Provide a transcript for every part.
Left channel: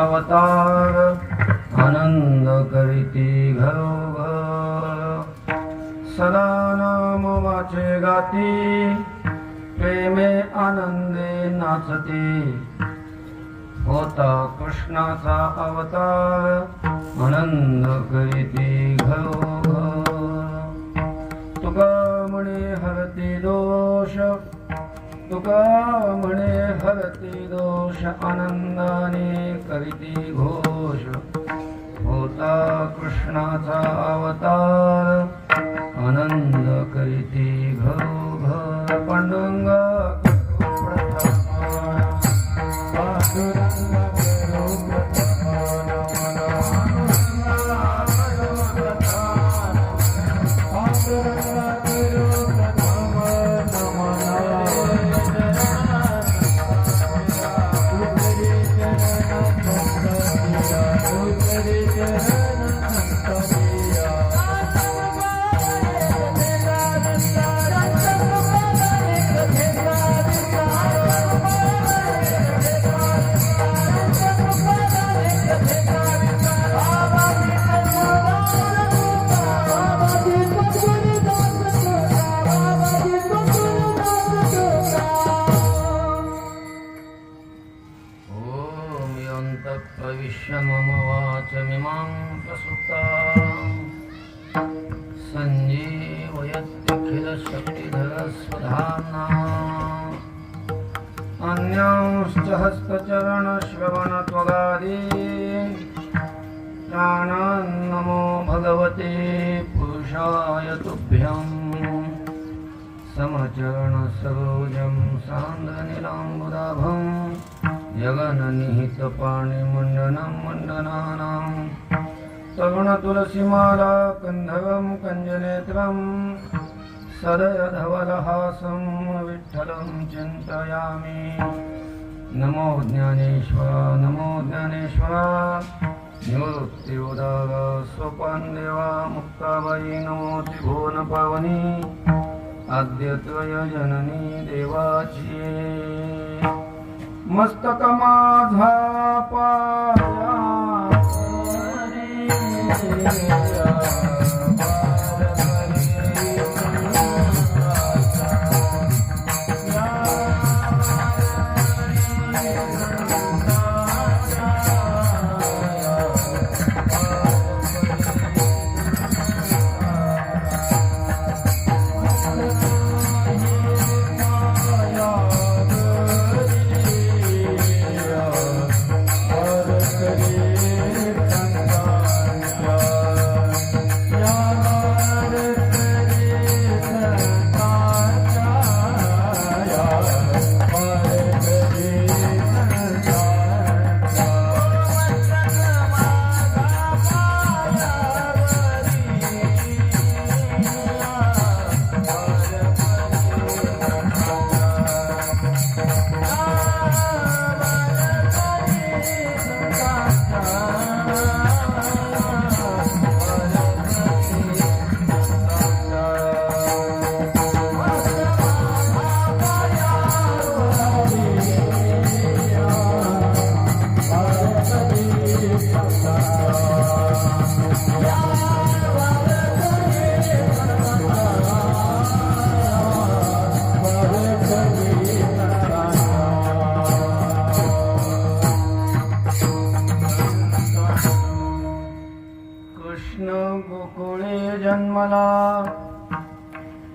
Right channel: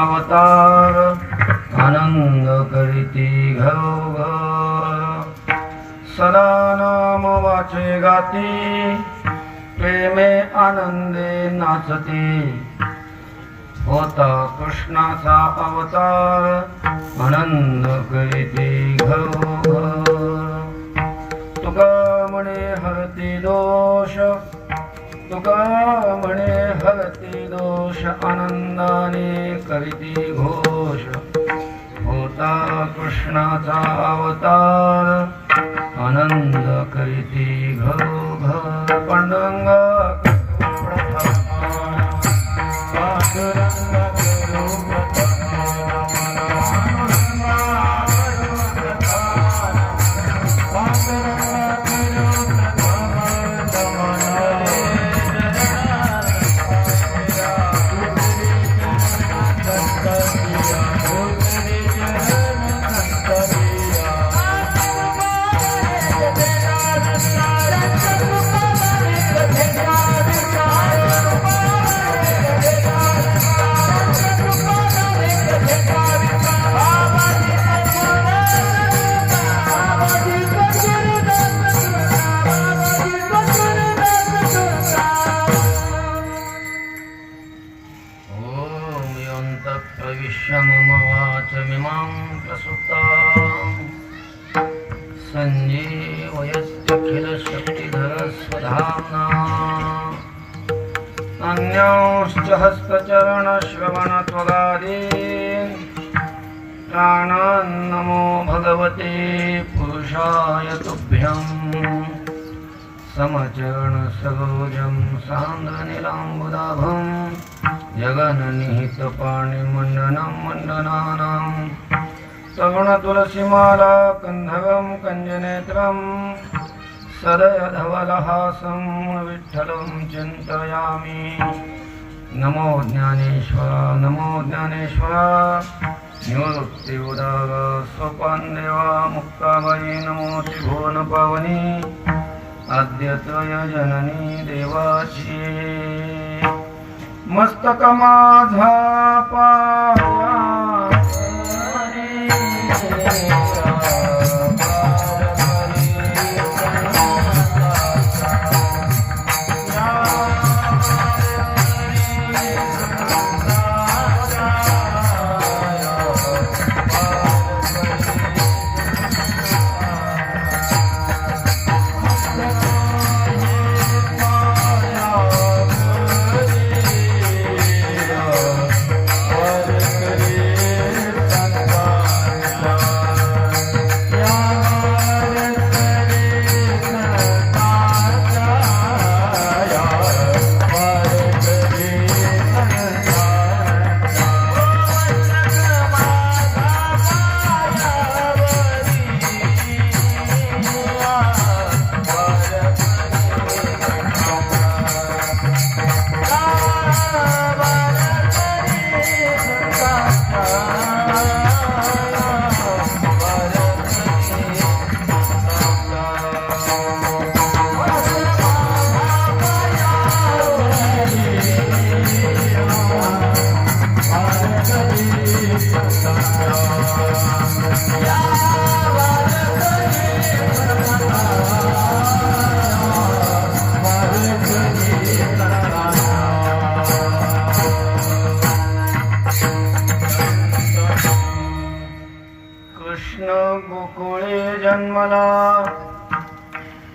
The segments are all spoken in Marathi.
अवतार आनंद करीती घरोघ सदा नाम वाचे गाती प्रेमे आनंदे नाचती होता कृष्णाचा अवतार आनंद करीती घरोघ तुका म्हणे हरती दोष तुका म्हणे हरती दोष आनंदाने करीती घोष होता कृष्णाचा अवतार आनंद करीती घरोघर पांडुरंगा प्रविश्य मम वाचमिमां प्रसुप्तां सञ्जीवयत्यखिलशक्तिधरस्वधाम्ना अन्यांश्च हस्तचरणश्रवणत्वगादीन् प्राणान् नमो भगवते पुरुषाय तुभ्यं समचरणसरोजं सान्द्रनीलाम्बुदाभं जगन्निहितपाणिमण्डनं मण्डनानां तरुणतुलसीमाला कन्धरं कञ्जनेत्रं सदयधवलहासं विठ्ठलं चिन्तयामि। नमो ज्ञानेश्वर निवृत्तिउदार सोपानदेवा मुक्ताबाई नमो त्रिभुवनपावनी आद्यत्रय जननी देवाची मस्तक माझा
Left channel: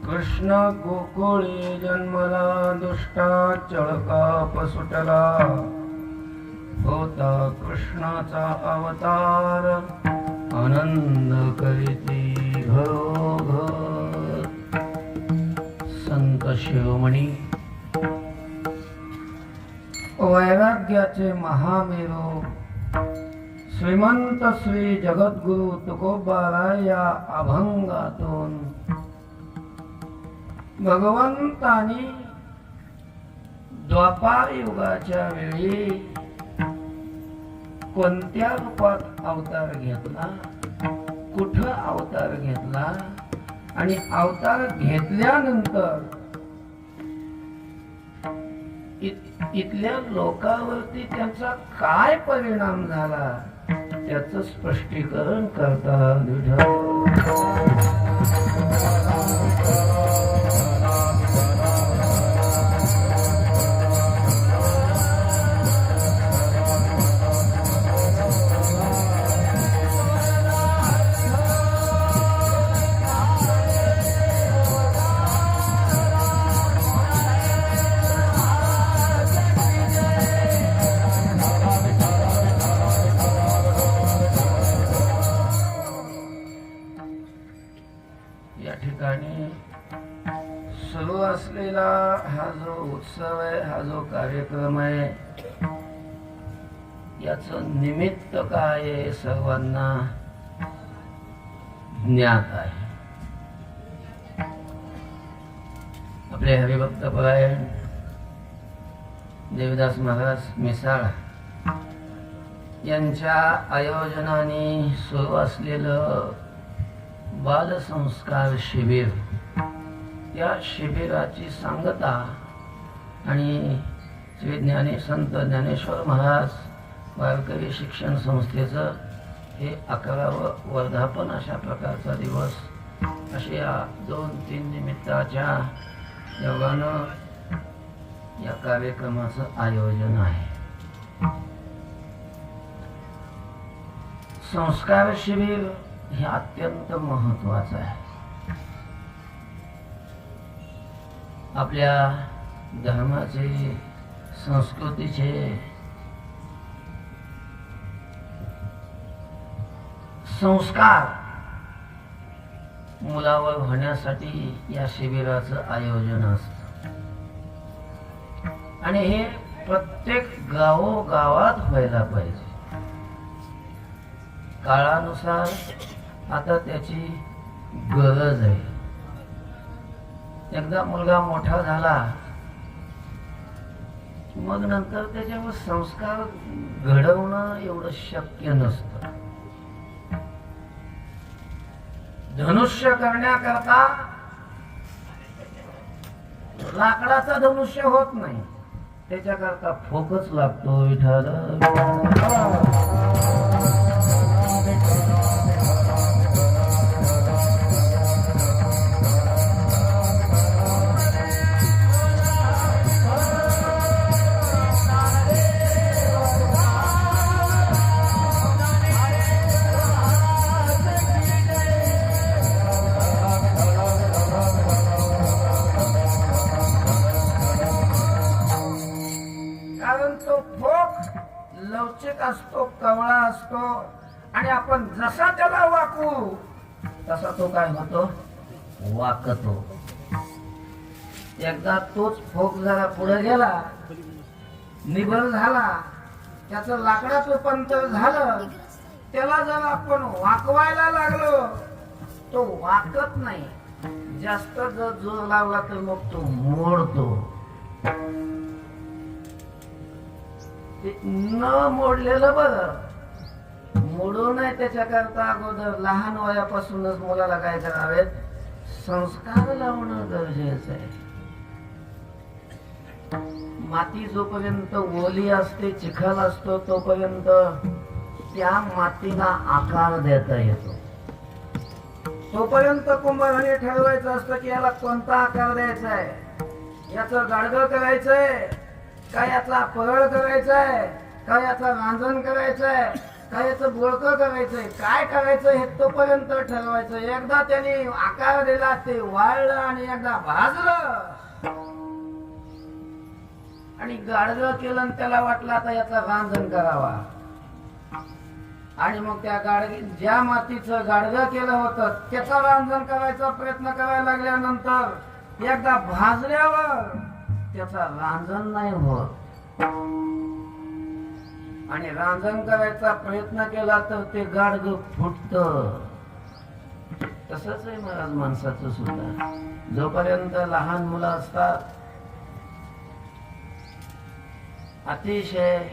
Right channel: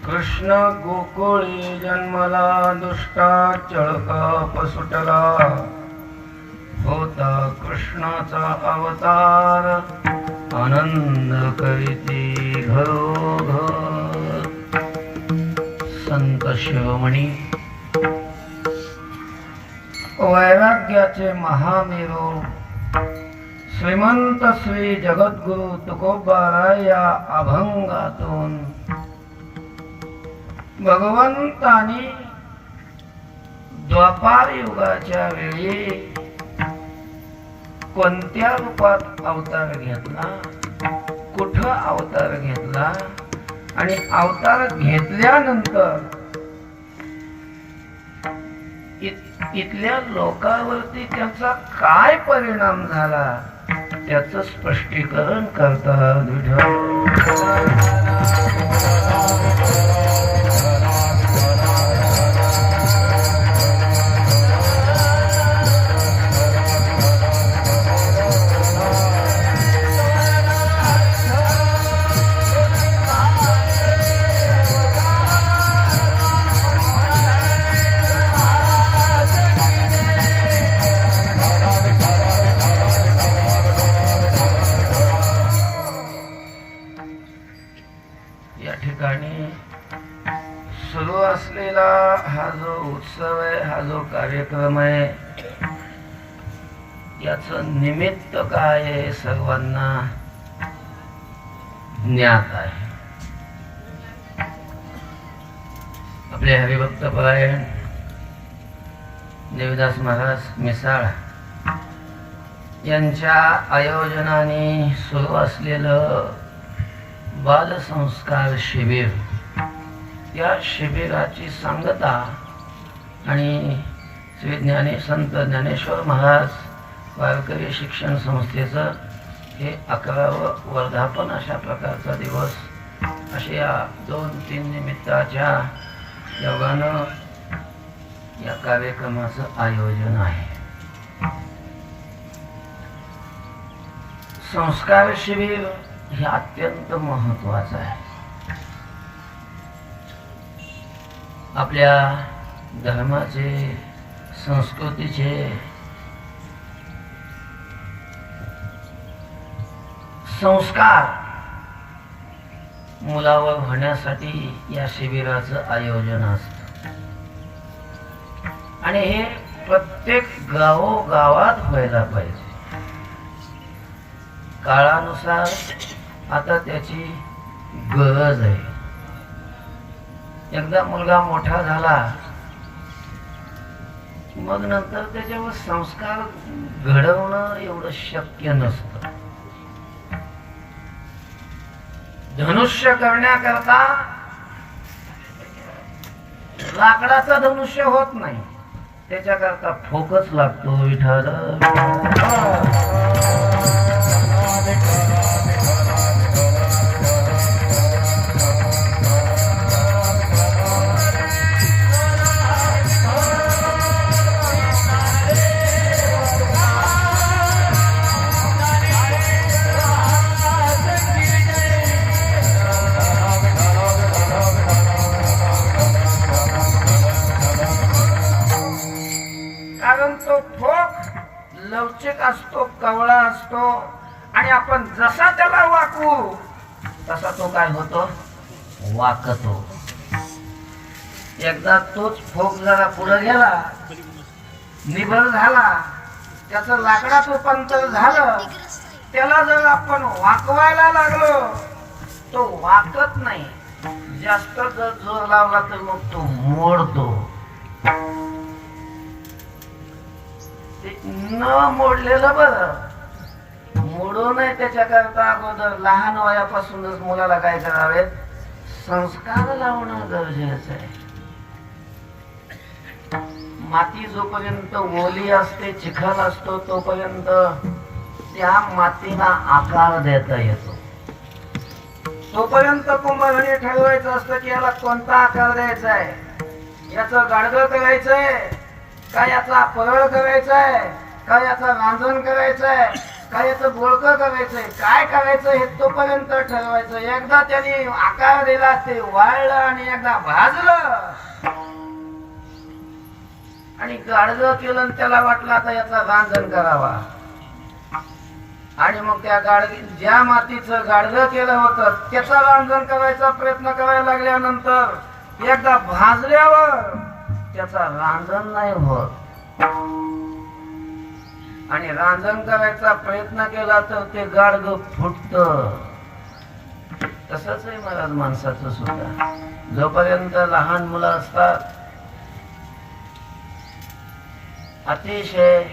कृष्ण गोकुळे जन्मला दुष्टाचळ काप सुटला होता कृष्णाचा अवतार आनंद करीती घरोघर। संत शिरोमणी वैराग्याचे महामेरू श्रीमंत श्री जगद्गुरु तुकोबाराय या अभंगातून भगवंतानी द्वापार युगाच्या वेळी कोणत्या रूपात अवतार घेतला, कुठं अवतार घेतला आणि अवतार घेतल्यानंतर इथल्या लोकांवरती त्यांचा काय परिणाम झाला याचं स्पष्टीकरण करतात विठ्ठल. या ठिकाणी सुरू असलेला हा जो उत्सव आहे, हा जो कार्यक्रम आहे, याचं निमित्त काय आहे सर्वांना ज्ञात आहे. आपले हरिभक्त परायण देवीदास महाराज मिसाळ यांच्या आयोजनाने सुरू असलेलं बालसंस्कार शिबिर, या शिबिराची सांगता आणि श्री संत ज्ञानेश्वर महाराज वारकरी शिक्षण संस्थेचं हे 11वं वर्धापन अशा प्रकारचा दिवस, अशा या 2-3 निमित्ताच्या योगानं या कार्यक्रमाचं आयोजन आहे. संस्कार शिबिर हे अत्यंत महत्वाचं आहे. आपल्या धर्माचे, संस्कृतीचे संस्कार मुलावर होण्यासाठी या शिबिराचं आयोजन असतं आणि हे प्रत्येक गावोगावात व्हायला पाहिजे. काळानुसार आता त्याची गरज आहे. एकदा मुलगा मोठा झाला मग नंतर त्याच्यावर संस्कार घडवणं एवढं शक्य नसतं. धनुष्य करण्याकरता लाकडाचा धनुष्य होत नाही, त्याच्याकरता फोकस लागतो. विठ्ठल लवचिक असतो, कवळा असतो आणि आपण जसा त्याला वाकवू तसा तो काय होतो, वाकतो. एकदा तोच फोक जरा पुढे गेला, निभर झाला, त्याचं लाकडात रूपांतर झालं, त्याला जर आपण वाकवायला लागलो तो वाकत नाही. जास्त जर जोर लावला तर मग तो मोडतो. न मोडलेलं बरं, मोडू नये त्याच्याकरता अगोदर लहान वयापासूनच मुलाला काय करावेत, संस्कार लावणं गरजेचं आहे. माती जोपर्यंत ओली असते, चिखल असतो, तोपर्यंत त्या मातीला आकार देता येतो. तोपर्यंत कुंभाराने ठरवायचं असतं की याला कोणता आकार द्यायचा आहे, याचं गाडगं करायचंय का, याचा परळ करायचाय का, याचा रांजण करायचंय का, याचं बोळकं करायचंय, काय करायचं हे तोपर्यंत ठरवायचं. एकदा त्यांनी आकार दिला, ते वाळलं आणि एकदा भाजलं आणि गाडगं केलं आणि त्याला वाटलं आता याचा रांजण करावा, आणि मग त्या ज्या मातीचं गाडगं केलं होतं त्याचा रांजण करायचा प्रयत्न करायला लागल्यानंतर एकदा भाजल्यावर त्याचा रांजण नाही होत आणि रांजण करायचा प्रयत्न केला तर ते गाडगं फुटतं. तसंच आहे महाराज माणसाचं सुद्धा. जोपर्यंत लहान मुलं असतात अतिशय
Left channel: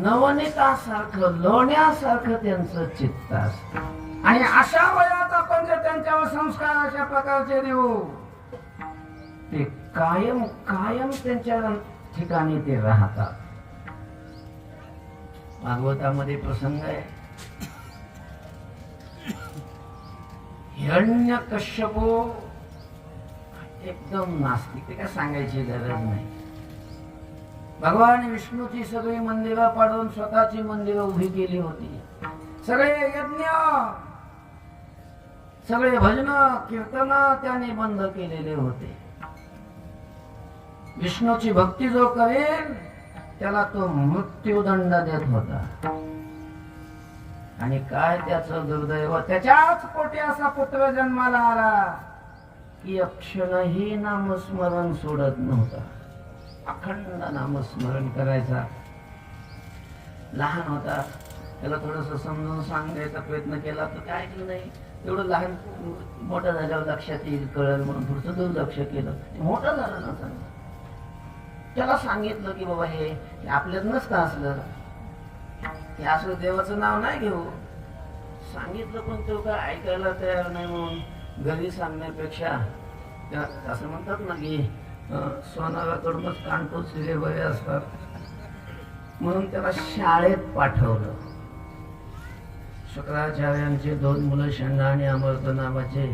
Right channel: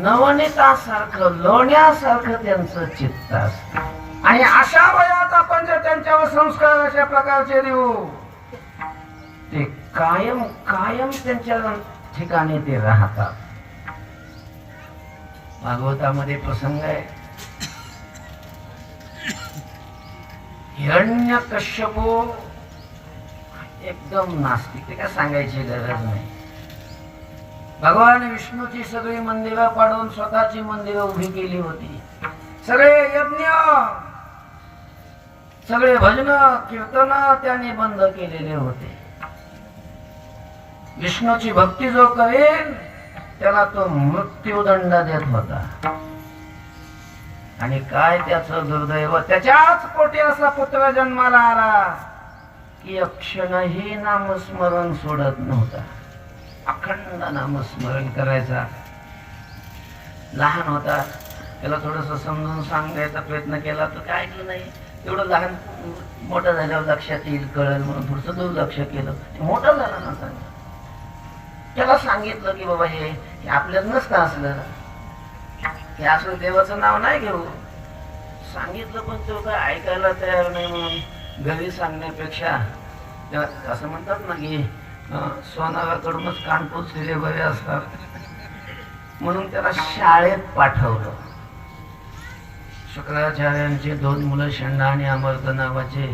नवनीतासारखं, लोण्यासारखं त्यांचं चित्त असतं आणि अशा वयात आपण जर त्यांच्यावर संस्कार अशा प्रकारचे देऊ ते कायम कायम त्यांच्या ठिकाणी ते राहतात. भागवतामध्ये प्रसंग आहे, हिरण्यकश्यपू एकदम नास्तिक, ते काय सांगायची गरज नाही. भगवान विष्णूची सगळी मंदिरं पाडून स्वतःची मंदिरं उभी केली होती. सगळे यज्ञ, सगळे भजन कीर्तन त्याने बंद केलेले होते. विष्णूची भक्ती जो करेल त्याला तो मृत्यूदंड देत होता. आणि काय त्याचं दुर्दैव, त्याच्याच पोटी असा पुत्र जन्माला आला की अक्षणही नामस्मरण सोडत नव्हता. अखंड नामस्मरण करायचा. लहान होता, त्याला थोडस समजून सांगायचा प्रयत्न केला तर काय ऐकलं नाही. एवढं लहान, मोठं झाल्यावर लक्षात येईल, कळेल म्हणून थोडस दुर्लक्ष केलं. मोठा झाला ना, सांग त्याला सांगितलं की बाबा हे आपल्यात नसतं असलं, हे असं देवाचं नाव नाही घेऊ. सांगितलं पण तो काय ऐकायला तयार नाही. म्हणून घरी सांगण्यापेक्षा असं म्हणतात ना की सोनाराकडूनच कान टोचलेले बरे असतात, म्हणून त्याला शाळेत पाठवलं. शुक्राचार्यांचे 2 मुलं शंडा आणि अमर्त नावाचे,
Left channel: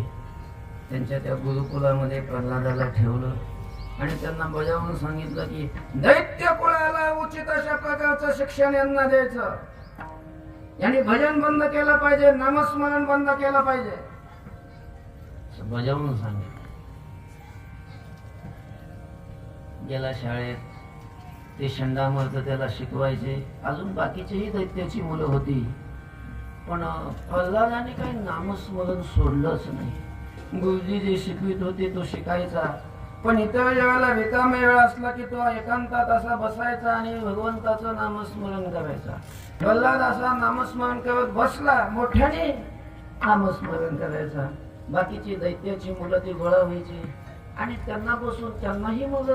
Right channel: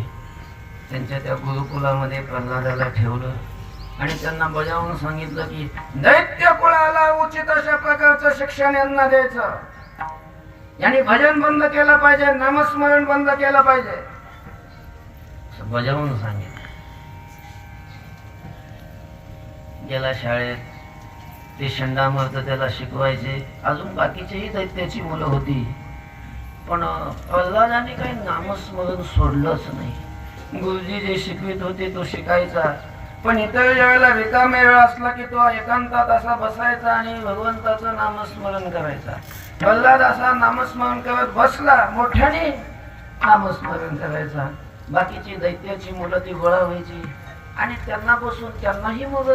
त्यांच्या त्या गुरुकुलामध्ये प्रल्हादाला ठेवलं आणि त्यांना बजावून सांगितलं की दैत्य कुळाला उचित अशा प्रकारचं शिक्षण यांना द्यायचं. यांनी भजन बंद केलं पाहिजे, नामस्मरण बंद केलं पाहिजे, बजावून सांगितलं. गेला शाळेत. ते शंडामर्द त्याला शिकवायचे. अजून बाकीचेही दैत्याची मुलं होती, पण प्रल्हादाने काही नामस्मरण सोडलंच नाही. गुरुजी जे शिकवित होते तो शिकायचा, पण इतर वेळेला रिकाम्या वेळ असला की तो एकांतात असा बसायचा आणि भगवंताचं नामस्मरण करायचा. प्रल्हाद असा नामस्मरण करत बसला, मोठ्याने नामस्मरण करायचा. बाकीची दैत्याची मुलं ती गोळा व्हायची आणि त्यांना बसून त्यांनाही मग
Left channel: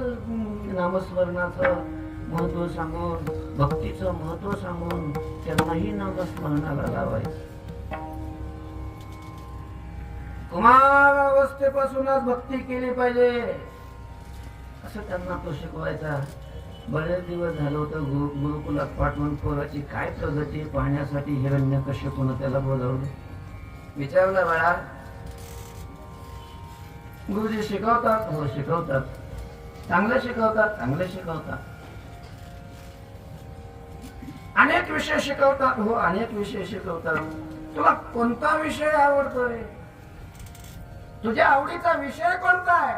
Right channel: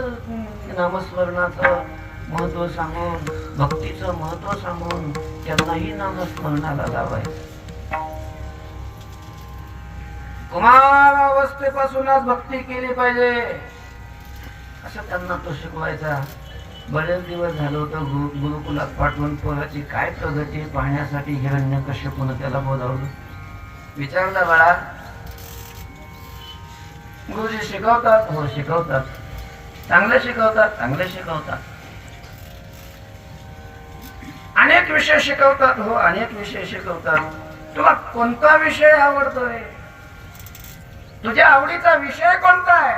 नामस्मरणाचं महत्व सांगून, भक्तीचं महत्व सांगून त्यांनाही नामस्मरणाला लावायचं. कुमार अवस्थेपासूनच भक्ती केली पाहिजे असं त्यांना तो शिकवायचा. बरेच दिवस झालं होतं गुरुकुलात पाठवून पोराची काय प्रगती पाहण्यासाठी हिरण्यकश्यपूने त्याला बोलावलं. विचारलं, बाळा गुरुजी शिकवतात? हो शिकवतात. चांगले शिकवतात? चांगले शिकवतात. अनेक विषय शिकवतात? हो अनेक विषय शिकवतात. तुला कोणता विषय आवडतोय? तुझ्या आवडीचा विषय कोणता आहे?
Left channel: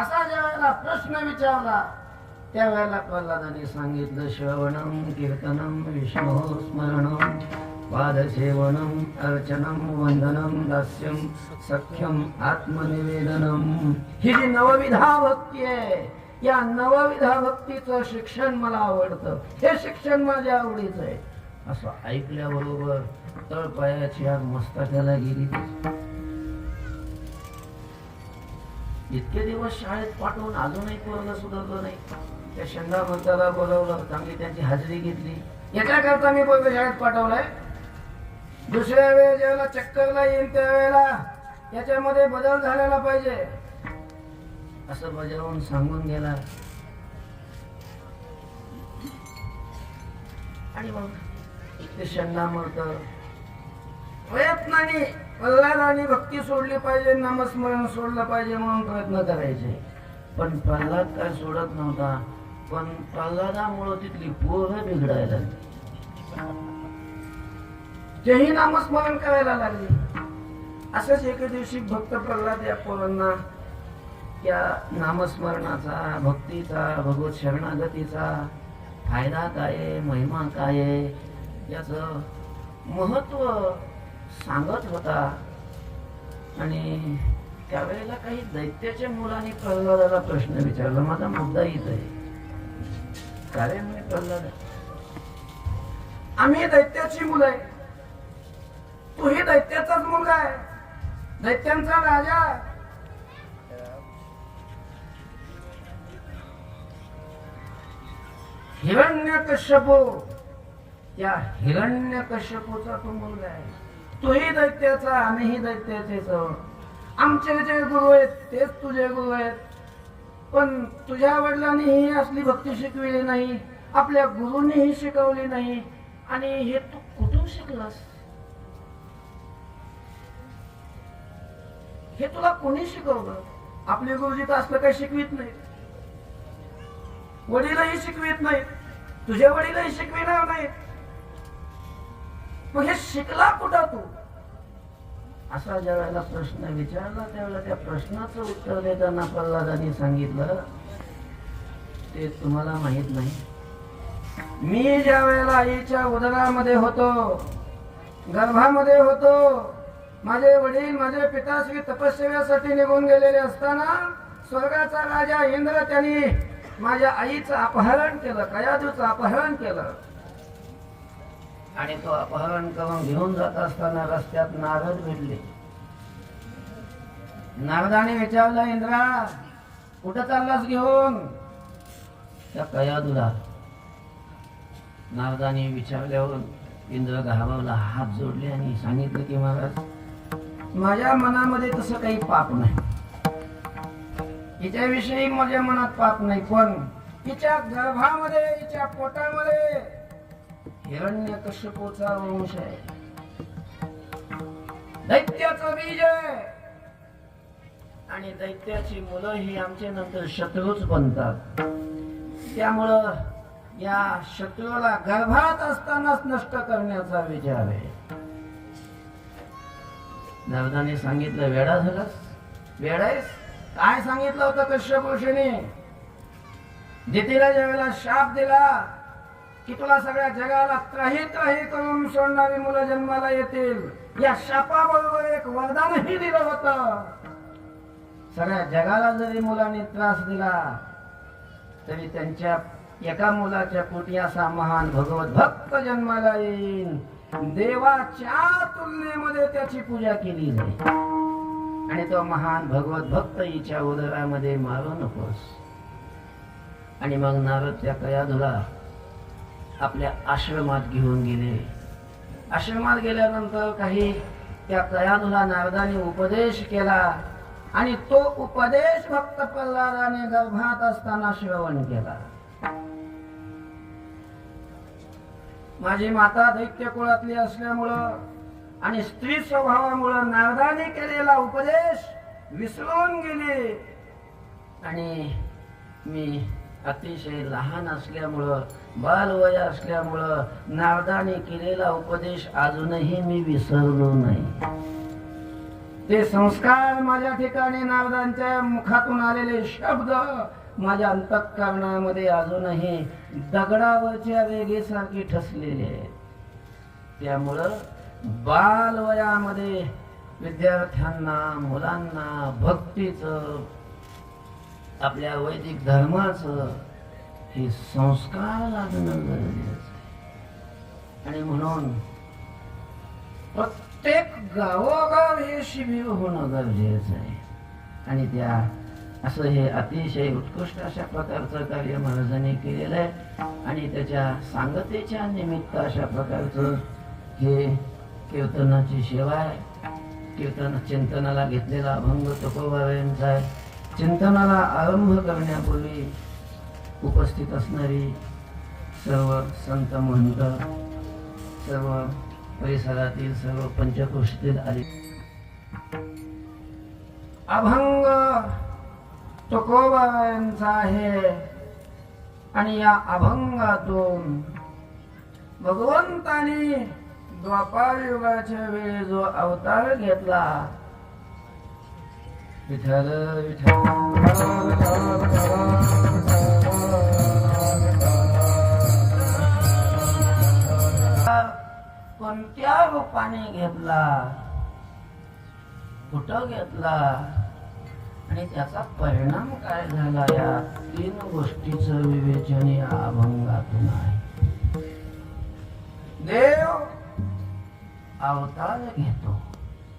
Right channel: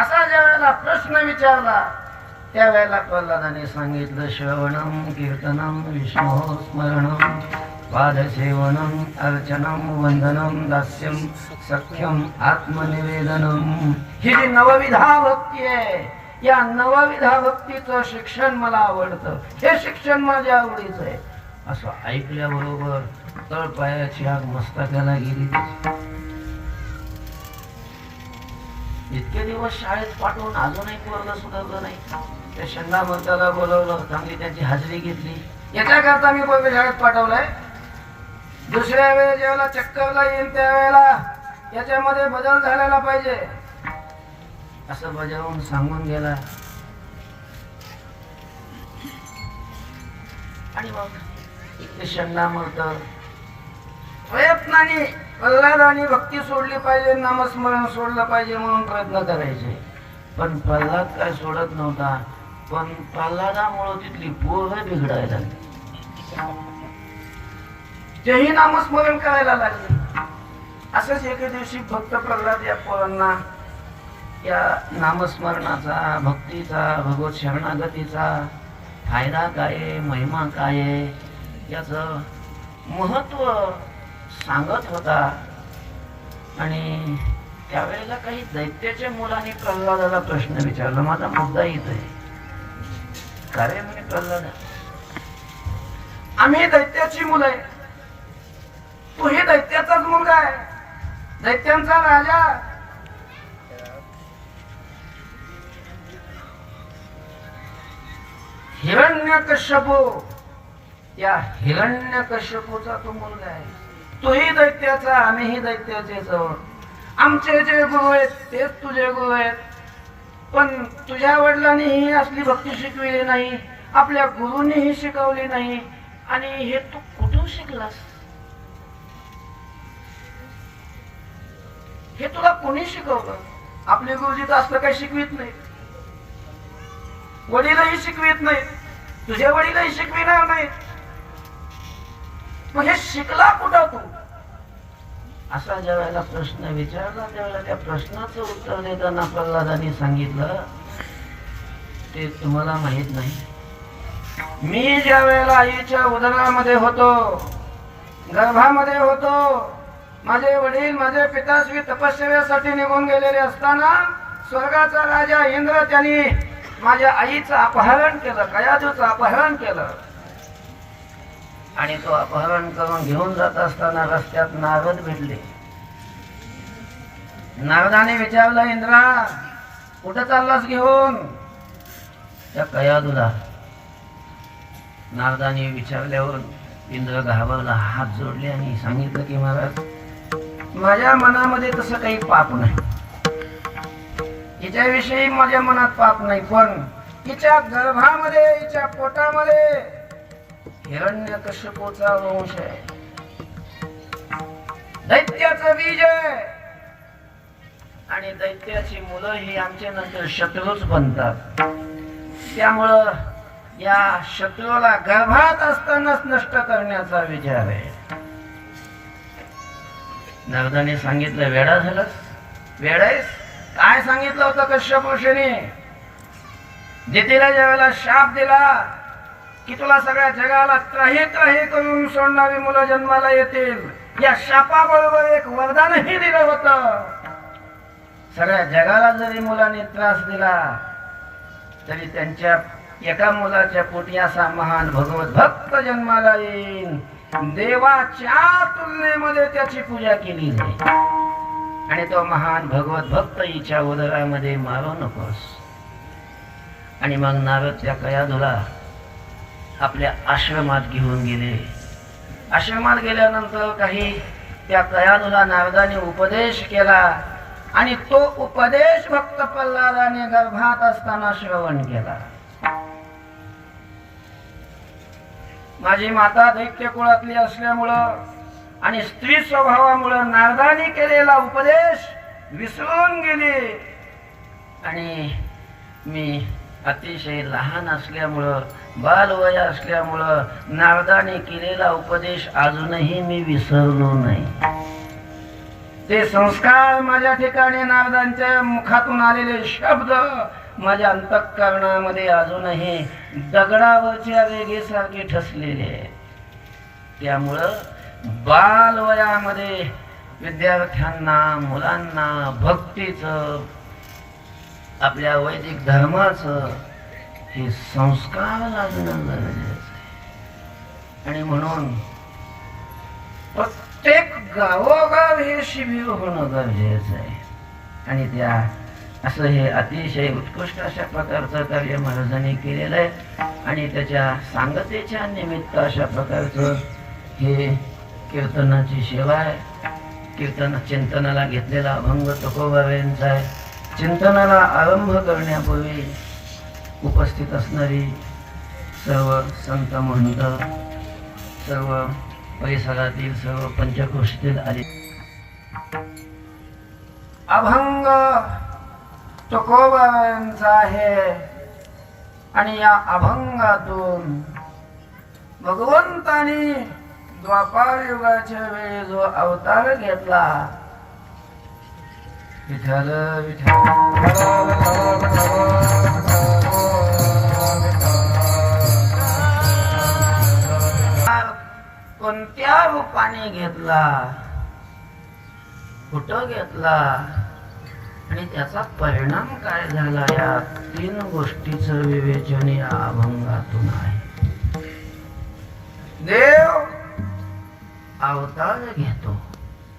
असा ज्या वेळेला प्रश्न विचारला त्यावेळेला प्रल्हादाने सांगितलं, श्रवणम कीर्तनम विष्णु स्मरणम पादसेवनम अर्चनम वंदनम दास्यम सख्यम आत्मनिवेदनम. ही जी नवविधा भक्ती आहे, या नवविधा भक्तीचं शिक्षण मला आवडतं, हे शिक्षण माझ्या आवडीचं आहे. असं ऐकल्याबरोबर तळपायाची आग मस्तकाला गेली. इतके दिवस शाळेत पाठवून अजूनही पोरगं सुधारलं नाही. त्या शंडामर्दाला बोलवलं, चांगली त्यांची हाजरी घेतली. याच्याकरता मी पोरगं शाळेत पाठवलंय. दुसऱ्या वेळेस जेव्हा चक्करला येईल त्यावेळेला याच्यामध्ये बदल झालेला पाहिजे असं बजावून सांगून गेला. आणि मग इथे शंडामर्द प्रयत्नाने प्रल्हादाने भक्ती सोडली पाहिजे, नामस्मरण सोडलं पाहिजे म्हणून प्रयत्न करायचे. पण प्रल्हाद काय सोडत नव्हता. पण प्रल्हादामुळे तिथली पोरं बिघडायला लागली. तेही नामस्मरण करायला लागले. असंच एके दिवशी भक्त प्रल्हाद या पोरांना या नामस्मरणाचा, भक्तीचा, भगवत शरणागतीचा फायदा काय, महिमा काय याचं महत्व सांगत होता. आणि त्यावेळेला काही दैत्याच्या मुलांनी प्रल्हादाला प्रश्न विचारला. माझा मुद्दा इथं आहे. काय म्हणे प्रल्हाद, आम्ही दैत्याची मुलं आहे, तूही दैत्याचाच मुलगा आहे, दैत्यांचा राजा. हिरण्यकश्यपू, या हिरण्यकश्यपूचा तो मुलगा आहे. तूही दैत्याचा, आम्हीही दैत्याचेच आहोत. आमचे जे गुरु आहेत तेच तुझे गुरु आहेत. पण तुझ्या वडिलांनी ही असली भक्ती शिकविली नाही, आपल्या गुरुंनी ही शिकवली नाही, आणि हे तू कुठून शिकलास? हे तुला कोणी शिकवलं? आपले गुरुजी तर असलं काही शिकवित नाही, वडीलही शिकवित नाही, तुझे वडीलही शिकविणार नाही, मग हे शिकला कुठं तू? असा ज्या वेळेला प्रश्न विचारला त्यावेळेला त्या प्रश्नाचं उत्तर देताना प्रल्हादांनी सांगितलं, ते तुम्हाला माहित नाही, मी ज्या वेळेला आईच्या उदरामध्ये होतो, गर्भामध्ये होतो, माझे वडील माझे पिताश्री तपश्चर्यासाठी निघून गेलेले असताना स्वर्गाचा राजा इंद्र त्यांनी माझ्या आईचं अपहरण केलं, कयाधूचं अपहरण केलं, आणि तो अपहरण करून घेऊन जात असताना रस्त्यात नारद भेटले. नारदाने विचारलं, इंद्रा कुठं चाललास घेऊन? त्या कयाधूला. नारदाने विचारल्यावर इंद्र घाबरला, हात जोडले आणि सांगितलं की महाराज, माझ्या मनामध्ये तसं काही पाप नाही, हिच्याविषयी माझ्या मनात पाप नाही, पण हिच्या गर्भामध्ये हिच्या पोटामध्ये हिरण्यकश्यपूचा वंश आहे, दैत्याचं बीज आहे, आणि दैत्याची मुलं ही आमच्या नंतर शत्रूच बनतात, त्यामुळं या शत्रूला गर्भात असतानाच नष्ट करण्याचा विचार आहे. नारदाने सांगितलं, वेडा झालास? वेडायस? काय सांगितलं होतं कश्यप ऋषीने? दितीला ज्या वेळेला शाप दिला की तुला सगळ्या जगाला त्राही त्राही करून सोडणारी मुलं जन्माला येतील, या शापाबरोबर एक वरदानही दिलं होतं, सगळ्या जगाला जरी मुलांनी त्रास दिला तरी त्यांच्या एका मुलाच्या पोटी असा महान भगवत भक्त जन्माला येईल, देवाच्या तुलनेमध्ये त्याची पूजा केली जाईल, आणि तो महान भगवत भक्त हिच्या उदरामध्ये मारू नकोस. आणि मग नारद त्या कयाधूला आपल्या आश्रमात घेऊन गेले. आश्रमात गेल्यानंतर काही त्या कयाधूला नारदाने उपदेश केला, आणि तो उपदेश भक्त प्रल्हादाने गर्भात असताना श्रवण केला. माझी माता दैत्य कुळातली असल्यामुळं आणि स्त्री स्वभावामुळं नारदाने केलेला उपदेश विसरून गेले, आणि मी अतिशय लहान असल्यामुळं, बालवय असल्यामुळं नारदाने केलेला उपदेश अजूनही मी विसरलो नाही. ते संस्कार माझ्या ठिकाणी, नारदांच्या मुखातून आलेले शब्द माझ्या अंतःकरणामध्ये अजूनही दगडावरच्या रेगेसारखे ठसलेले आहेत. त्यामुळं बालवयामध्ये विद्यार्थ्यांना, मुलांना भक्तीचं, आपल्या वैदिक धर्माचं हे संस्कार लागणं गरजेचं आहे. आणि म्हणून प्रत्येक गावोगाव हे शिबिर होणं गरजेचं आहे. आणि त्या असं हे अतिशय उत्कृष्ट अशा प्रकारचं कार्य महाराजांनी केलेलं आहे. आणि त्याच्या सांगतेच्या निमित्त अशा प्रकारचं हे कीर्तनाची सेवा आहे. कीर्तन चिंतनाला घेतलेला अभंग तुकोबाबांचा आहे. चिंतनाला आरंभ करण्यापूर्वी उपस्थित असणारी सर्व संत महंत, सर्व परिसरातील सर्व पंचक्रोशीतील आले अभंग तुकोबाबांचा आहे. आणि या अभंगातून भगवंतानी द्वापार युगाच्या वेळी जो अवतार घेतला, विठ्ठल विठ्ठल कोणत्या रूपाने घेतला, कुठं घेतला, आणि त्याचा परिणाम काय झाला, या तीन गोष्टीचं विवेचन या अभंगातून आहे. देव अवतार घेतो.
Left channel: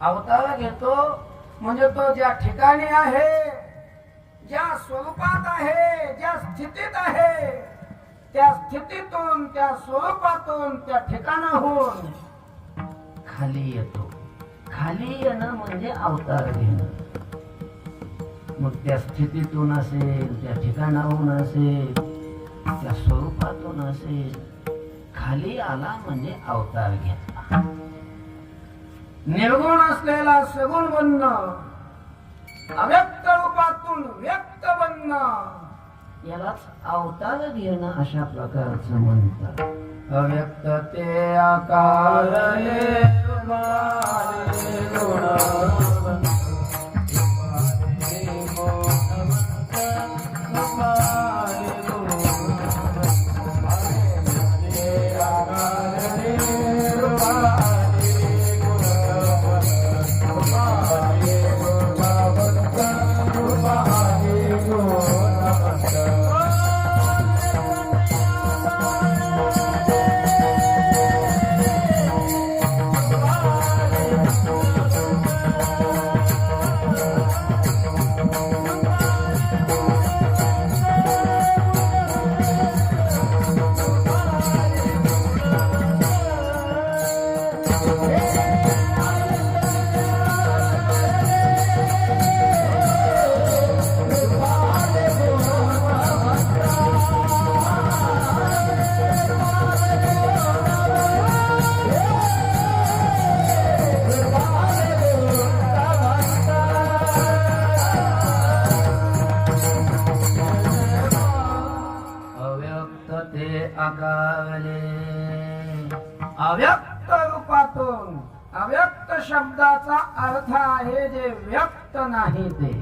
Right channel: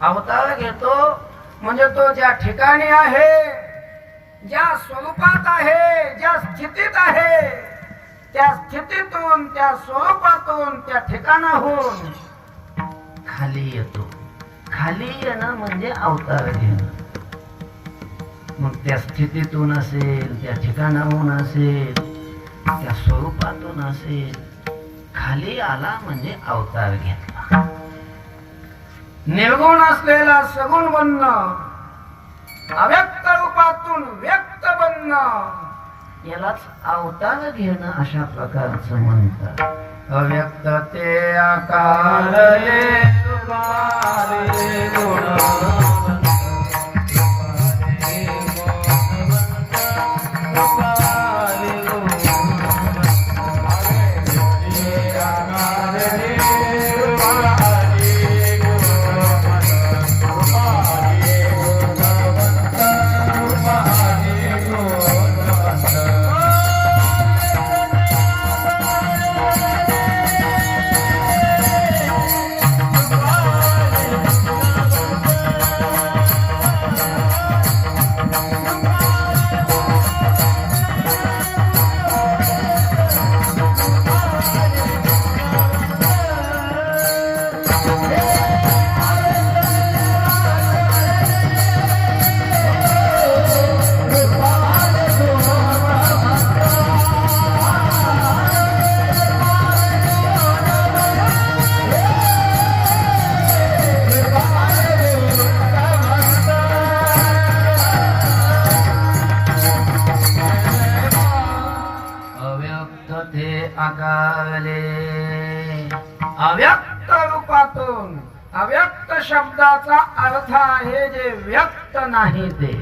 अवतार घेतो म्हणजे तो ज्या ठिकाणी आहे, ज्या स्वरूपात आहे, ज्या स्थितीत आहे, त्या स्थितीतून, त्या स्वरूपातून, त्या ठिकाणाहून खाली येतो. खाली येणं म्हणजे अवतार घेणं. मग त्या स्थितीतून असेल, त्या ठिकाणाहून असेल, त्या स्वरूपातून असेल, खाली आला म्हणजे अवतार घेतला. निर्गुण असलेला सगुण बनणं, अव्यक्त रूपातून व्यक्त बनणं, यालाच अवतार घेणं अशा प्रकारचं म्हणतात. अव्यक्त ते आकारले अव्यक्त रूपातून. अव्यक्त शब्दाचा अर्थ आहे जे व्यक्त नाही ते.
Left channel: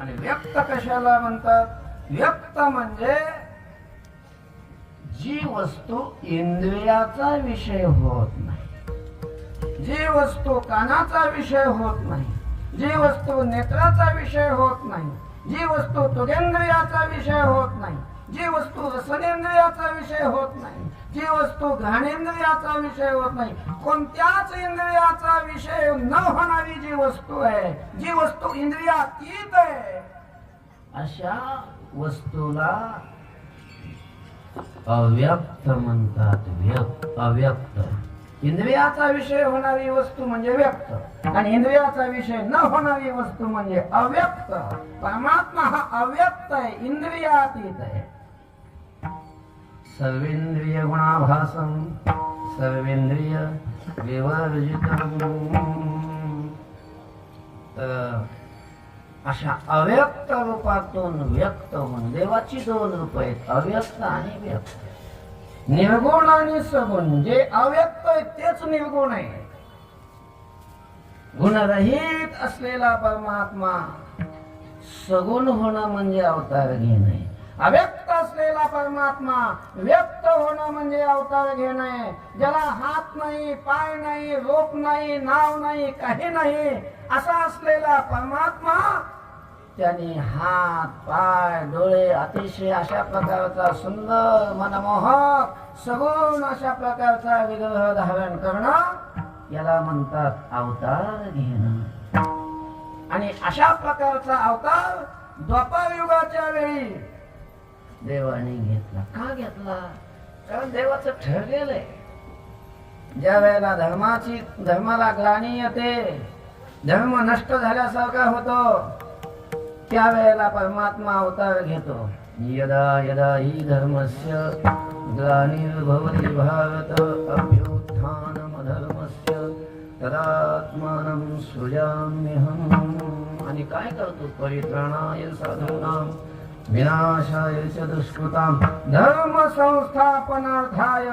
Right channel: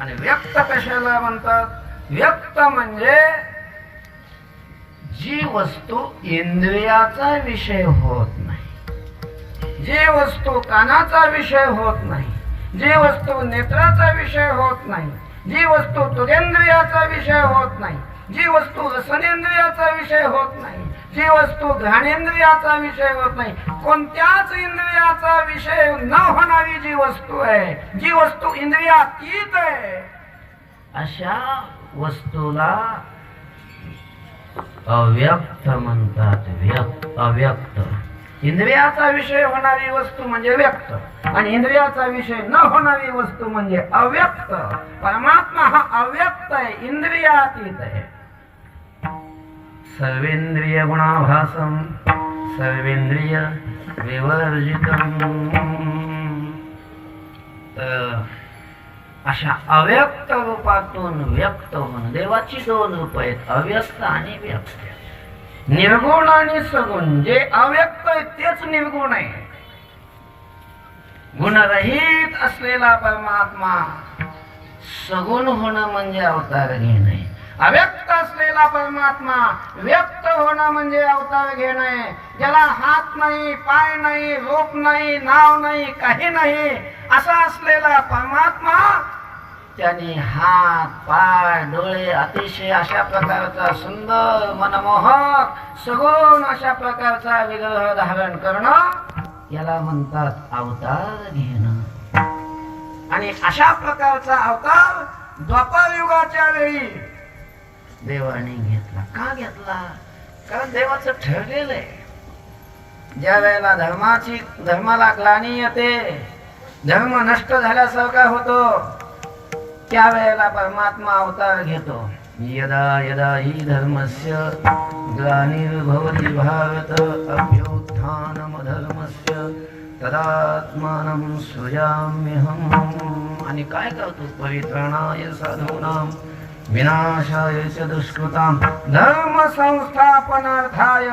आणि व्यक्त कशाला म्हणतात? व्यक्त म्हणजे जी वस्तू इंद्रियाचा विषय होत नाही, जी वस्तू कानाचा विषय होत नाही, जी वस्तू नेत्राचा विषय होत नाही, जी वस्तू तुरेंद्रियाचा विषय होत नाही, जी वस्तू रसनेंद्रियाचा विषय होत नाही, जी वस्तू घ्राणेंद्रियाचा विषय होत नाही, कोणत्याच इंद्रियाचा विषय न होणारी जी वस्तू आहे, जी वस्तू इंद्रियातीत आहे, अशा वस्तूला अव्यक्त म्हणतात. अव्यक्त. इंद्रियाचा विषय होणारी वस्तू म्हणजे व्यक्त आणि इंद्रियाचा विषय न होणारी वस्तू म्हणजे अव्यक्त. परमात्मा हा अव्यक्त आहे, इंद्रियातीत आहे. सर्वेंद्रिय गुणाभासम सर्वेंद्रिय विवर्जितम. अशा अव्यक्त रूपातून व्यक्त होणं. देवाची दोन रूप आहेत, अव्यक्त आणि व्यक्त. निर्गुण आणि सगुण. जे अव्यक्त आहे तेच निर्गुण आहे. गुणरहित असलेला परमात्मा सगुण होणं म्हणजे अवतार घेणे. अव्यक्त असलेला परमात्मा व्यक्त होणं म्हणजे अवतार घेणे. ज्याला हात नाही, पाय नाही, रूप नाही, नाव नाही, काही नाही असा असलेला परमात्मा त्याने हात, पाय, डोळे अतिशय अशा प्रकारचा सुंदर मनमोहक सगुण अशा प्रकारचा विग्रह धारण करणं याला म्हणतात अवतार घेणं. आणि अशा प्रकारचा अवतार द्वापर युगाच्या वेळी देवाने घेतला. का घेतला? कारण देवाचं ठरलेलं आहे. ज्या वेळेला धर्माला ग्लानी येते, धर्म नष्ट झाल्यासारखा होतो, त्यावेळेला परमात्मा अवतार घेतो. यदा यदा हि धर्मस्य ग्लानिर्भवति भारत अभ्युत्थानम धर्मस्य तदात्मानं सृजाम्यहम्. आणि काय करतो? परित्राणाय साधूनां विनाशाय च दुष्कृतां धर्म संस्थापनार्थाय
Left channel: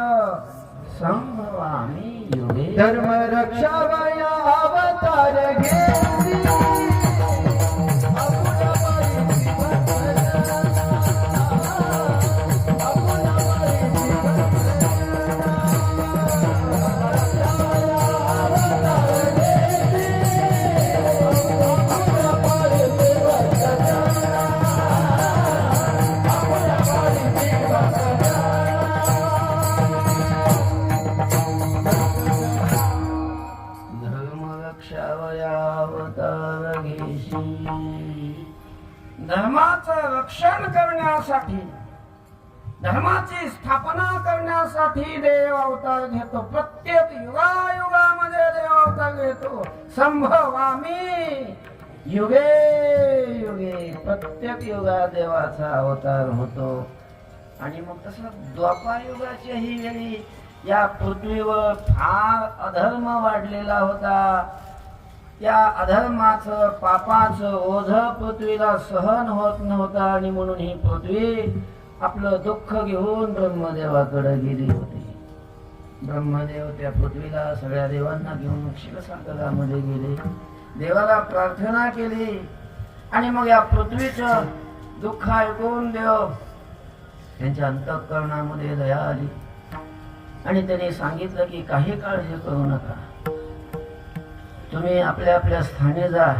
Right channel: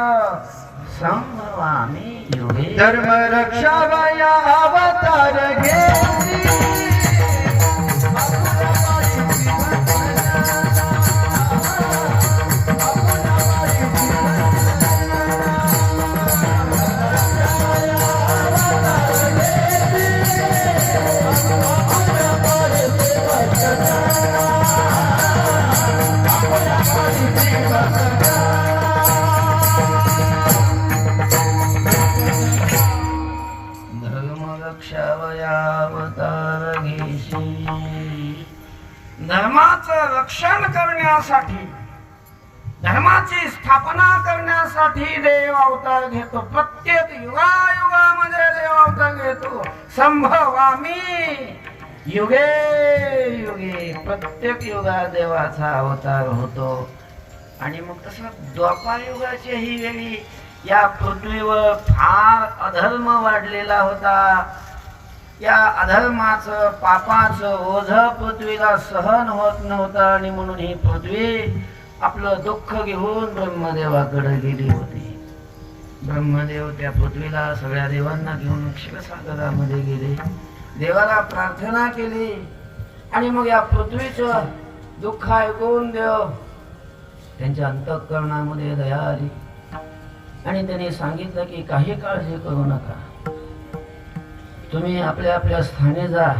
संभवामि युगे. धर्म रक्षावया अवतार घेसी. धर्माचं रक्षण करण्यासाठी, धर्माची स्थापना करण्यासाठी देव अवतार घेतो. प्रत्येक युगायुगामध्ये देव अवतार घेतो. संभवामी युगे युगे प्रत्येक युगात देवाचा अवतार होतो. आणि मग तसं द्वापार युगाच्या ही वेळी या पृथ्वीवर फार अधर्म वाढलेला होता. या अधर्माचं पापाचं ओझ पृथ्वीला सहन होत नव्हतं आणि म्हणून ही पृथ्वी आपलं दुःख घेऊन ब्रह्मदेवाकडे गेली होती. ब्रह्मदेव त्या पृथ्वीला सगळ्या देवांना घेऊन क्षीरसागरामध्ये गेले. देवाला प्रार्थना केली आणि मग या पृथ्वीचं दुःख ऐकून देव त्यांच्या अंतःकरणामध्ये दया आली आणि त्यांनी सांगितलं की काही काळजी करू नका, तुम्ही आपल्या आपल्या स्थानी जा.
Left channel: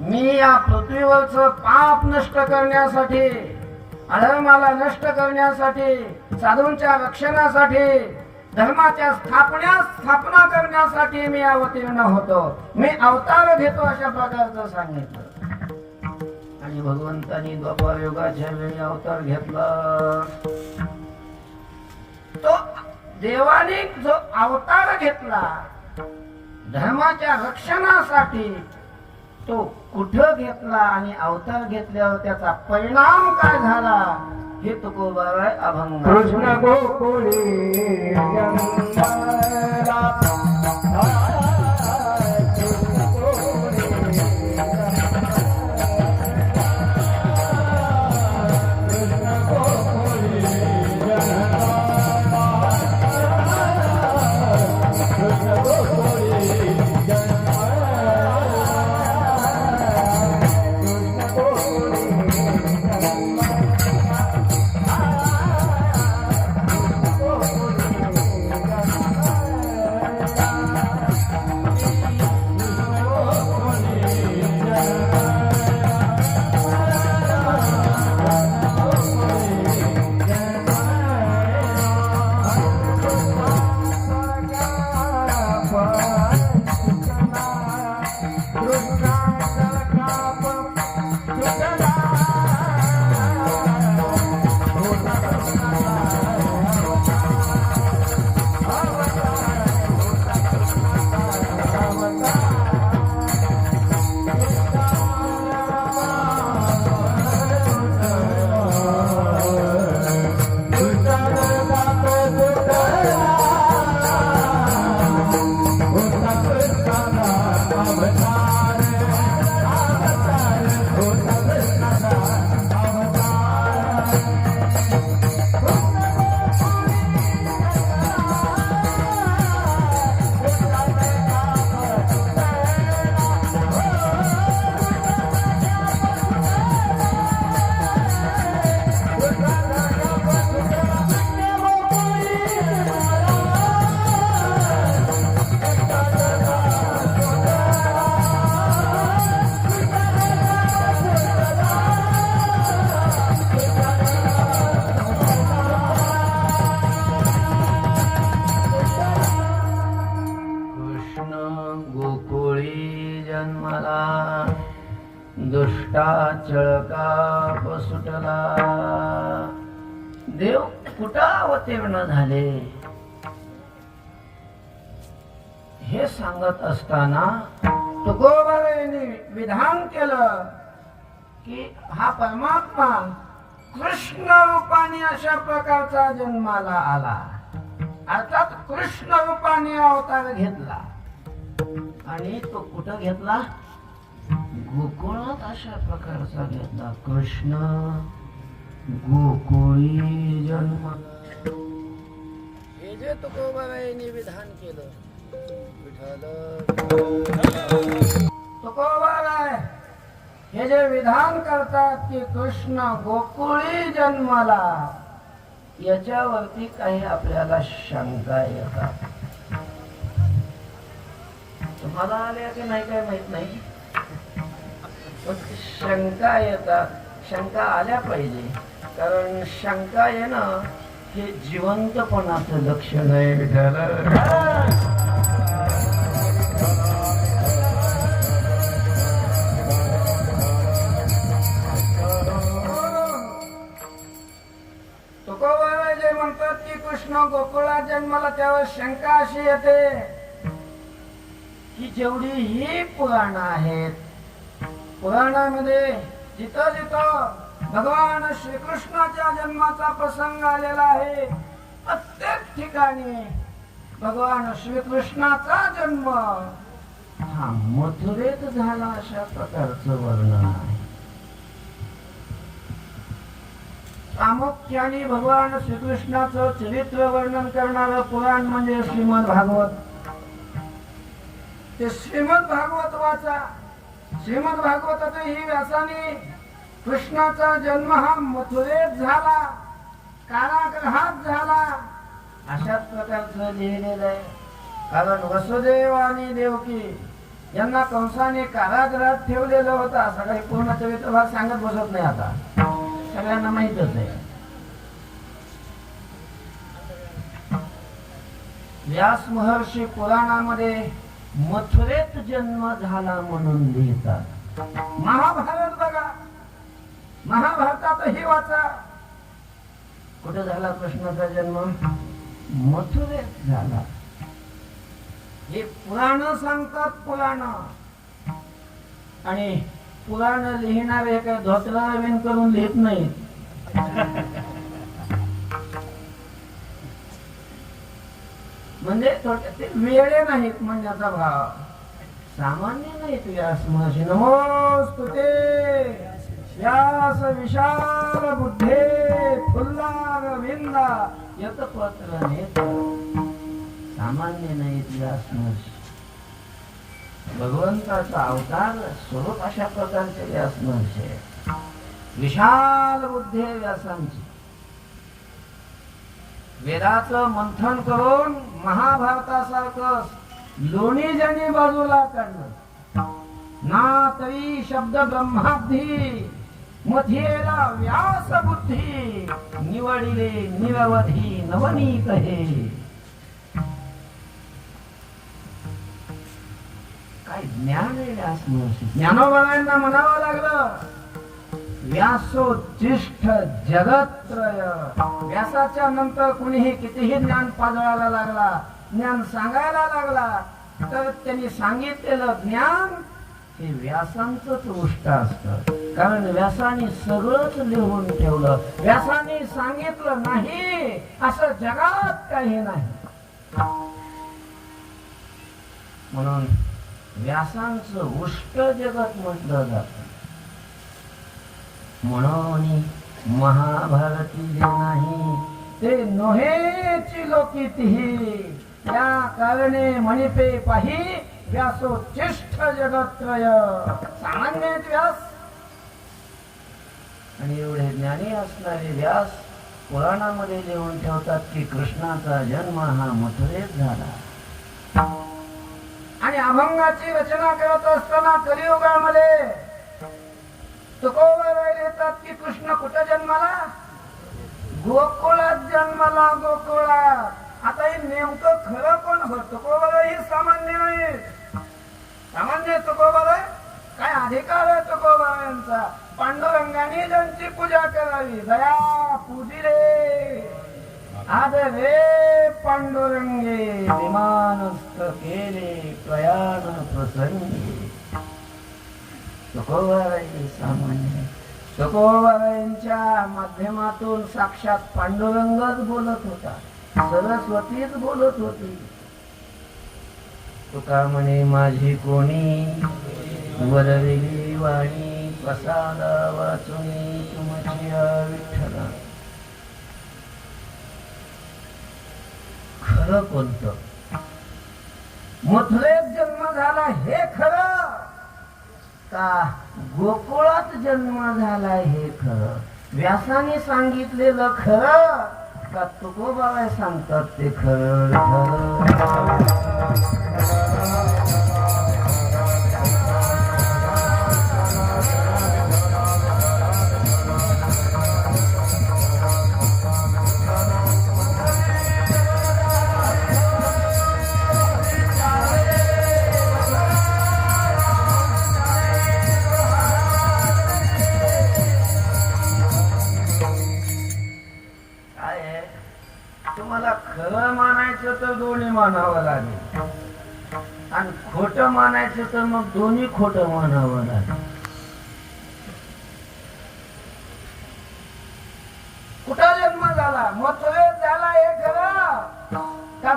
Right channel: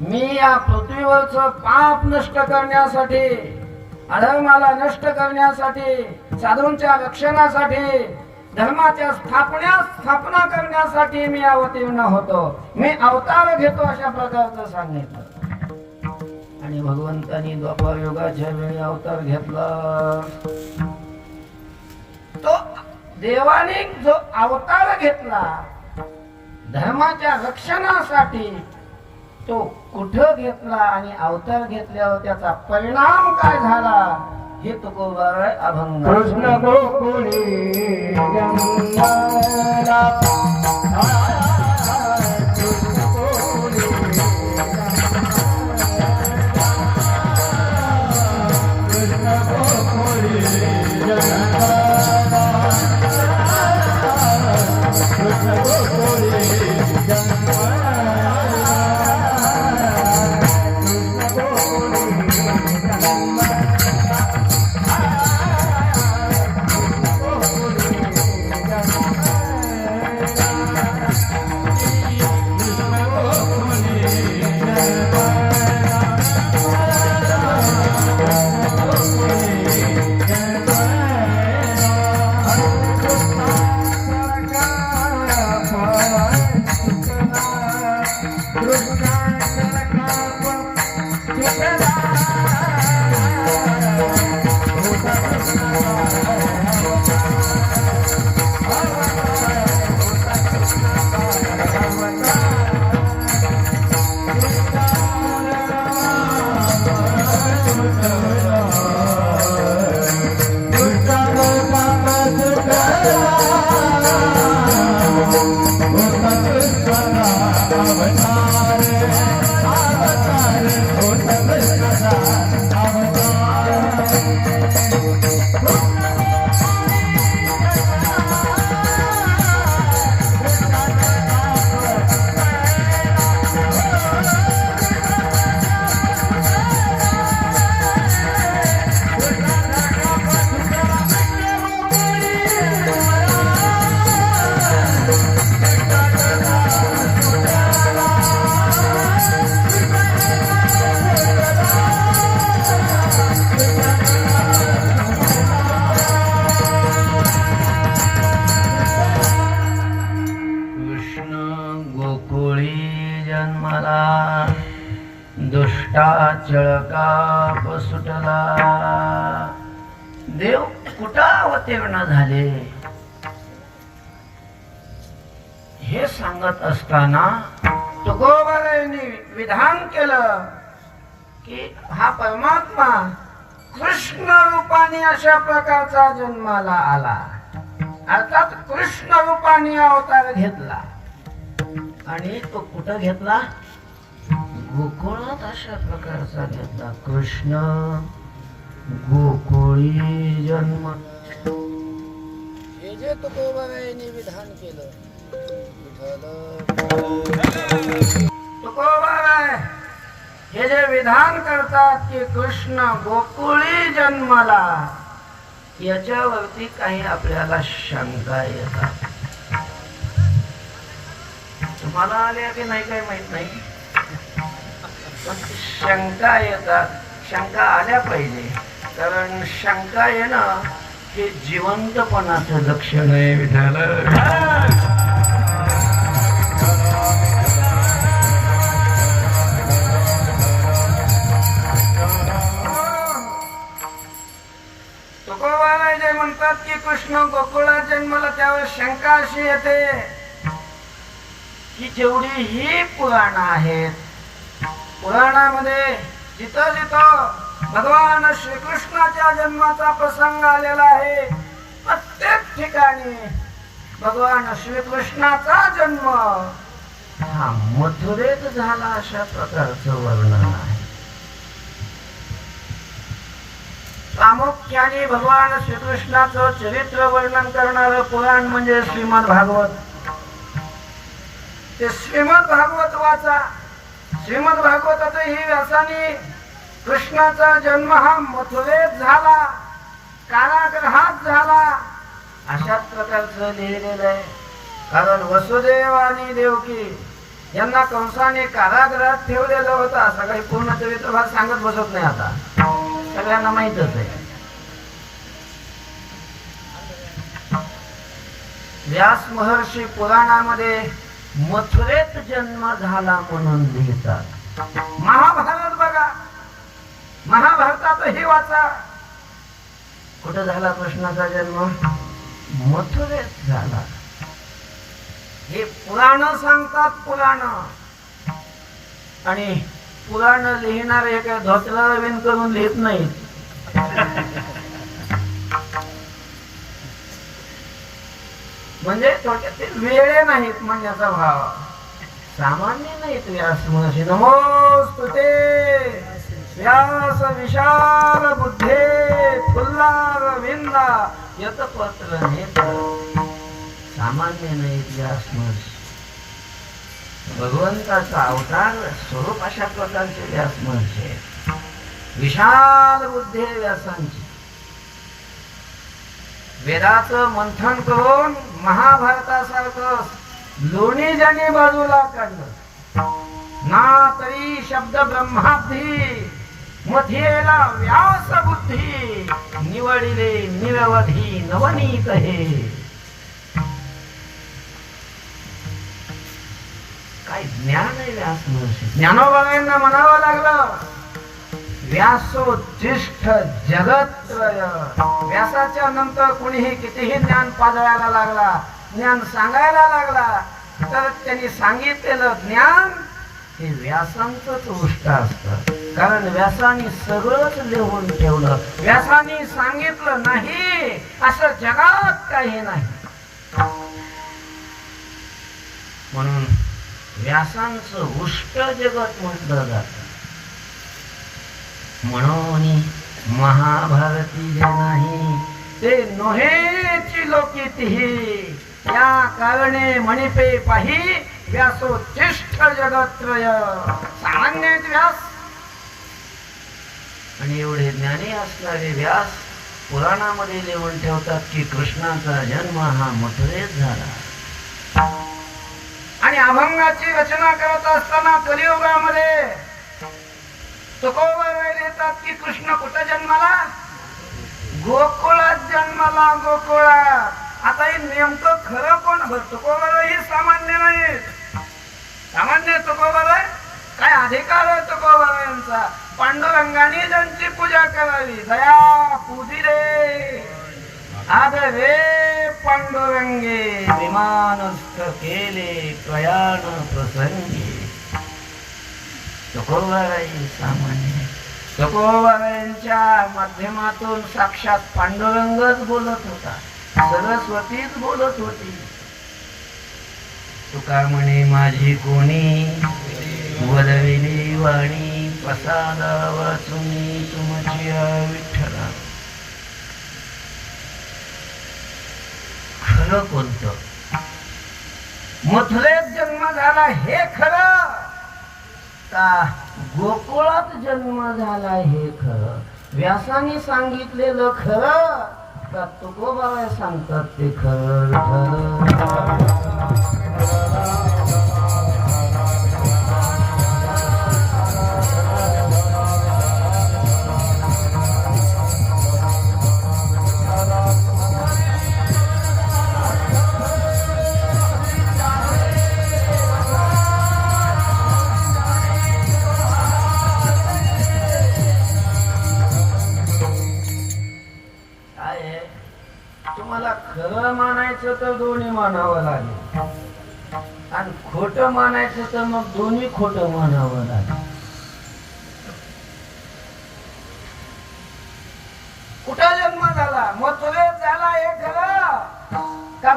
मी या पृथ्वीवरचं पाप नष्ट करण्यासाठी, अधर्माला नष्ट करण्यासाठी, साधूंच्या रक्षणासाठी, धर्माच्या स्थापना करण्यासाठी मी अवतीर्ण होतो, मी अवतार घेतो, अशा प्रकारचं सांगितलं. आणि भगवंतांनी द्वापार युगाच्या वेळी अवतार घेतला. तो देवाने जो अवतार घेतला धर्माच्या रक्षणासाठी, तो कुठं घेतला आणि अवतार घेतल्यावर त्याचा परिणाम काय झाला हे तुकोबाराय अभंग. कृष्ण गोकुळी जन्माला चळकाप सुटला. देव कुठं अवतीर्ण झाले हे सांगत असताना तुकोबारायांनी विधान केलं की हा परमात्मा कृष्ण रूपाने अशा प्रकारचा जन्माला आला, अर्थात कृष्ण रूपाने अवतार घेतला. आणि तो कुठं घेतला? गोकुळात अशा प्रकारचा घेतला. कृष्ण गोकुळी जन्म, हे जे तुकोबारायांनी विधान केलं. तुकोबाराय हे जे विधान करतात की कृष्ण गोकुळी जन्माला, याच्यावरती काही आपल्याला शंका येतात. तुम्हाला आल्या की नाही काय माहित नाही, शंका येतात. शंका आल्या पाहिजे, कारण शंका येणं हे जिवंतपणाचं लक्षण आहे. विठाल तुकोबाराय जे म्हणतात की कृष्ण गोकुळात जन्माला, त्यावर शंका अशी येते की जेवढी ही पुराण आहेत पुराणामध्ये जिथं जिथं भगवान श्रीकृष्णाच्या जन्माचा प्रसंग आलेला आहे प्रत्येक ठिकाणी भगवान श्रीकृष्णाचा जन्म हा मथुरेत झाला अशा प्रकारचं वर्णन आहे. प्रामुख्याने भगवान श्रीकृष्णाचं चरित्र वर्णन करणारं पुराण म्हणजे श्रीमद भागवत. ते श्रीमद भागवत वाचा. श्रीमद भागवतात ही व्यासाने कृष्णाचा जन्म हा मथुरेत झाला, कारागृहात झाला अशाच प्रकारचं लिहिलेलं आहे. कारण वसुदेव आणि देवकी यांना कंसाने कारागृहात ठेवलेलं होतं. असं काही पूर्ण चरित्रभाग सांगत बसत नाही, आता सगळ्यांना माहितच आहे. व्यास महर्षी पुराणामध्ये मथुरेत जन्म झाला म्हणून लिहितात. महाभारत बघा, महाभारतातही वाचा, कुठं झाला कृष्णाचा जन्म? मथुरेत झाला. हे पुराण सांगतात. पुराण आणि पुराण लिहिणारे काय धोतरा विण करून लिहित नाहीत. म्हणजे थोडक्यात वेळे नाहीत म्हणण्याचा भाव. सामान्य नाहीत व्यास महर्षी. नमोस्तुते व्यास विशाल बुद्धे फुल्लार विंदा यतपत्र नेत्र. सामान्य नाहीत व्यास महर्षी. भगवंताचा अवतार स्वरूप अशा प्रकारचे व्यास महर्षी आहेत. विशाल बुद्धी आहे व्यासांची. वेदाचं मंथन करून महाभारतासारखं लोणी ज्यांनी बाजूला काढलं ना तरी शब्द ब्रह्माब्धी मध्येला व्यास बुद्धी निवडिले निरवधी नवनीत हे. काय ज्ञान आहे व्यास महर्षी. ज्ञानोबांना म्हणावं लागलं व्यासोत्तिष्ठ जगत्त्रय. व्यासाच्या नंतर कुणीही कितीही ज्ञान पाजळायला लागला, ज्ञान सांगायला लागला, तर त्यांनी सांगितलेलं ज्ञान हे व्यासांचंच उष्ट असतं. कारण व्यासाने सगळंच लिहून ठेवलं. व्यासाने सांगितलं नाही असं जगात काही नाही. म्हणून व्यासांचं उष्ट जगत म्हटलं जातं. म्हणून महाभारती जे नाही ते नोहेची लोकितीही या कारणे मणिपे पाही व्यासोत्तिष्ठ जगत्त्रय. सामान्य व्यास आणि एवढे ज्ञानी असणारे व्यास पुराणामध्ये लिहून ठेवतात की कृष्णाचा जन्म हा मथुरेत झाला. आणि अभंगाची रचना करत असताना कलियुगामध्ये तुकोबर येतात की कृष्ण कुठं जन्माला? गोकुळात जन्माला. गोकुळात. आता हे नेमकं खरं कोण? तुकोबर ही सामान्य नाही. सामान्य तुकोबर काय अधिकार आहे तुकोबर यांचा? पांडुरंगाने त्यांची पूजा करावी. दया पूजी रे आदरे पांडुरंगे विमानस्थ केले प्रयाण प्रसंगी. तुकोबाराई सामान्य. तुकोबारायांच्या माध्यमातून साक्षात पांडुरंगच बोलत होता, सरस्वतीच बोलत होती. तुका म्हणे माझी कोणी वरविली वाणी प्रसादा वाचुनी तुमची विठ्ठला. खरं कोणतं? मथुरेत जन्म झाला हे खरं का गोकुळात जन्म झाला हे खरं? व्यासाने सांगितलेलं खरं का तुकोबाराय सांगतात ते खरं? खरं मानायचं तर दोन्ही मानावं लागेल आणि खोटं मानायचं तर मग दोन्ही खोटं मानावं लागेल.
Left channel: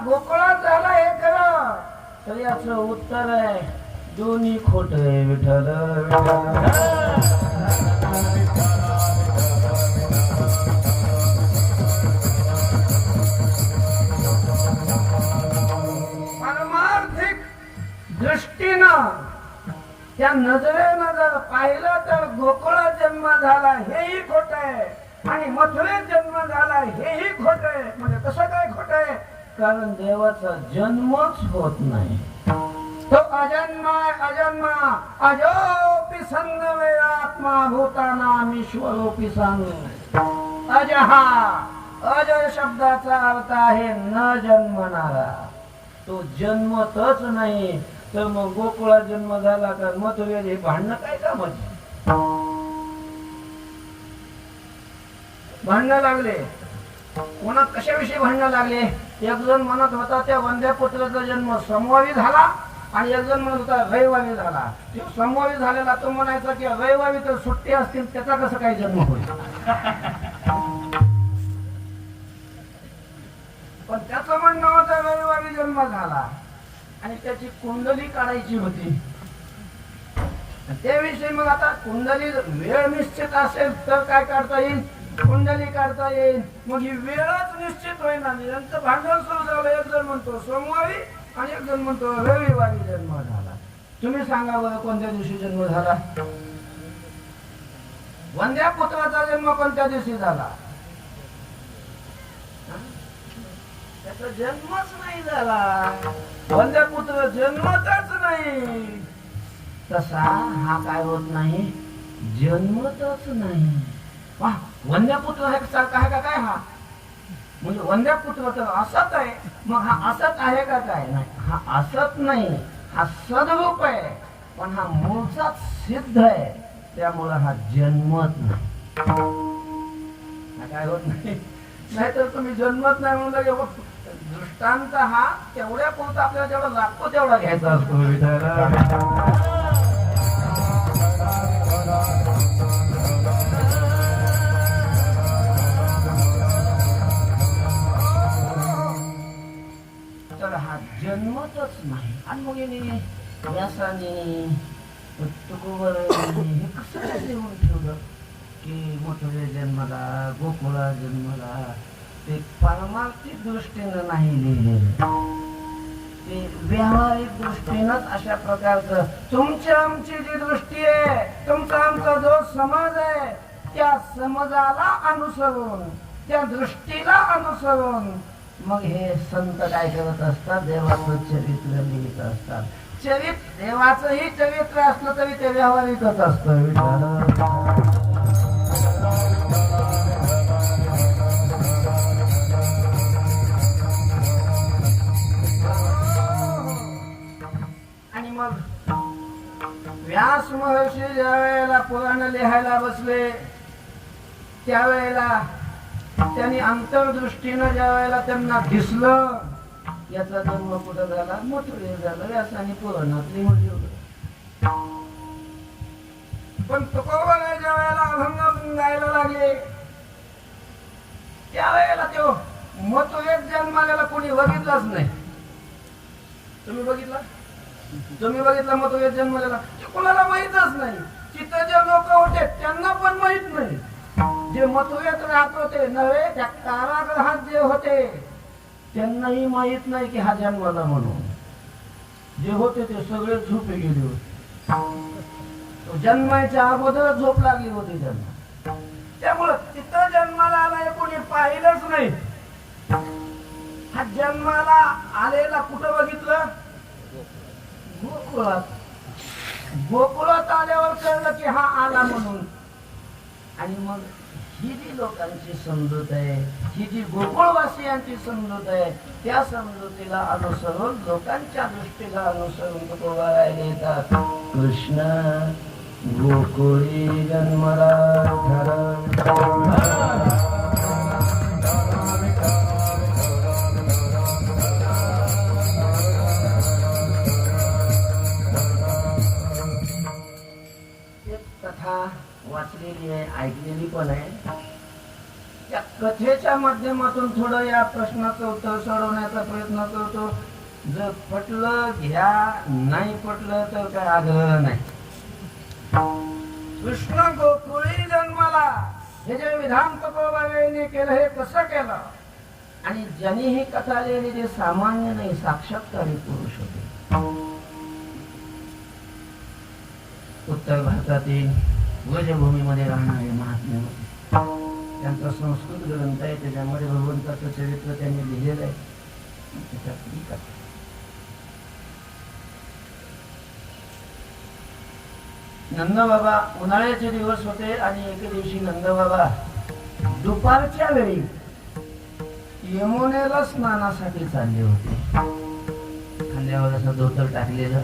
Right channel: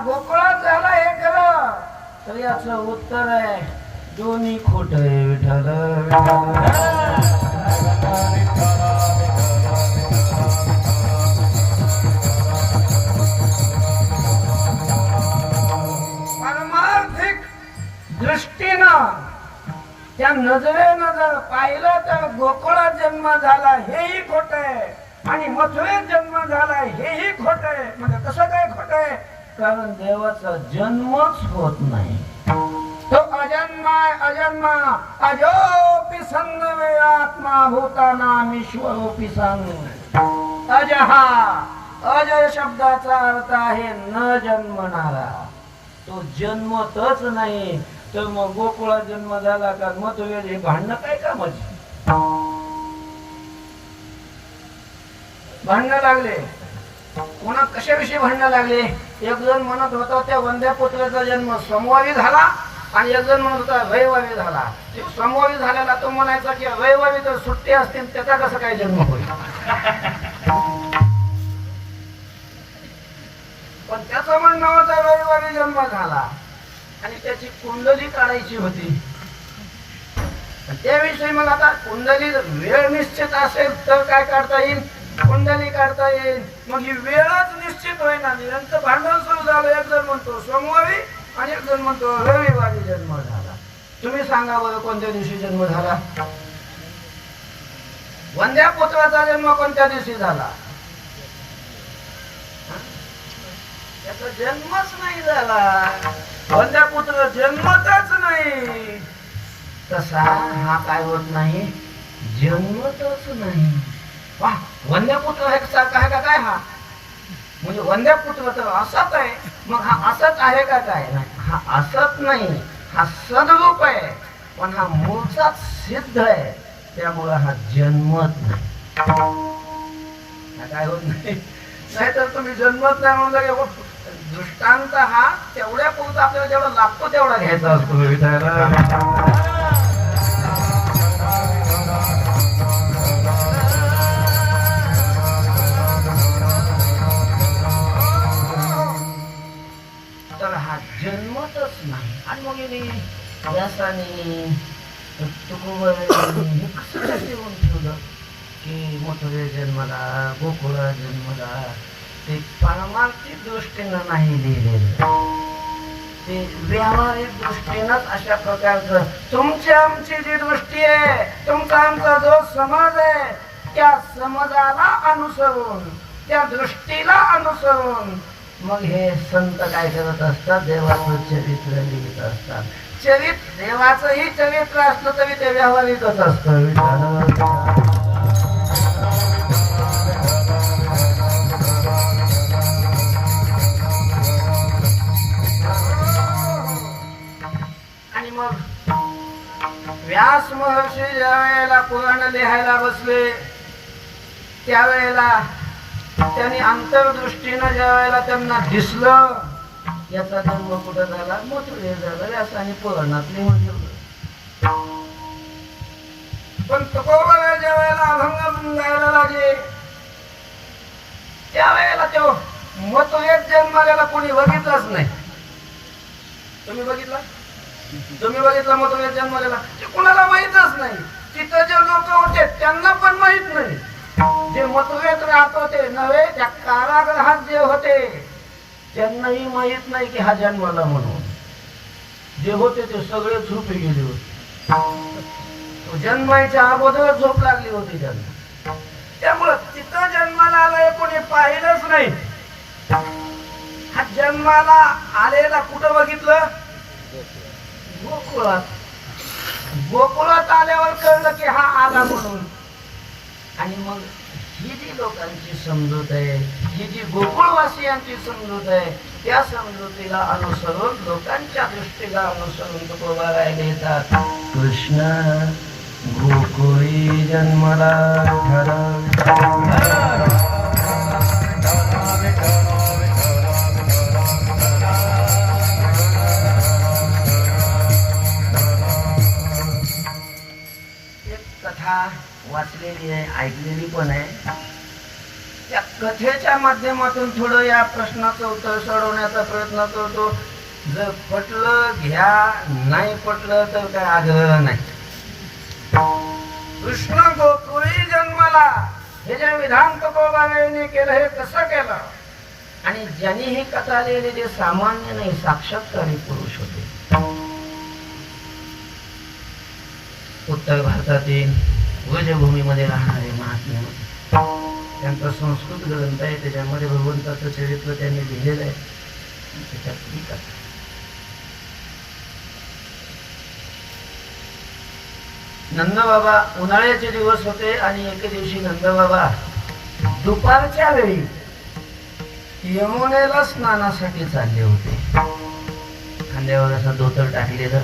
गोकुळात झाला हे खरं, तर याचं उत्तर आहे दोन्ही खोट आहे विठ्ठल पारमार्थिक दृष्टीनं त्या नजरेनं जर पाहिलं तर गोकुळात जन्म झाला हेही खोट आहे आणि मथुरेत जन्म झाला हेही खोट आहे. म्हणजे कसं काय खोट आहे? कारण देवाचा जन्मच होत नाही. तो अजन्मा अजन्मा अजोपि सन्नवे आत्मा भूतानाम ईश्वरोपि सन. अजहा अजय शब्दाचा अर्थ आहे न जन्मणारा. तो जन्मतच नाही. तर मग गोकुळात जन्म झाला का मथुरेत हे भांडणं काय कामाची? भांडणं लागले कोणा कशाविषयी भांडणं लागले? एक जण म्हणत होता त्या वंद्या पुत्राचा जन्म सोमवारी झाला आणि एक जण म्हणत होता रविवारी झाला. सोमवारी झालेला तो म्हणायचा की रविवारी तर सुट्टी असतील त्याचा कसं काय जन्म होईल? पण त्याचं म्हणणं होतं रविवारी जन्म झाला आणि त्याची कुंडली काढायची होती. त्याविषयी मग आता कुंडली वेळ निश्चित असेल तर काय काढता येईल? कुंडली काढता येईल. मग ही वेळच निश्चित होईना. यांचं भांडण सुरू झालं. एक जण म्हणतो सोमवारी आणि एक जण म्हणतो रविवारी जन्म झाला. तुम्ही सांगा बरं कोणत्या दिवशी जन्म झाला? वंद्या पुत्राचा जन्म कोणत्या दिवशी झाला? त्याचा जन्मच नाही झाला. वंद्या पुत्र जन्मतच नाही. तसा हा काय होत नाही? जन्मतच नाही. वंद्यपुत्र हे सारखा आहे का काय? हा म्हणजे वंद्यपुत्र तर असत आहे. मग हा असत आहे का काय? हा असत नाही. हा सद्रूप आहे. पण हा मूळचाच सिद्ध आहे. त्यामुळे हा जन्मत नाही. हा काय होत नाही. नाहीतर तुम्ही जन्मत नाही म्हणलं की दृष्टांत हा तेवढ्या पुरता आपल्याला जेवढा लागतो तेवढा घ्यायचा असतो. तर हा जन्मतच नाही. आणि मग व्यासाने तुकोबर हे कसं काय देऊन ठेवलं की मथुरे जन्मला गोकुळा जन्मला? ते पारमार्थिक दृष्टीनं नाही लिहिलेलं. ते व्यावहारिक दृष्टीनंच अशा प्रकारचं तुमची आमची जी दृष्टी आहे, तुमचा आमचा जो समज आहे, त्या समजाला अनुसरून, त्या दृष्टीला अनुसरून मग हे संत काय करत असतात? देवाचं चरित्र लिहित असतात. देवाचंही चरित्र असलं तरी ते व्यावहारिकच असतं. आणि मग व्यास महर्षी ज्या वेळेला पुराण लिहायला बसले त्यावेळेला त्यांनी अंतर्दृष्टीनं ज्या वेळेला त्यांना दिसलं याचा जन्म कुठं झाला? मथुरेत झाला. व्यासाने पुराणात लिहून ठेवलं. पण तुकोबा ज्या वेळेला अभंग गायला लागले त्यावेळेला तो मथुरेत जन्माला कोणी बघितलंच नाही. तुम्ही बघितला? तुम्ही बघितला मथुरेत जन्माला? ते कोणाला माहीतच नाही. तिथं जे लोक होते त्यांना पण माहित नाही. जे मथुरेत राहत होते नव्हे, त्या कारागृहात जे होते त्यांनाही माहित नाही की हा जन्माला म्हणून. जे होते ते सगळे झोपे गेले होते. जन्माच्या अगोदर झोप लागली होती त्यांना. त्यामुळं तिथं जन्माला आला कोणी पाहिलंच नाही. हा जन्माला आलेला कुठं बघितलं? गोकुळात. गोकुळात आल्यावर कळलं की हा आला म्हणून. आणि मग ही जी लोकांची समजूत आहे, ही जी गोकुळवासियांची समजूत आहे, त्या समजुतीला अनुसरून, लोकांच्या दृष्टीला अनुसरून तुकोबा राहिले येतात. कृष्ण गोकुळी जन्मला एक कथा वाचलेली आहे, ऐकलेली पण आहे. त्या कथेच्या माध्यमातून थोडं या प्रश्नाचं उत्तर सोडवण्याचा प्रयत्न करतो. जर पटलं घ्या, नाही पटलं तर काय आग्रह नाही. कृष्ण गोकुळी जन्माला हे जे विधान तुकोबाने केलं हे कसं केलं, आणि ज्यांनी ही कथा लिहिली ते सामान्य नाही, साक्षात्कारी पुरुष होते. उत्तर भारतातील व्रजभूमीमध्ये राहणारे महात्मे, त्यांचा संस्कृत ग्रंथ आहे, त्याच्यामध्ये भगवंताचं चरित्र त्यांनी लिहिलेलं आहे. त्याच्यातली कथा नंदबाबा, उन्हाळ्याचे दिवस होते आणि एके दिवशी नंदबाबा दुपारच्या वेळी यमुनेला स्नानासाठी चालले होते. खांद्यावर असं धोतर टाकलेलं,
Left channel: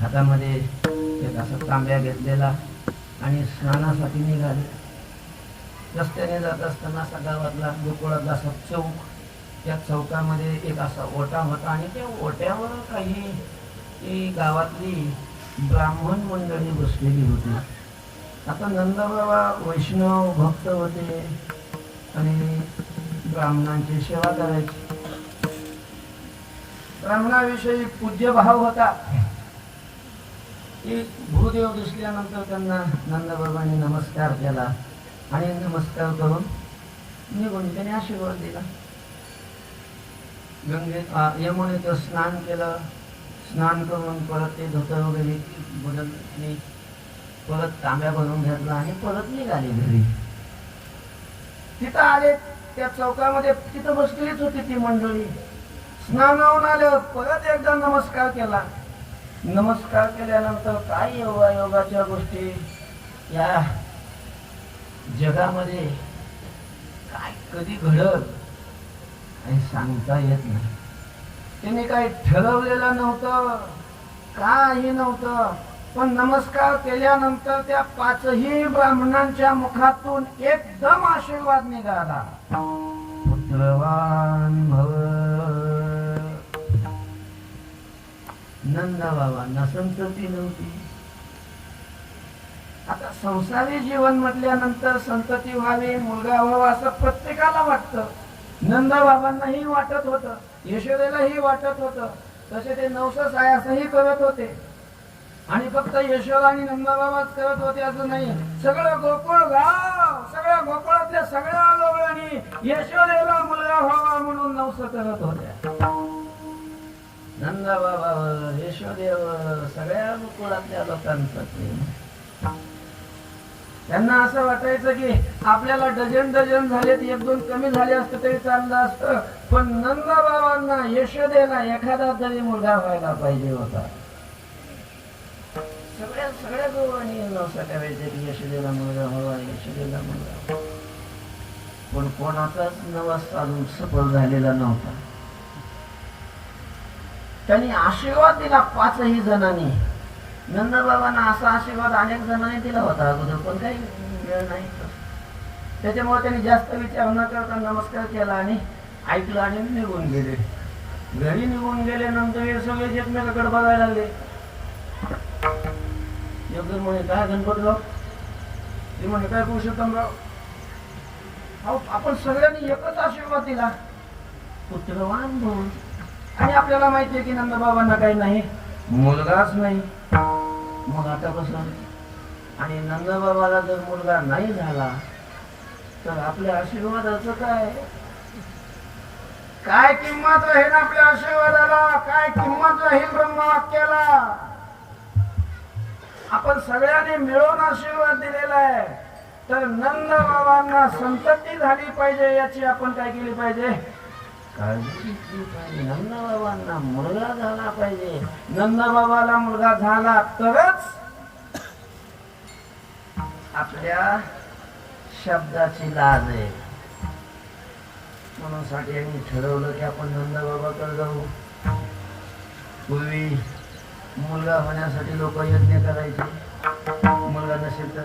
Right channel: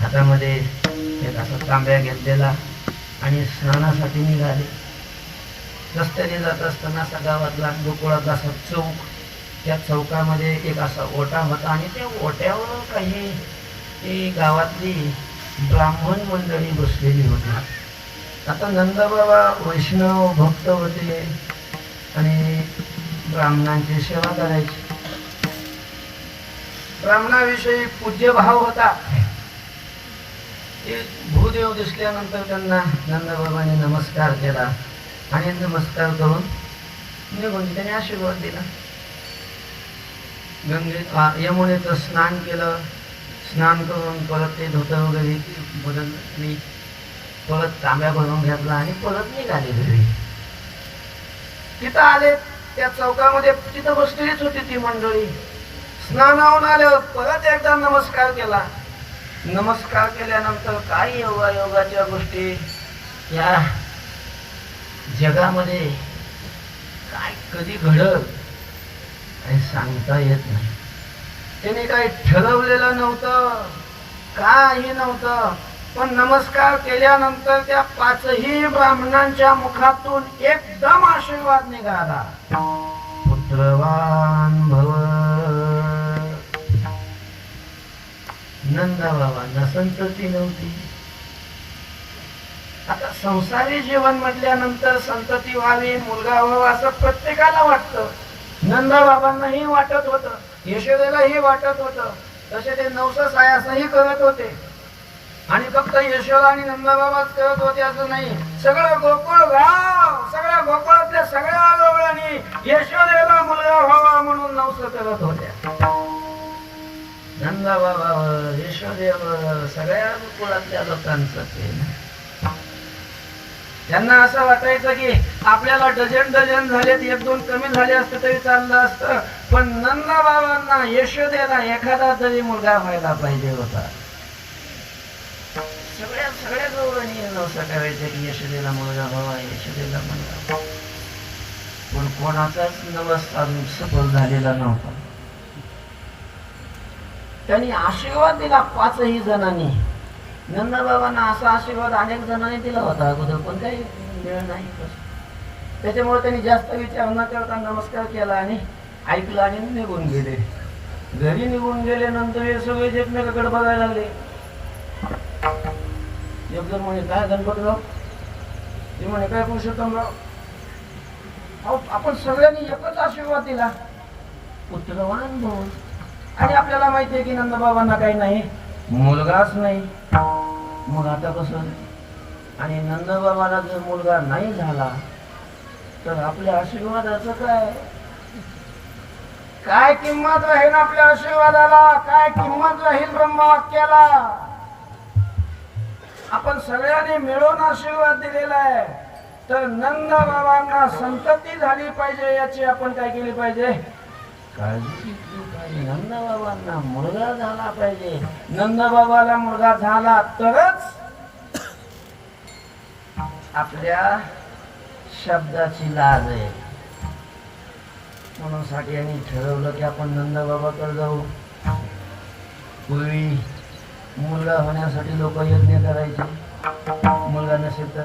हातामध्ये एक असा तांब्या घेतलेला आणि स्नानासाठी निघाले. रस्त्याने जात असताना असा गावातला गोकुळातला असा चौक, त्या चौकामध्ये एक असा ओटा होता आणि त्या ओट्यावर काही गावातली ब्राह्मण मंडळी बसलेली होती. आता नंदबाबा वैष्णव भक्त होते आणि ब्राह्मणांची सेवा करायची. ब्राह्मणाविषयी पूज्य भाव होता. भूदेव दिसल्यानंतर त्यांना नंदबाबांनी नमस्कार केला आणि नमस्कार करून निघून त्याने आशीर्वाद दिला. यमुनेचं स्नान केलं. स्नान करून परत ते धोतर वगैरे बदलली, परत तांब्या भरून घेतला आणि परत निघाले घरी. तिथं आले, त्या चौकामध्ये तिथं बसलेलीच होती ती मंडळी. स्नानावून आले, परत एकदा नमस्कार केला. नमस्कार केल्यानंतर काय योगायोगाच्या गोष्टी या जगामध्ये काय कधी घडत काही सांगता येत नाही. त्यांनी काही ठरवलेलं नव्हतं, काही नव्हतं, पण नमस्कार केल्यानंतर त्या पाचही ब्राह्मणांच्या मुखातून एकदम आशीर्वाद निघाला. पुत्रवान भव. नंदबाबांना संतती नव्हती. आता संसारी जीवन म्हटल्यानंतर संतती व्हावी, मुलगा व्हावा असं प्रत्येकाला वाटतं. नंदबाबांनाही वाटत होतं, यशोदेलाही वाटत होतं. तसे ते नवस सायासही करत होते. आणि फक्त यशोदा आणि नंदबाबाच करत होते असं नाही, सगळं गोकुळ गाव, सगळ्या गोकुळातल्या सगळ्या लोकांनी यशोदेला मुलगा व्हावा म्हणून नवस करत होत्या. नंदबाबावर, यशोदेवर, सगळ्या गोकुळातल्या लोकांचं प्रेम. त्यांना असं वाटायचं की आपल्याला डझन झालेत, एक दोन कमी झाले असते तरी चाललं असतं, पण नंदबाबांना, यशोदेला एखादा तरी मुलगा व्हायला पाहिजे होता. सगळ्या गौरांनी नवसा करायचं की यशोदेला मुलगा व्हावा, यशोदेला मुलगा. पण कोणाचाच नवस अजून सफल झालेला नव्हता. त्यांनी आशीर्वाद दिला पाचही जणांनी. नंदबाबांना असा आशीर्वाद अनेक जणांनी दिला होता अगोदर, पण काही मिळालं नाही. त्याच्यामुळे त्यांनी जास्त विचार न करता नमस्कार केला आणि ऐकलं आणि निघून गेले. घरी निघून गेल्यानंतर हे सगळे एकमेकाकडे बघायला लागले. एक जण म्हणे काय गणपतराव, ते म्हणे काय पुरुषोत्तमराव, आपण सगळ्यांनी एकच आशीर्वाद दिला, पुत्रवान भव. आणि आपल्याला माहिती आहे की नंदबाबांना काही नाही, मुलगाच नाही. मग आता कसं? आणि नंदबाबाला जर मुलगा नाही झाला तर आपल्या आशीर्वादाचं काय काय किंमत राहील? आपल्या आशीर्वादाला काय किंमत राहील? ब्रह्मवाक्याला आपण सगळ्यांनी मिळून आशीर्वाद दिलेला आहे. तर नंदबाबांना संतती झाली पाहिजे याची आपण काय केली पाहिजे? काळजी घेतली पाहिजे. नंदबाबांना मुलगा झाला पाहिजे. नंदबाबाला मुलगा झाला तरच आपल्या शब्दाची लाज आहे. म्हणून साठी यांनी ठरवलं की आपण नंदबाबाकडे जाऊ. पूर्वी मुलगा होण्यासाठी लोक यज्ञ करायचे, मुलगा नसेल तर.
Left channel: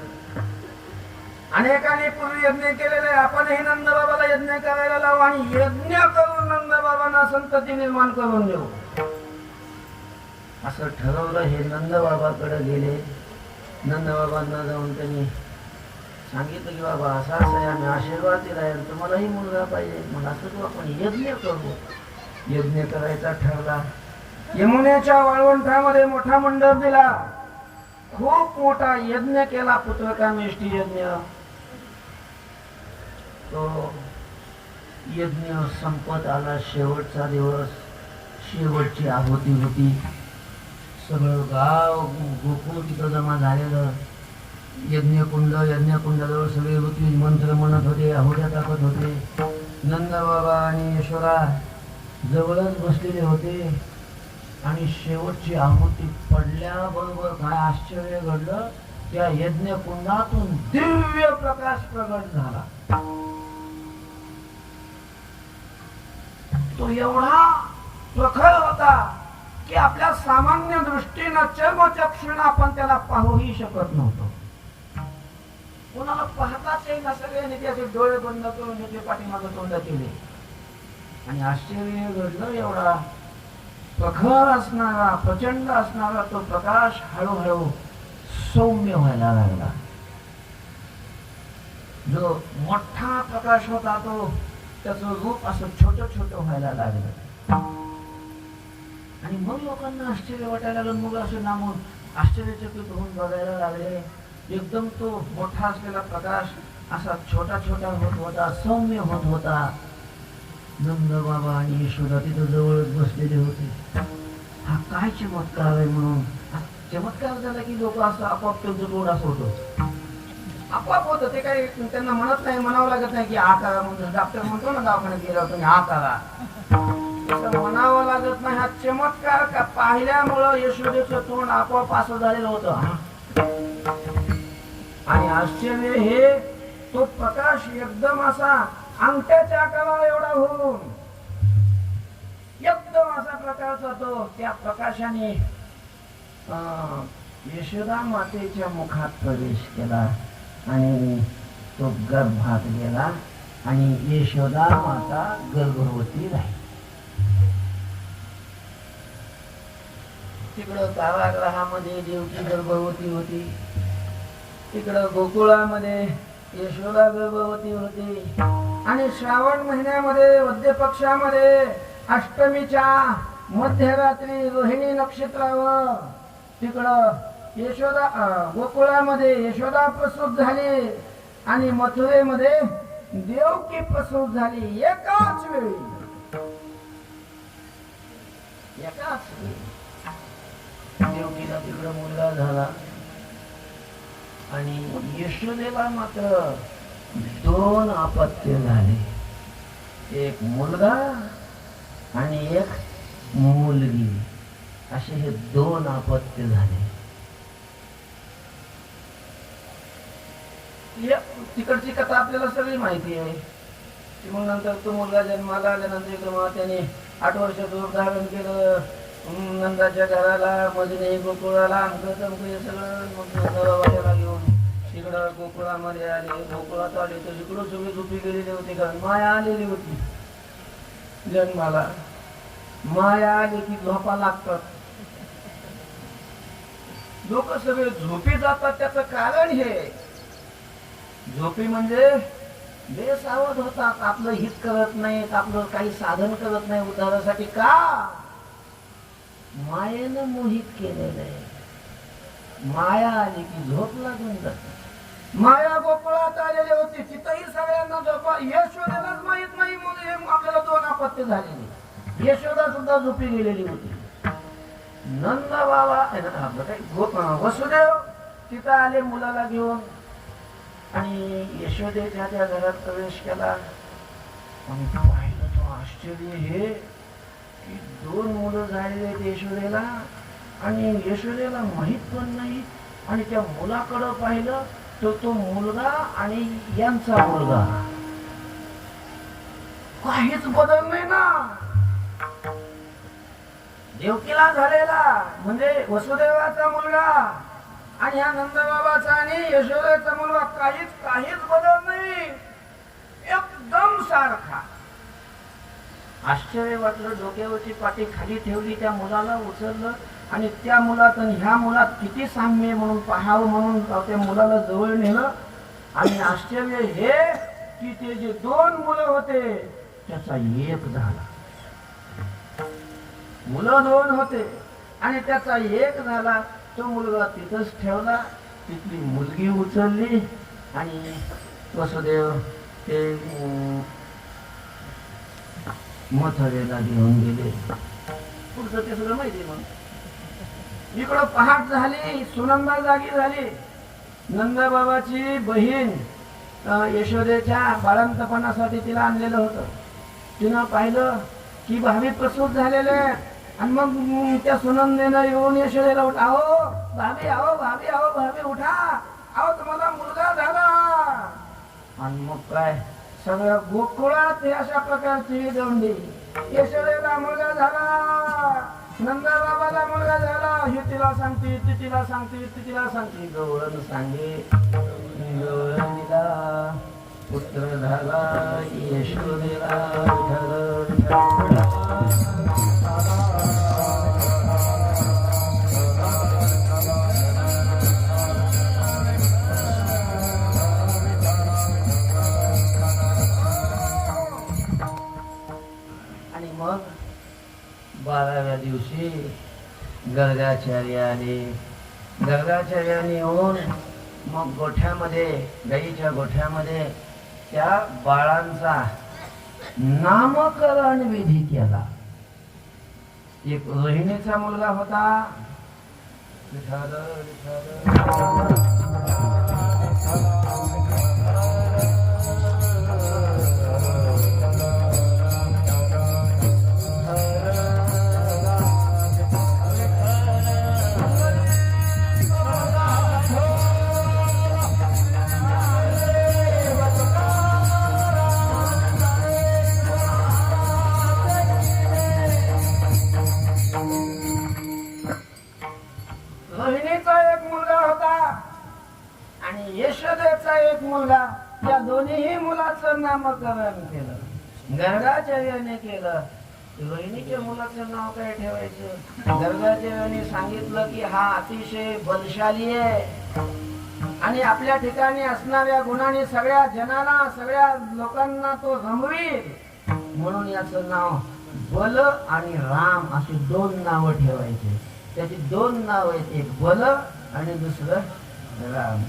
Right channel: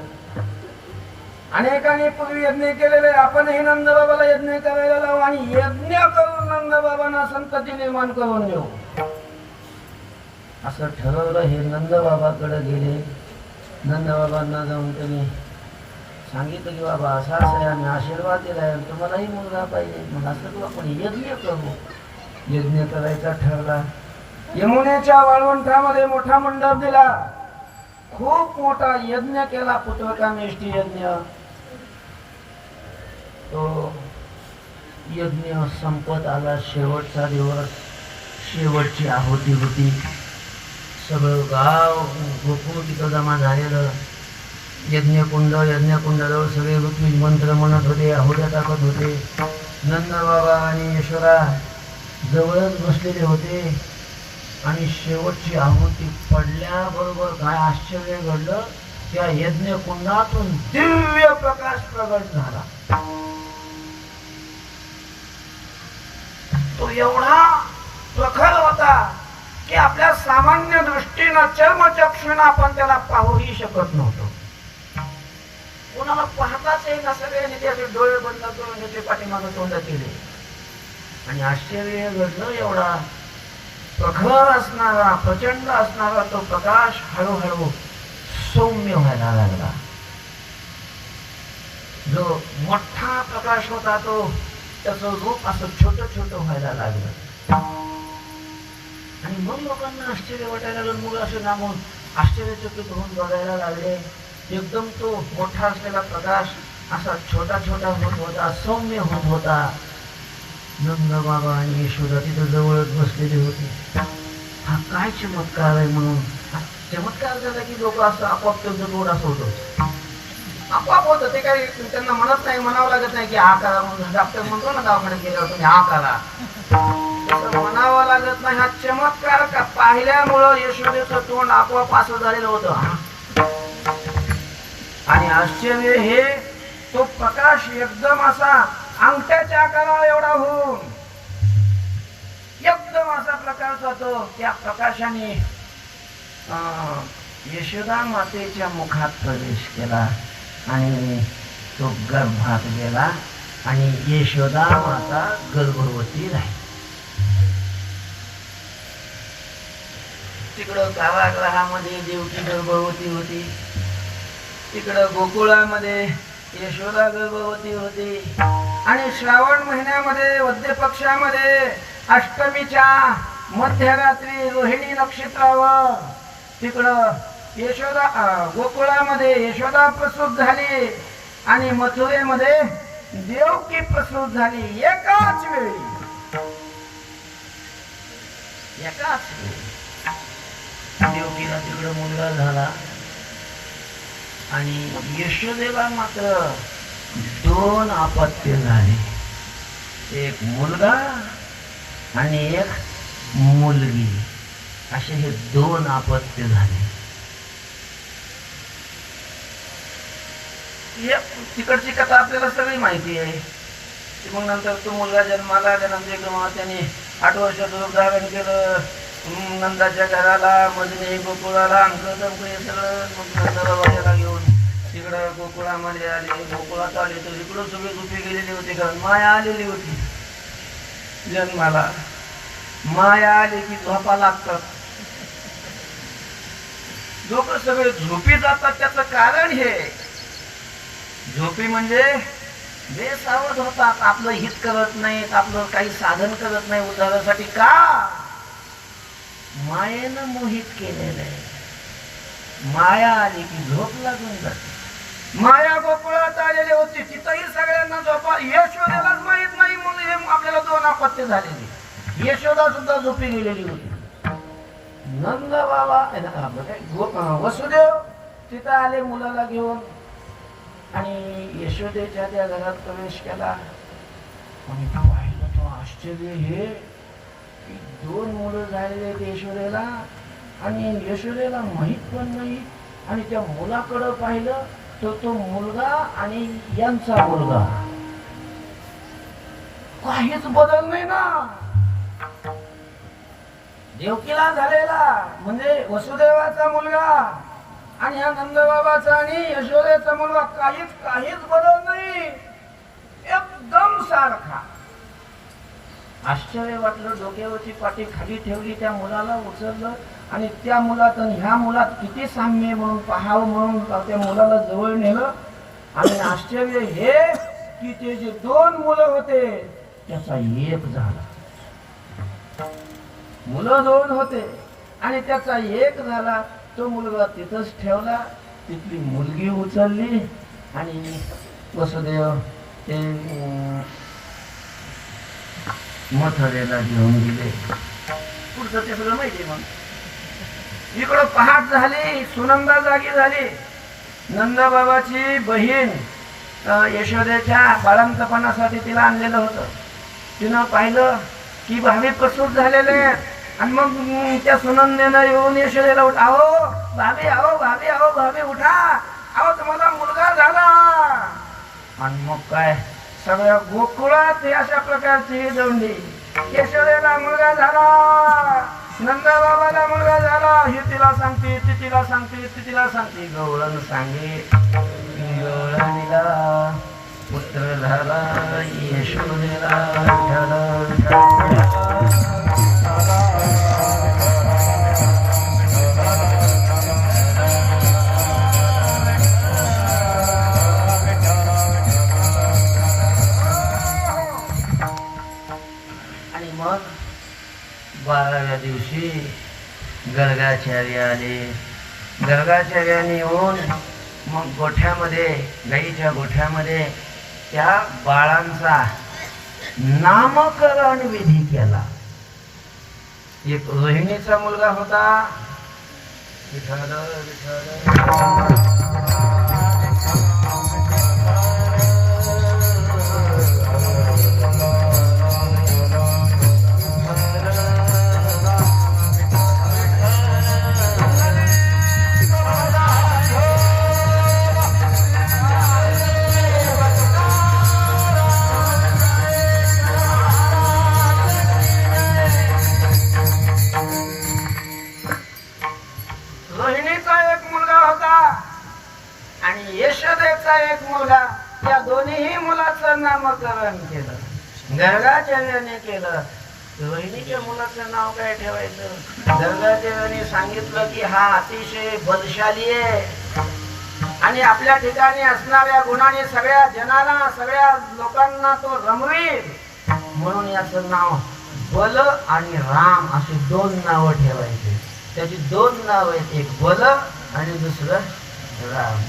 अनेकांनी पूर्वी यज्ञ केलेले, आपणही नंदबाबाला यज्ञ करायला लावू आणि यज्ञ करून नंदबाबांना संतती निर्माण करून देऊ असं ठरवलं. हे नंदबाबाकडे गेले. नंदबाबांना जाऊन त्यांनी सांगितलं की बाबा असं असं आहे, आम्ही आशीर्वाद दिलाय आणि तुम्हालाही मुलगा पाहिजे. मग असं तू आपण यज्ञ करू. यज्ञ करायचा ठरला. यमुनेच्या वाळवंटामध्ये मोठा मंडप दिला. खूप मोठा यज्ञ केला, पुत्रकामेष्टी यज्ञ. तो यज्ञ संपत आला. शेवटचा दिवस, शेवटची आहुती होती. सगळं गाव गोकुळ तिथं जमा झालेलं. यज्ञकुंडाजवळ सगळे ऋत्विज मंत्र म्हणत होते, आहुत्या टाकत होते. नंदबाबा आणि यशोदा जवळच बसलेले होते. आणि शेवटची आहुती पडल्याबरोबर काय आश्चर्य घडलं, त्या यज्ञ कुंडातून दिव्य प्रकाश प्रगट झाला. तो एवढा प्रखर होता की आपल्या सामान्य दृष्टीनं चर्मचक्षुनं आपण त्याला पाहूही शकत नव्हतो. कोणाला पाहताच येईना. सगळ्यांनी त्याचे डोळे बंद करून त्याचे पाठीमागे तोंड केले. आणि आश्चर्य घडलं, एवढा प्रखर असणारा, प्रचंड असणारा तो प्रकाश हळूहळू सौम्य व्हायला लागला. जो मोठा प्रकाश होता तो त्याचं रूप असं छोटं छोटं व्हायला लागलं. आणि मग लोकांना आश्चर्य वाटायला लागलं. मुलं असे लांबून आश्चर्यचकित होऊन बघायला लागले. एकदम तो मोठा असलेला प्रकाश असा छोटा छोटा होत होता, सौम्य होत होता. नंदबाबा आणि यशोदा तिथं जवळच बसलेले होते. हा काय चमत्कार आहे म्हणून. हा चमत्कार झाला की लोक असं आपोआप त्यांचं गोड असं होतं, आपोआप होतं. ते काही त्यांना म्हणत नाही, म्हणावं लागत नाही की हा करा म्हणून. डॉक्टर म्हणतो ना दवाखान्यात गेल्यावर तुम्ही हा करा, तसं म्हणावं लागत नाही. हा चमत्कार का पाहिल्यामुळं यशोदेचं तोंड आपोआप असं झालेलं होतं. आणि आश्चर्य हे, तो प्रकाश एकदम असा अंगठ्याच्या आकाराला एवढा होऊन एकदम असा प्रकारचा तो, त्या प्रकाशाने यशोदा मातेच्या मुखात प्रवेश केला आणि तो गर्भात गेला. आणि यशोदा माता गर्भवती राहिली. तिकडं कारागृहामध्ये देवकी गर्भवती होती. तिकडं गोकुळामध्ये यशोदा गर्भवती होती. आणि श्रावण महिन्यामध्ये वद्य पक्षामध्ये अष्टमीच्या मध्यरात्री रोहिणी नक्षत्रावर तिकडं यशोदा, गोकुळामध्ये यशोदा प्रसूत झाली आणि मथुरेमध्ये देवकी प्रसूत झाली. एकाच वेळी. देवकीला तिकडं मुलगा झाला आणि यशोदेला मात्र 2 अपत्य झाले. एक मुलगा आणि एक मुलगी, असे हे 2 अपत्य झाले. तिकडची कथा आपल्याला सगळी माहिती आहे. मग नंतर तो मुलगा जन्माला आल्यानंतर इकडं त्याने 8 वर्षाचं रूप धारण केलं. नंदाच्या घराला, मजने गोकुळाला, अंक हे सगळं. मग नंदबाबाला घेऊन तिकडं गोकुळामध्ये आले. गोकुळात आले तर इकडं सगळे झोपी गेलेले होते, कारण माया आलेली होती जन्माला. माया आले की झोपा लागतात. लोक सगळे झोपी जातात. त्याचं कारण हे, झोपी म्हणजे बेसावध होतात, आपलं हित करत नाहीत, आपलं काही साधन करत नाही उद्धारासाठी. का? मायेनं मोहित केलेलं आहे. माया आली की झोप लागून जाते. माया गोकुळात आलेली होती, तिथंही सगळ्यांना झोपा. यशोदेलाच माहित नाही म्हणून हे आपल्याला 2 अपत्य झालेली. यशोदा सुद्धा झोपी गेलेली होती. नंद बाबा, वसुदेव तिथं आले मुलाला घेऊन आणि यशोदेच्या त्या घरात प्रवेश केला. आणि पाहिलं तो आश्चर्य हे की 2 मुलं झालेले आहेत यशोदेला आणि यशोदेला माहित पण नाही. आणि त्या मुलाकडं पाहिलं तर तो मुलगा आणि यांचा मुलगा, काहीच बदल नाही ना. देवकीला झालेला म्हणजे वसुदेवाचा मुलगा आणि ह्या नंदबाबाचा आणि यशोदेचा मुलगा, काहीच बदल नाही, एकदम सारखा. आश्चर्य वाटलं. डोक्यावरची पाठी खाली ठेवली, त्या मुलाला उचललं आणि त्या मुलात आणि ह्या मुलात किती साम्य म्हणून पाहावं म्हणून त्या मुलाला जवळ नेलं आणि आश्चर्य हे की ते जे दोन मुलं होते त्याचा एक झाला. मुलं दोन होते आणि त्याचा एक झाला. तो मुलगा तिथंच ठेवला. तिथली मुलगी उचलली आणि वसुदेव ते मथुरेला घेऊन गेले. पुढचं ते सगळं माहिती आहे. मग इकडं पहाट झाली. सुनंदा जागी झाली. नंदबाबाची बहीण यशोदेच्या बाळंतपणासाठी तिला आणलेलं होतं. तिनं पाहिलं की भावी प्रसूत झालेले आहेत. आणि मग त्या सुनंदेनं येऊन यशोदेला उठ, अहो भाभी, अहो भाभी, अहो भाभी उठा, अहो तुम्हाला मुलगा झाला. आणि मग काय सगळ्या गोकुळात अशा प्रकारची दौंडी. यशोदेला मुलगा झाला, नंदबाबाला मुलगा झाला. ही तिला सांगते, ती तिला सांगते, ती तिला सांगते. गवळण सांगे गवळणीला पुत्र झाला, यशोदेला विठ्ठल. आणि मग 12व्या दिवशी गर्गाचार्य आले. गर्गाचार्याने येऊन मग गोठ्यामध्ये, गाईच्या गोठ्यामध्ये त्या बाळांचा नामकरण विधी केला. एक रोहिणीचा मुलगा होता. विठ्ठल विठ्ठल. यशोदेचा एक मुलगा. या दोन्ही मुलाचं नामकरण केलं, गर्गाचार्याने केलं. रोहिणीच्या मुलाचं नाव काय ठेवायचं? गर्गाचार्याने सांगितलं की हा अतिशय बलशाली आहे आणि आपल्या ठिकाणी असणाऱ्या गुणाने सगळ्या जनाला, सगळ्या लोकांना तो रमवील, म्हणून याचं नाव बल आणि राम अशी दोन नावं ठेवायची. त्याची दोन नाव आहेत, एक बल आणि दुसरं राम.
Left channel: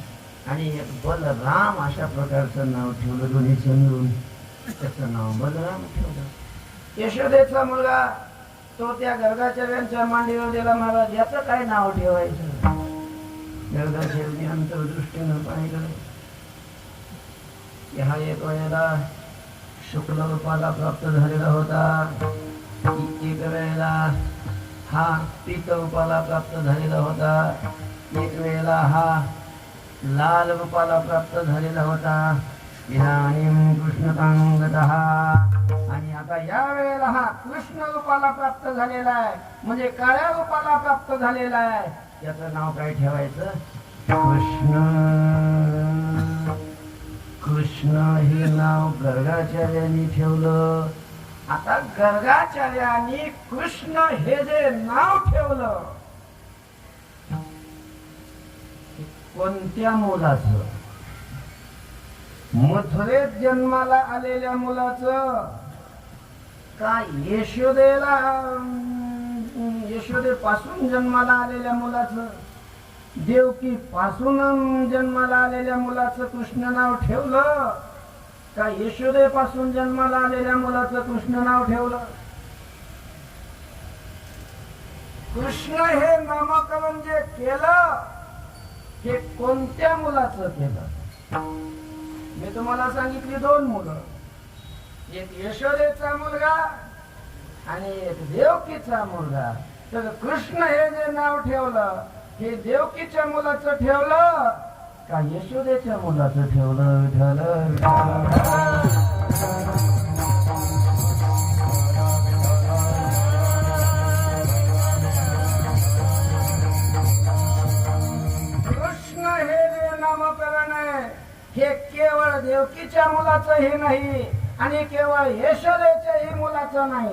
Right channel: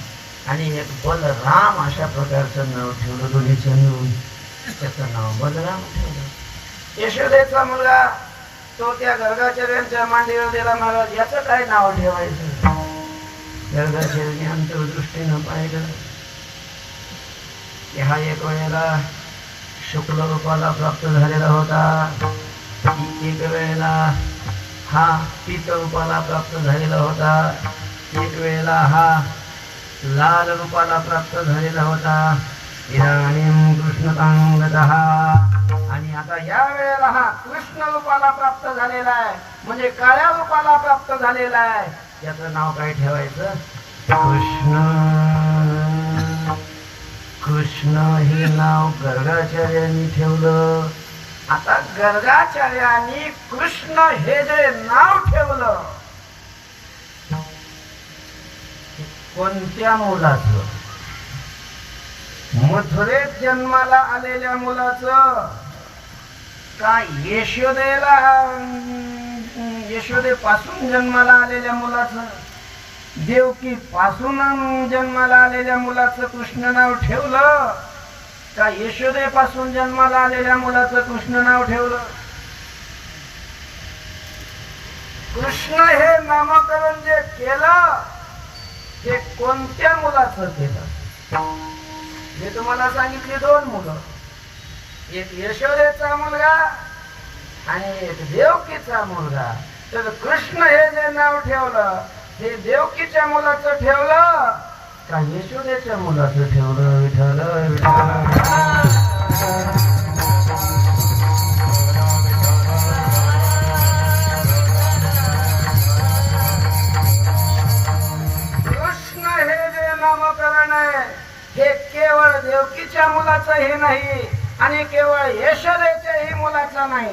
आणि एक बलराम अशा प्रकारचं नाव ठेवलं. दोन्हीचं मिळून त्याचं नाव बलराम ठेवलं. यशोदेचा मुलगा तो त्या गर्गाचार्यांच्या मांडीवर दिला. महाराज याचं काय नाव ठेवायचं? गर्गाचार्याने अंतर्दृष्टीनं पाहिलं की हा एक वेळेला शुक्ल रूपाला प्राप्त झालेला होता, एक वेळेला हा पीत रूपाला प्राप्त झालेला होता, एक वेळेला हा लाल रूपाला प्राप्त झालेला होता. इदानीं कृष्णतांगतः. आणि आता या वेळेला हा कृष्ण रूपाला प्राप्त झालेला आहे, म्हणजे काळ्या रूपाला प्राप्त झालेला आहे. याचं नाव काय ठेवायचं? कृष्ण. कृष्ण हे नाव गर्गाचार्यांनी ठेवलं. आता गर्गाचार्यांनी कृष्ण हे जे नाव ठेवलं, कोणत्या मुलाचं? मथुरेत जन्माला आलेल्या मुलाचं का यशोदेपासून जन्माला आलेल्या मुलाचं? देवकी पासून जन्माला आलेल्या मुलाचं कृष्ण नाव ठेवलं का यशोदेपासून जन्माला आलेल्या मुलाचं कृष्ण नाव ठेवलं? कृष्ण हे नामकरण जे केलं हे कोणत्या मुलाचं केलं? मी तुम्हाला सांगितली दोन मुलं, एक यशोदेचा मुलगा आणि एक देवकीचा मुलगा. तर कृष्ण हे जे नाव ठेवलं हे देवकीच्या मुलाचं ठेवलं का यशोदेच्या मुलाचं ठेवलं? विठ्ठल विठ्ठल. हे केवळ देवकीच्या मुलाचं हे नाही आणि केवळ यशोदेच्याही मुलाचं नाही.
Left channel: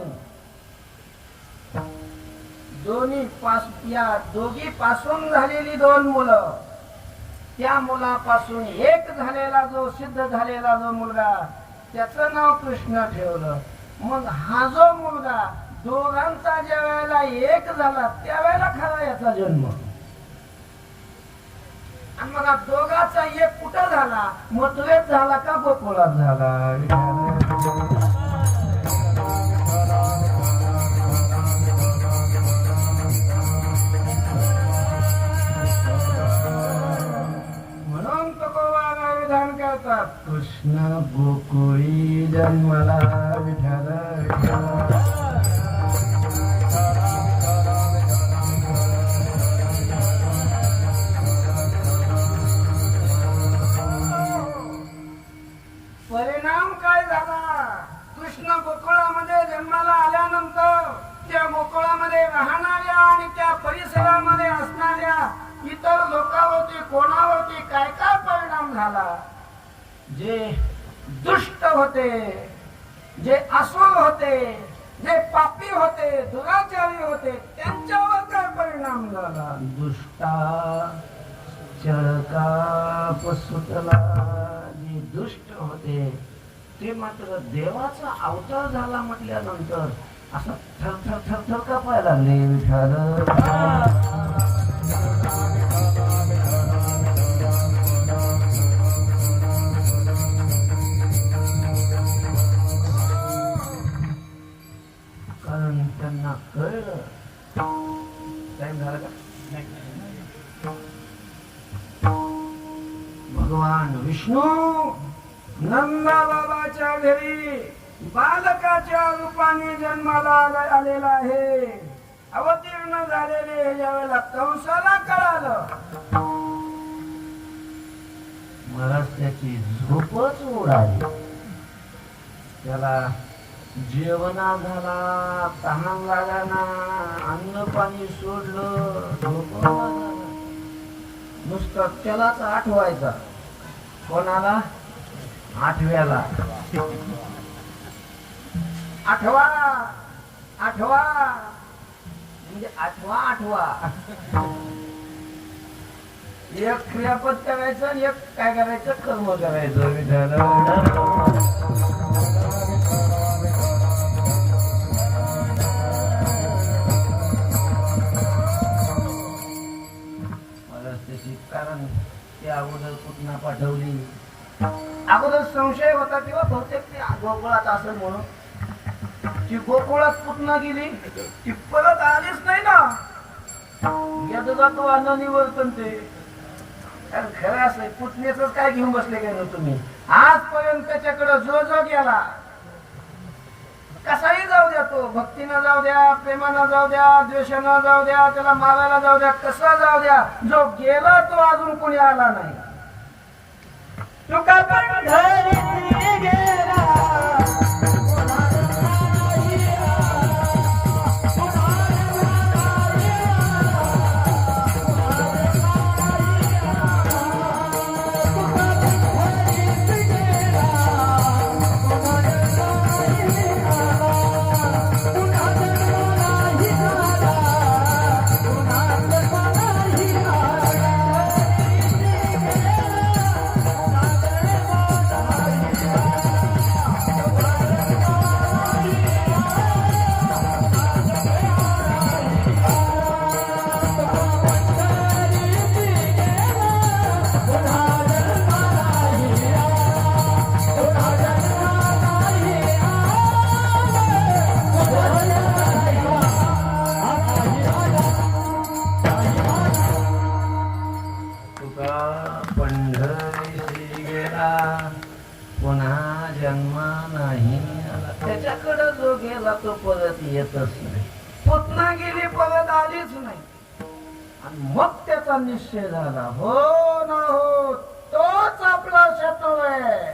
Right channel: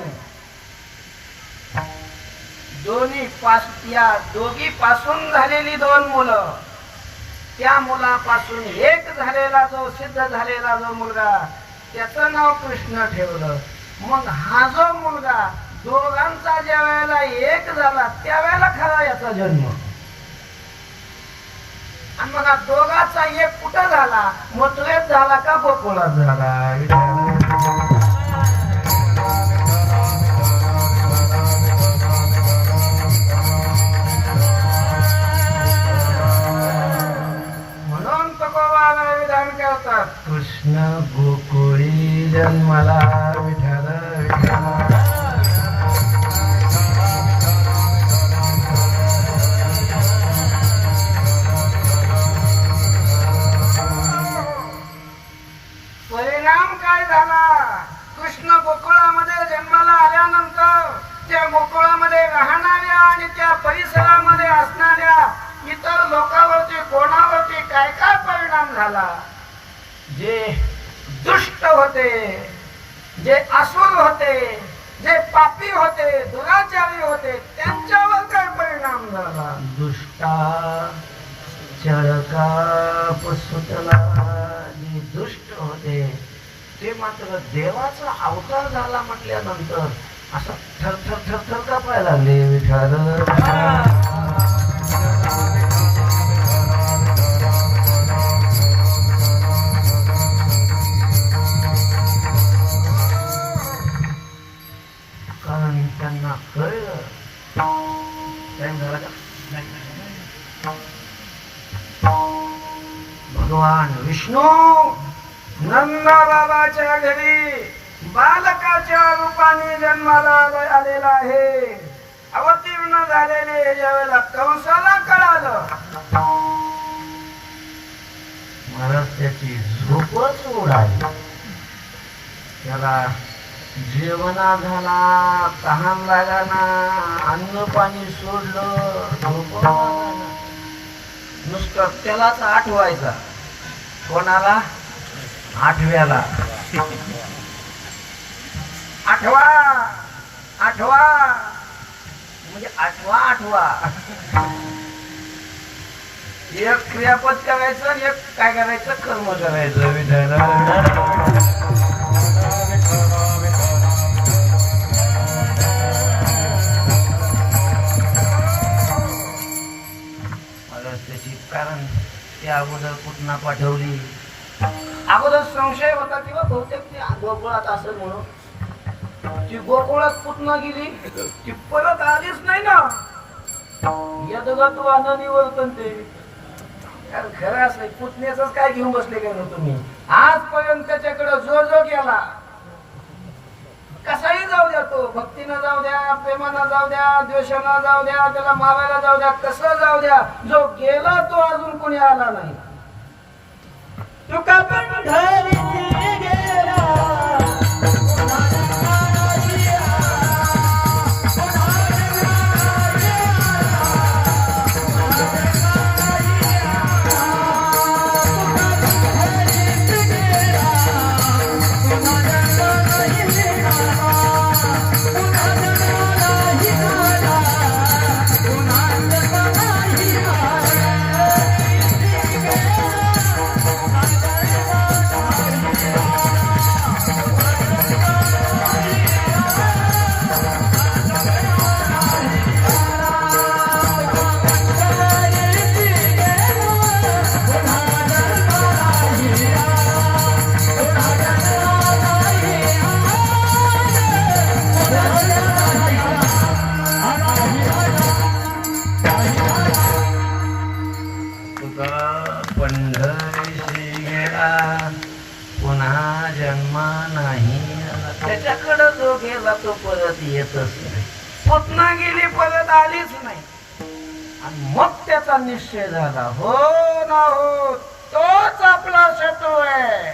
दोघी पासून झालेली दोन मुलं त्या मुलापासून एक झालेला जो सिद्ध झालेला जो मुलगा त्याचं नाव कृष्ण ठेवलं. मग हा जो मुलगा दोघांचा ज्या वेळेला एक झाला त्यावेळेला खरा याचा जन्म. आणि मग हा दोघाचा एक कुठं झाला? मथुरेत झाला का गोकुळात झाला? कृष्ण गोकुळी जन्मला विठ्ठल विठ्ठल. परिणाम काय झाला? कृष्ण गोकुळामध्ये जन्माला आल्यानंतर त्या गोकुळामध्ये राहणाऱ्या आणि त्या परिसरामध्ये असणाऱ्या इतर लोकांवरती कोणावरती काय काय परिणाम झाला? जे दुष्ट होते, जे असुर होते, जे पापी होते, दुराचारी होते, त्यांच्यावर काय परिणाम झाला? दुष्टा चळका पसुतला. जे दुष्ट होते ते मात्र देवाचा अवतार झाला म्हटल्यानंतर असं थर थर थर थर कापायला लागले विठ्ठल. त्यांना कळलं टाइम झाला का? भगवान विष्णू नंदा बाबाच्या घरी बालकाच्या रूपाने जन्माला आलेला आहे. अवतीर्ण झालेले ज्यावेळेला कंसाला कळालं महाराज त्याची झोपच उडाली. त्याला जेवणा झाला, तहान लागाना, अन्न पाणी सोडलं, झोप लागाना. नुसतं त्यालाच आठवायचा. कोणाला? आठव्याला. आठवा आठवा म्हणजे आठवा आठवा. एक क्रियापद करायचं आणि एक काय करायचं? कर्म करायचं. विठ्ठल कारण ते अगोदर पुतना पाठवली. अगोदर संशय होता किंवा बहुतेक ती गोकुळात असेल म्हणून ती गोकुळात पुतना गेली. ती परत आलीच नाही ना. यदगा तो अनानी वर्तन ते खरं असं पुतण्याच काय घेऊन बसले काय ना तुम्ही? आजपर्यंत त्याच्याकडे जो जो गेला कसाही जाऊ द्या, तो भक्तीनं जाऊ द्या, प्रेमानं जाऊ द्या, द्वेषानं जाऊ द्या, त्याला मारायला जाऊ द्या, कसं जाऊ द्या, जो गेला तो अजून कोणी आला नाही. तुका पंढरीची गेला त्याच्याकडे जो गेला तो परत येतच नाही. पुतना गेली परत आलीच नाही. आणि मग त्याचा निश्चय झाला, हो ना हो तोच आपला शत्रू आहे.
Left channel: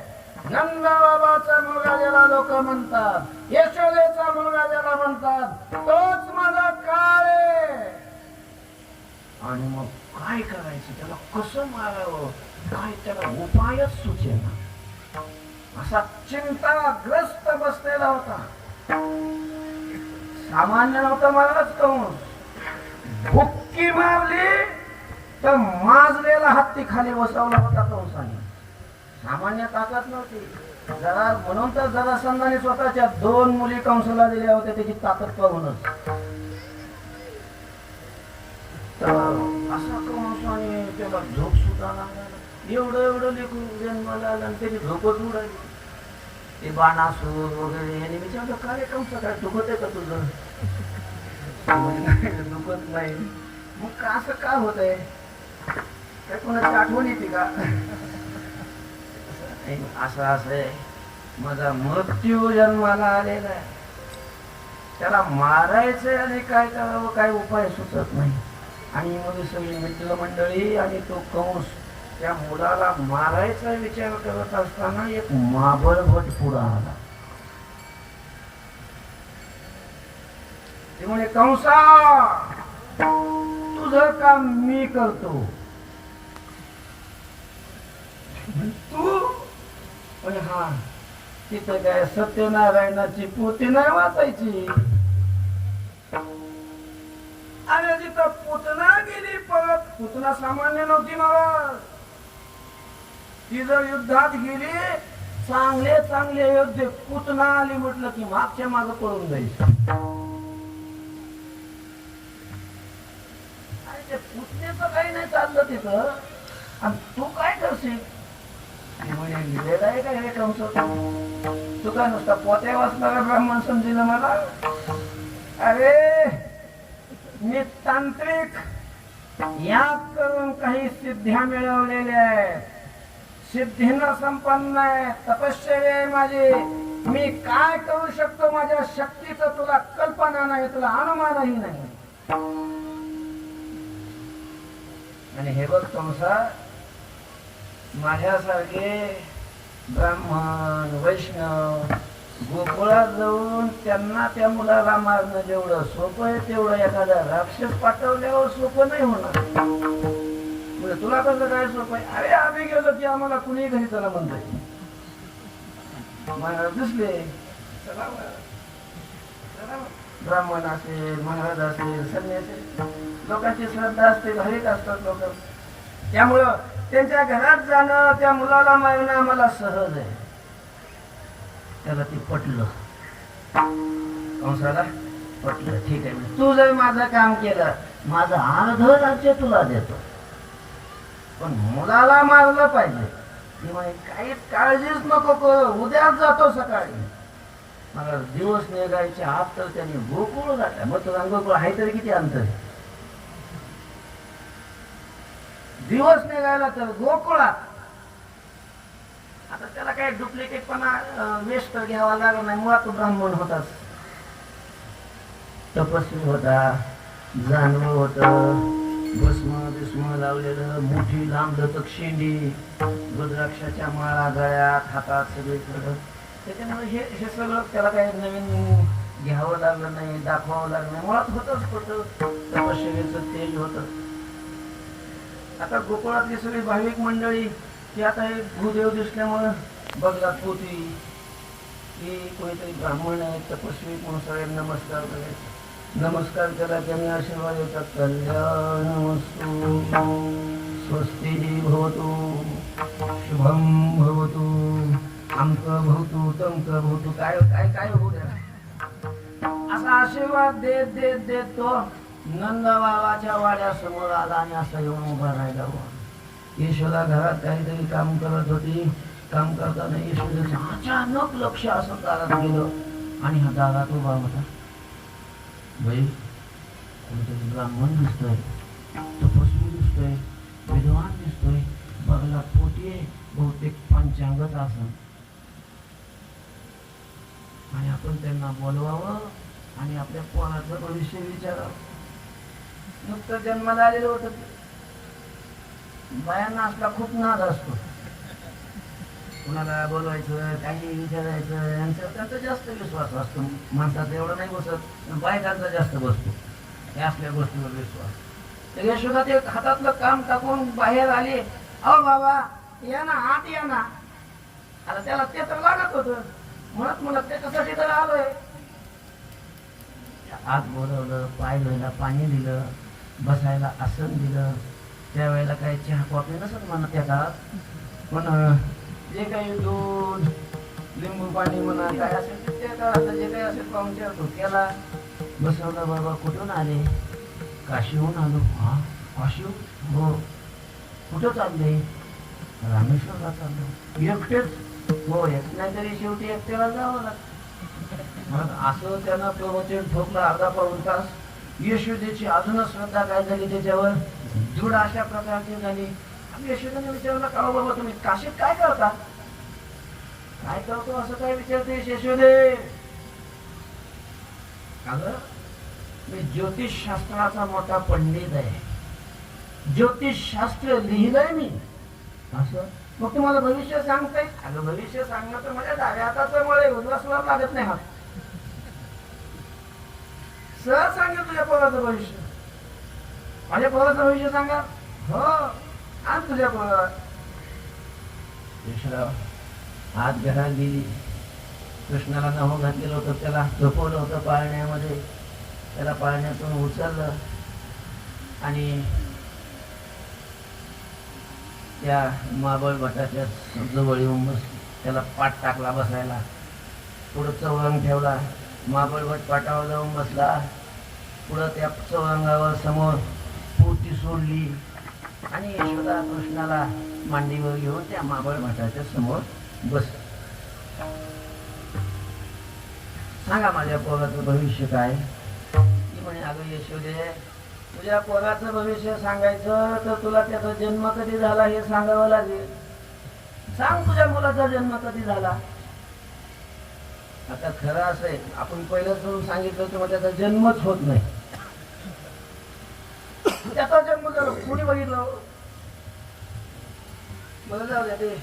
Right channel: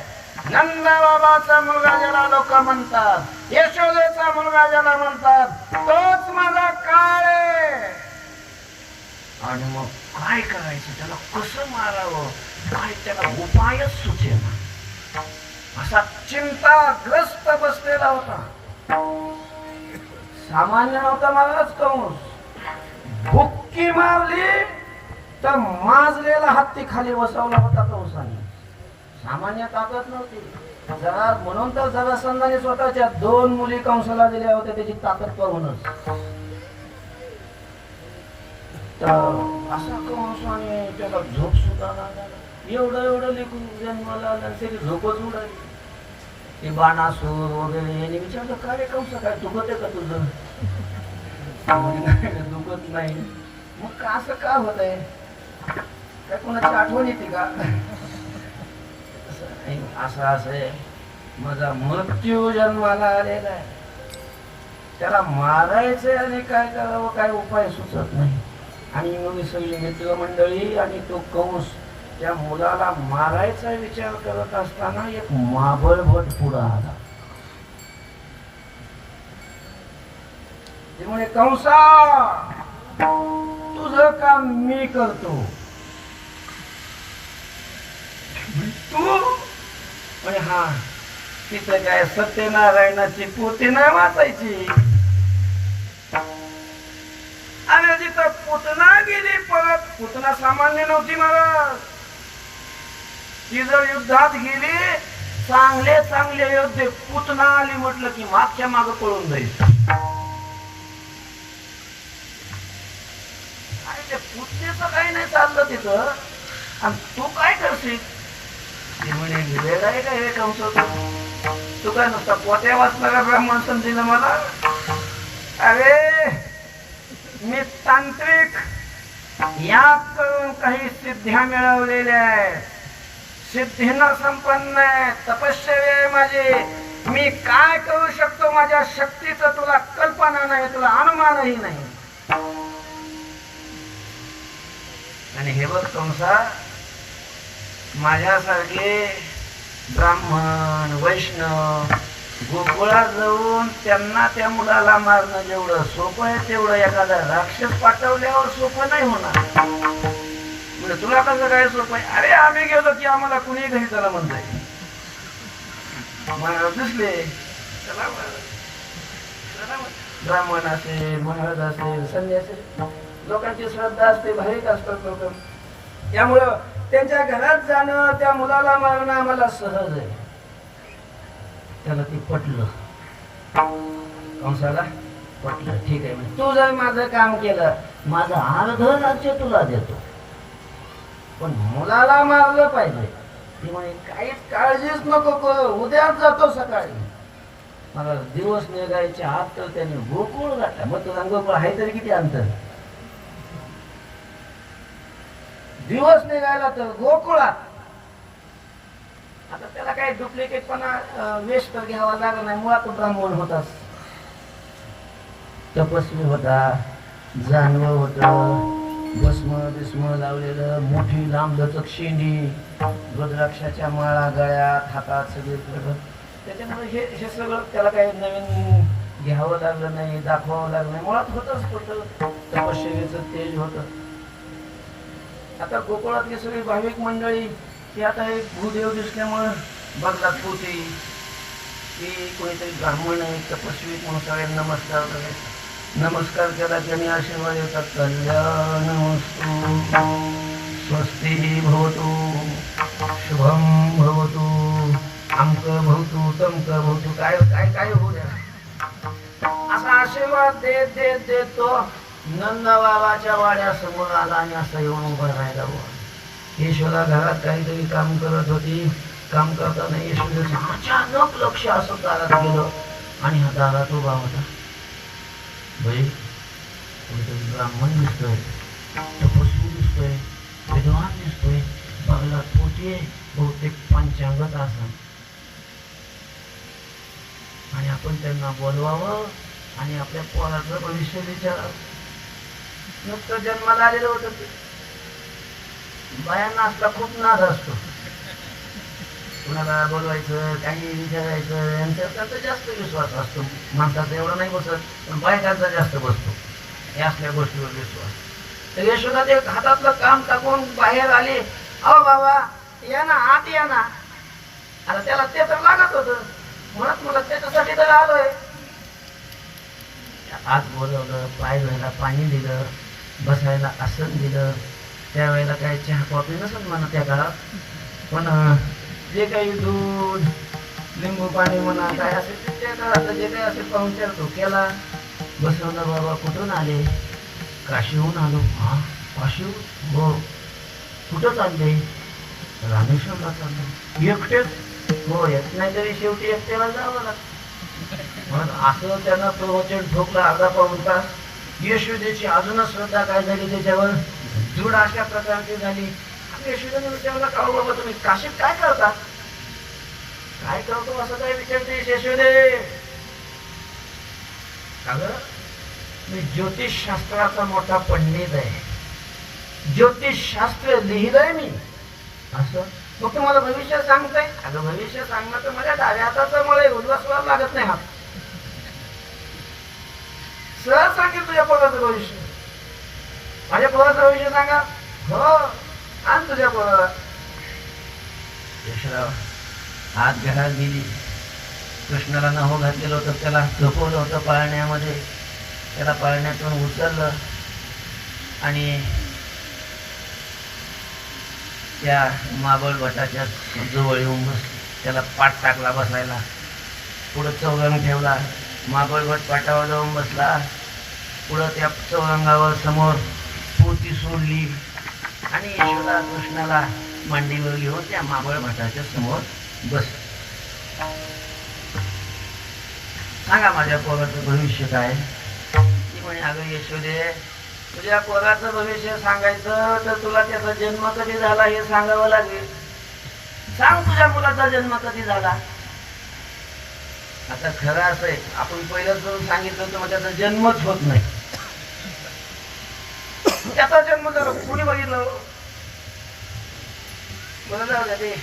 नंदा बाबाचा मुलगा ज्याला लोक म्हणतात, यशोदेचा मुलगा ज्याला म्हणतात, तोच माझा काळ आहे. आणि मग काय करायचं? त्याला कसं मारावं? काय त्याला उपायच सुचेना. असा चिंताग्रस्त बसलेला होता. सामान्य नव्हता महाराज कंस. भुक्की मारली तर माजलेला हत्ती खाली बसवला होता कंसाने. सामान्य ताकद नव्हती. जरा म्हणून तर जरासंधाने स्वतःच्या 2 मुली कंसाला दिल्या होत्या, त्याची ताकद पाहूनच. तर असा कंसाने त्याला झोप सुद्धा लागला. एवढं लेकरू जन्माला आलं आणि त्याची झोपच उडाली. ते बाणासूर वगैरे यांनी विचारलं, काय रे कंस, काय दुखत आहे का तुझं? दुखत नाही. मग असं का होत आहे? काय कोणाची आठवण येते का? असं आहे, माझा मृत्यू जन्माला आलेला आहे, त्याला मारायचंय आणि काय करावं काय उपाय सुचत नाही. आणि मग सगळी मित्रमंडळी आणि तो कंस त्या मुलाला मारायचा विचार करत असताना एक महाबळभट पुढे आला. ते म्हणे, कंसा, तुझं काम मी करतो. तू म्हणे, हा. तिथं काय सत्यनारायणाची पोथी नाही वाचायची. आणि जिथं पुतना गेली परत, पुतना सामान्य नव्हती महाराज. ती जर युद्धात गेली, चांगले योद्धे, पुतना आली म्हटलं की मागच्या माग पळून जाईल. आणि ते पुतण्याचं काही नाही चाललं तिथं. आणि तू काय करशील? ती म्हणे, वेळ आहे का हे कंस? तू काय नुसता पोत्या वाचणारा ब्राह्मण समजील मला? अरे मी तांत्रिक, यात करून काही सिद्ध्या मिळवलेल्या आहेत, सिद्धीनं संपन्न आहे, तपश्चर्या आहे माझी. मी काय करू शकतो माझ्या शक्तीचं तुला कल्पना नाही, तुला अनुमानही नाही. आणि हे बघ कंसा, माझ्यासारखे ब्राह्मण वैष्णव गोकुळात जाऊन त्यांना त्या मुलाला मारणं जेवढं सोपं आहे, तेवढं एखादा राक्षस पाठवल्यावर सोपं नाही होणार. म्हणजे तुला कसं काय सोपं आहे? अरे आम्ही गेलो की आम्हाला कुणी घरी चला म्हणताय. महाराज दिसले, चला ब्राह्मण असेल, महाराज असेल, संन्यासी, लोकांची श्रद्धा असते, भारीत असतात लोक. त्यामुळं त्यांच्या घरात जाणं, त्या मुलाला मारणं आम्हाला सहज आहे. त्याला ते पटलं, कंसाला पटलं. ठीक आहे, तू जर माझं काम केलं, माझं अर्ध राज्य तुला देतो, पण मुलाला मारलं पाहिजे. ती म्हणे, काहीच काळजीच नको करू, उद्याच जातो सकाळी. मला दिवस निघायच्या आत तर त्यांनी गोकुळ घातला. मग तुला गोकुळ आहे तरी किती अंतर? दिवस निघायला तर गोकुळात. आता त्याला काही डुप्लिकेटपणा वेश तर घ्यावा लागला नाही. मुळात ब्राह्मण होताच, तपस्वी होता, जानवं होतं, भस्म लावलेलं, मोठी लांब लचक शेंडी, रुद्राक्षाच्या माळा गळ्यात, हातात सगळीकडं. त्याच्यामुळे हे सगळं त्याला काही नवीन घ्यावं लागलं नाही, दाखवावं लागलं नाही. मुळात होतं तपश्चर्याचं तेज होतं. आता गोकुळातली सगळी भाविक मंडळी की आता हे भूदेव दिसल्यामुळं बदलात पोती की कोणीतरी ब्राह्मण आहे, तपस्वी म्हणून सगळ्यांना नमस्कार करायचा. नमस्कार केला त्यांनी आशीर्वाद येतात, कल्याणमस्तु, स्वस्ती भवतु, शुभम भवतु, अमक भवतु, तमक भवतु, काय काय काय होऊ द्या, असा आशीर्वाद देत देत देत तो नंदबाबाच्या वाड्यासमोर आला आणि असं येऊन उभा राहिला. यशोदा घरात काहीतरी काम करत होती. काम करताना यशोदेचं अचानक लक्ष असं दारात गेलं आणि हा दारात उभा होता. बाई, कोणीतरी ब्राह्मण दिसतोय, तपस्वी दिसतोय, विद्वान दिसतोय, बगलात पोती आहे, बहुतेक पंचांगत आसन. आणि आपण त्यांना बोलवावं आणि आपल्या पोराचं भविष्य विचारावं. नुकतं जन्माला आलेलं होतं. बायांना असला खूप नाद असतो, कुणाला बोलवायचं, काही विचारायचं. यांच्याकडचा जास्त विश्वास असतो, माणसाचा एवढा नाही बसत, पण बायकांचा जास्त बसतो या असल्या गोष्टीवर विश्वास. तर यशोदा ते हातातलं काम टाकून बाहेर आले. अहो बाबा या ना, आत या ना. आता त्याला ते तर लागत होतं, म्हणत मला त्याच्यासाठी तर आलोय. आज बोलवलं, पाय धुवायला पाणी दिलं, बसायला आसन दिलं, त्यावेळेला काय चहा कॉफी नसत म्हणा त्या काळात, पण जे काही दूध लिंबू पाणी म्हणा काय असेल ते त्या काळात जे काही असेल पाहुणचार तो केला. बसवलं. बाबा कुठून आले? काशीहून आलो. हा, काशी? हो. कुठं चालले? रामेश्वरला चाललो. एकटेच? हो, येत नाही तरी शेवटी एकट्याला जावं लागतं. मग असं त्यांना प्रवचन ठोकला अर्धा पाऊण तास. यशोदेची अजूनच श्रद्धा काय झाली त्याच्यावर दृढ अशा प्रकारची झाली. आणि यशोदेने विचारला, का हो बाबा तुम्ही काशीत काय करता? काय करतो असं काय विचारते यशोदे? अगं मी ज्योतिष शास्त्राचा मोठा पंडित आहे, ज्योतिष शास्त्र लिहिलंय मी. असं? मग तुम्हाला भविष्य सांगताय? अगं भविष्य सांगणं तर माझ्या डाव्या हाताचं मुळे उल्हासवर लागत नाही. हा सहज सांगेल तुझ्या पोराचं भविष्य. माझ्या पोराचं भविष्य सांगा. हो, आण तुझ्या पोराला. यशराव आत घरात गेली. कृष्णाला नहो घातलेलं होतं, त्याला झोपवलं होतं पाळण्यामध्ये. त्याला पाळण्यातून उचललं आणि त्या माबळ भटाच्या जवळ येऊन बसली. त्याला पाठ टाकला बसायला. पुढं चौरंग ठेवला. माबळ भट पाटावर जाऊन बसला. पुढं त्या चौरंगावर समोर पोती सोडली आणि यशोदा कृष्णाला मांडीवर घेऊन त्या माबळ भटाच्या समोर बस. सांगा माझ्या पोराचं भविष्य काय? ती म्हणे, अगं यशोदे, तुझ्या पोराचं भविष्य सांगायचं तर तुला त्याचा जन्म कधी झाला हे सांगावं लागेल. सांग तुझ्या मुलाचा जन्म कधी झाला? आता खरं असं आहे, आपण पहिलंच करून सांगितलं तर मग त्याचा जन्मच होत नाही. त्याचा जन्म झाला कुणी बघितलं? मला जाऊ द्या, ते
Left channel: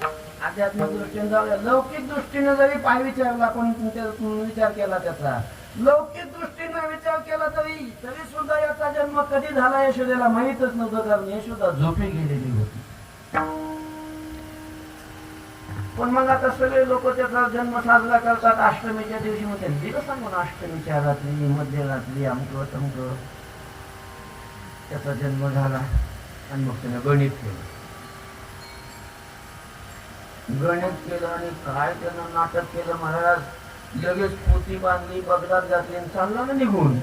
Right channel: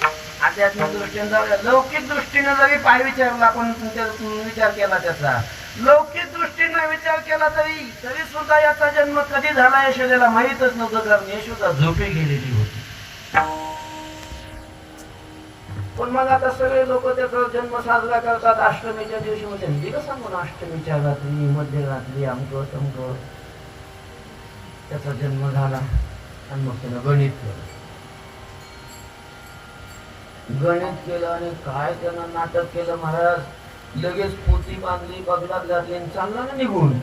आध्यात्मिक दृष्टीने जाऊ द्या. लौकिक दृष्टीने जरी पाय विचारला, आपण विचार केला त्याचा, लौकिक दृष्टीने विचार केला तरी सुद्धा याचा जन्म कधी झाला यशोदेला माहीतच नव्हतं, कारण यशोदा झोपी गेलेली होती. पण मग आता सगळे लोक त्याचा जन्म साजरा करतात अष्टमीच्या दिवशी. मध्ये दिलं सांगून अष्टमीच्या रात्री मध्यरात्री अमकं तमकं त्याचा जन्म झाला. आणि मग त्यानं गणित केलं. गणित केलं आणि काय त्यानं नाटक केलं महाराज. लगेच पोती बांधली, बगलात घातली आणि चालला ना निघून.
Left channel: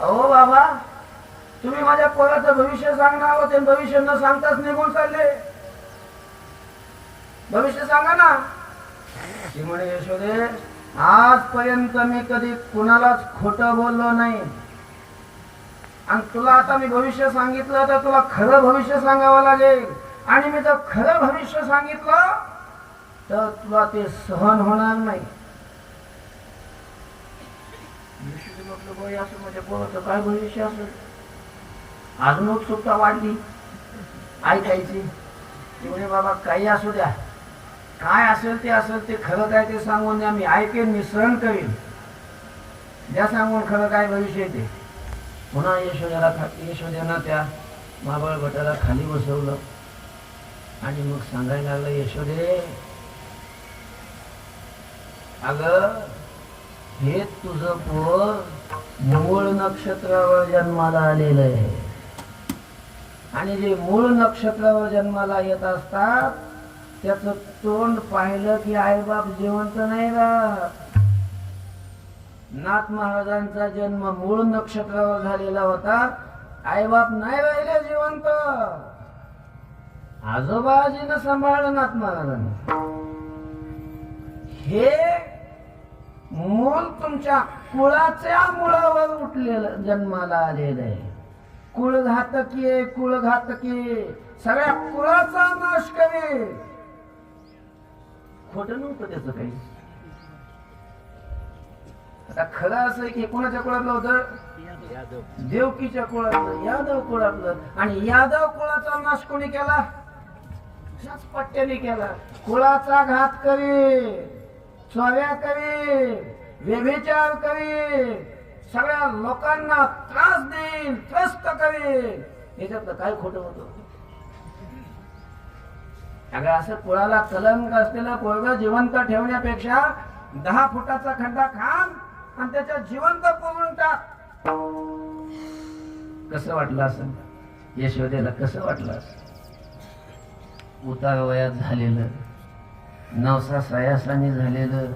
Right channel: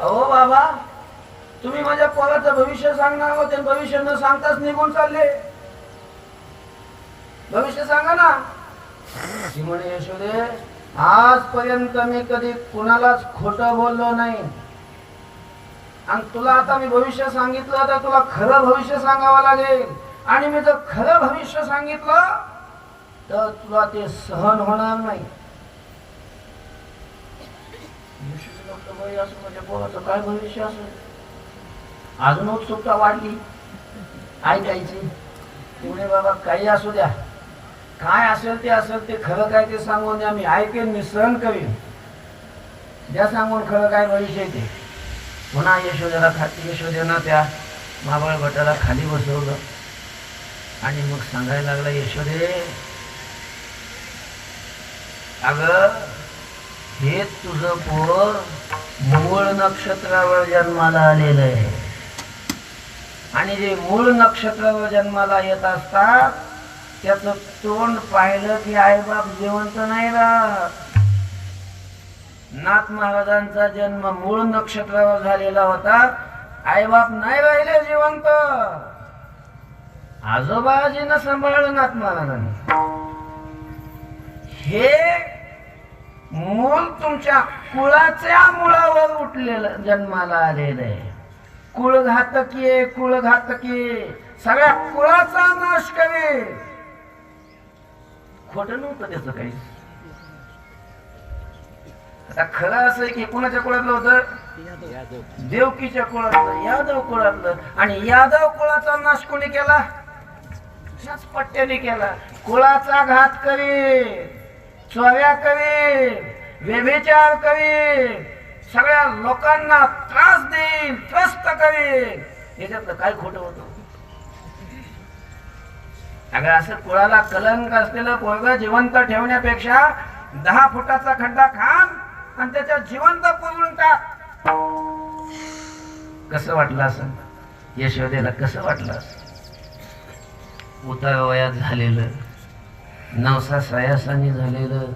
अहो बाबा, तुम्ही माझ्या पोराचं भविष्य सांगणार आहोत, भविष्य न सांगताच निघून चालले. भविष्य सांगा ना. ती म्हणे, यशोदे, आजपर्यंत मी कधी कुणालाच खोटं बोललो नाही. आणि तुला आता मी भविष्य सांगितलं तर तुला खरं भविष्य सांगावं लागेल. आणि मी जर खरं भविष्य सांगितलं तर तुला ते सहन होणार नाही. असं म्हणजे पोराचं काय भविष्य असेल? अजून उत्सुकता वाढली ऐकायची. ती म्हणे, बाबा काही असू द्या, काय असेल ते खरं काय ते सांगून द्या, मी ऐकेन, मी सहन करीन. द्या सांगून खरं काय भविष्य ते. पुन्हा यशोदेनं त्या माबळ भटाला खाली बसवलं आणि मग सांगायला लागला, यशोदे, अगं हे तुझं पोर मूळ नक्षत्रावर जन्माला आलेलं आहे. आणि जे मूळ नक्षत्रावर जन्माला येत असतात त्याचं तोंड पाहिलं की आईबाप जिवंत नाही राहत. नाथ महाराजांचा जन्म मूळ नक्षत्रावर झालेला होता. आईबाप नाही राहिले जिवंत. आजोबाजीनं सांभाळलं नाथ महाराजांनी. हे मूल तुमच्या कुळाच्या मुळावर उठलेलं जन्माला आलेलं आहे. कुळघातकी, कुळघातकी, सगळ्या कुळाचा नाश करे. खोट नव्हतं त्याचं काही. आता खरं असं आहे की कुणाच्या कुळातलं होतं? देवकीच्या कुळातलं, यादव कुळातलं. आणि यादव कुळाचा नाश कोणी केला? ह्याच पट्ट्याने केला. कुळाचा घात करी, चोऱ्या करी, व्यभिचार करी, सगळ्या लोकांना त्रास देईल, त्रस्त करेल. याच्यातलं काय खोटं होतं? अगं असं कुळाला कलंक असलेलं पोरग जिवंत ठेवण्यापेक्षा 10 फुटाचा खड्डा खान आणि त्याच्यात जिवंत पुरून टाक. कसं वाटलं असं? यशोदेला कसं वाटलं? उतार वयात झालेलं, नवसा सयासानी झालेलं,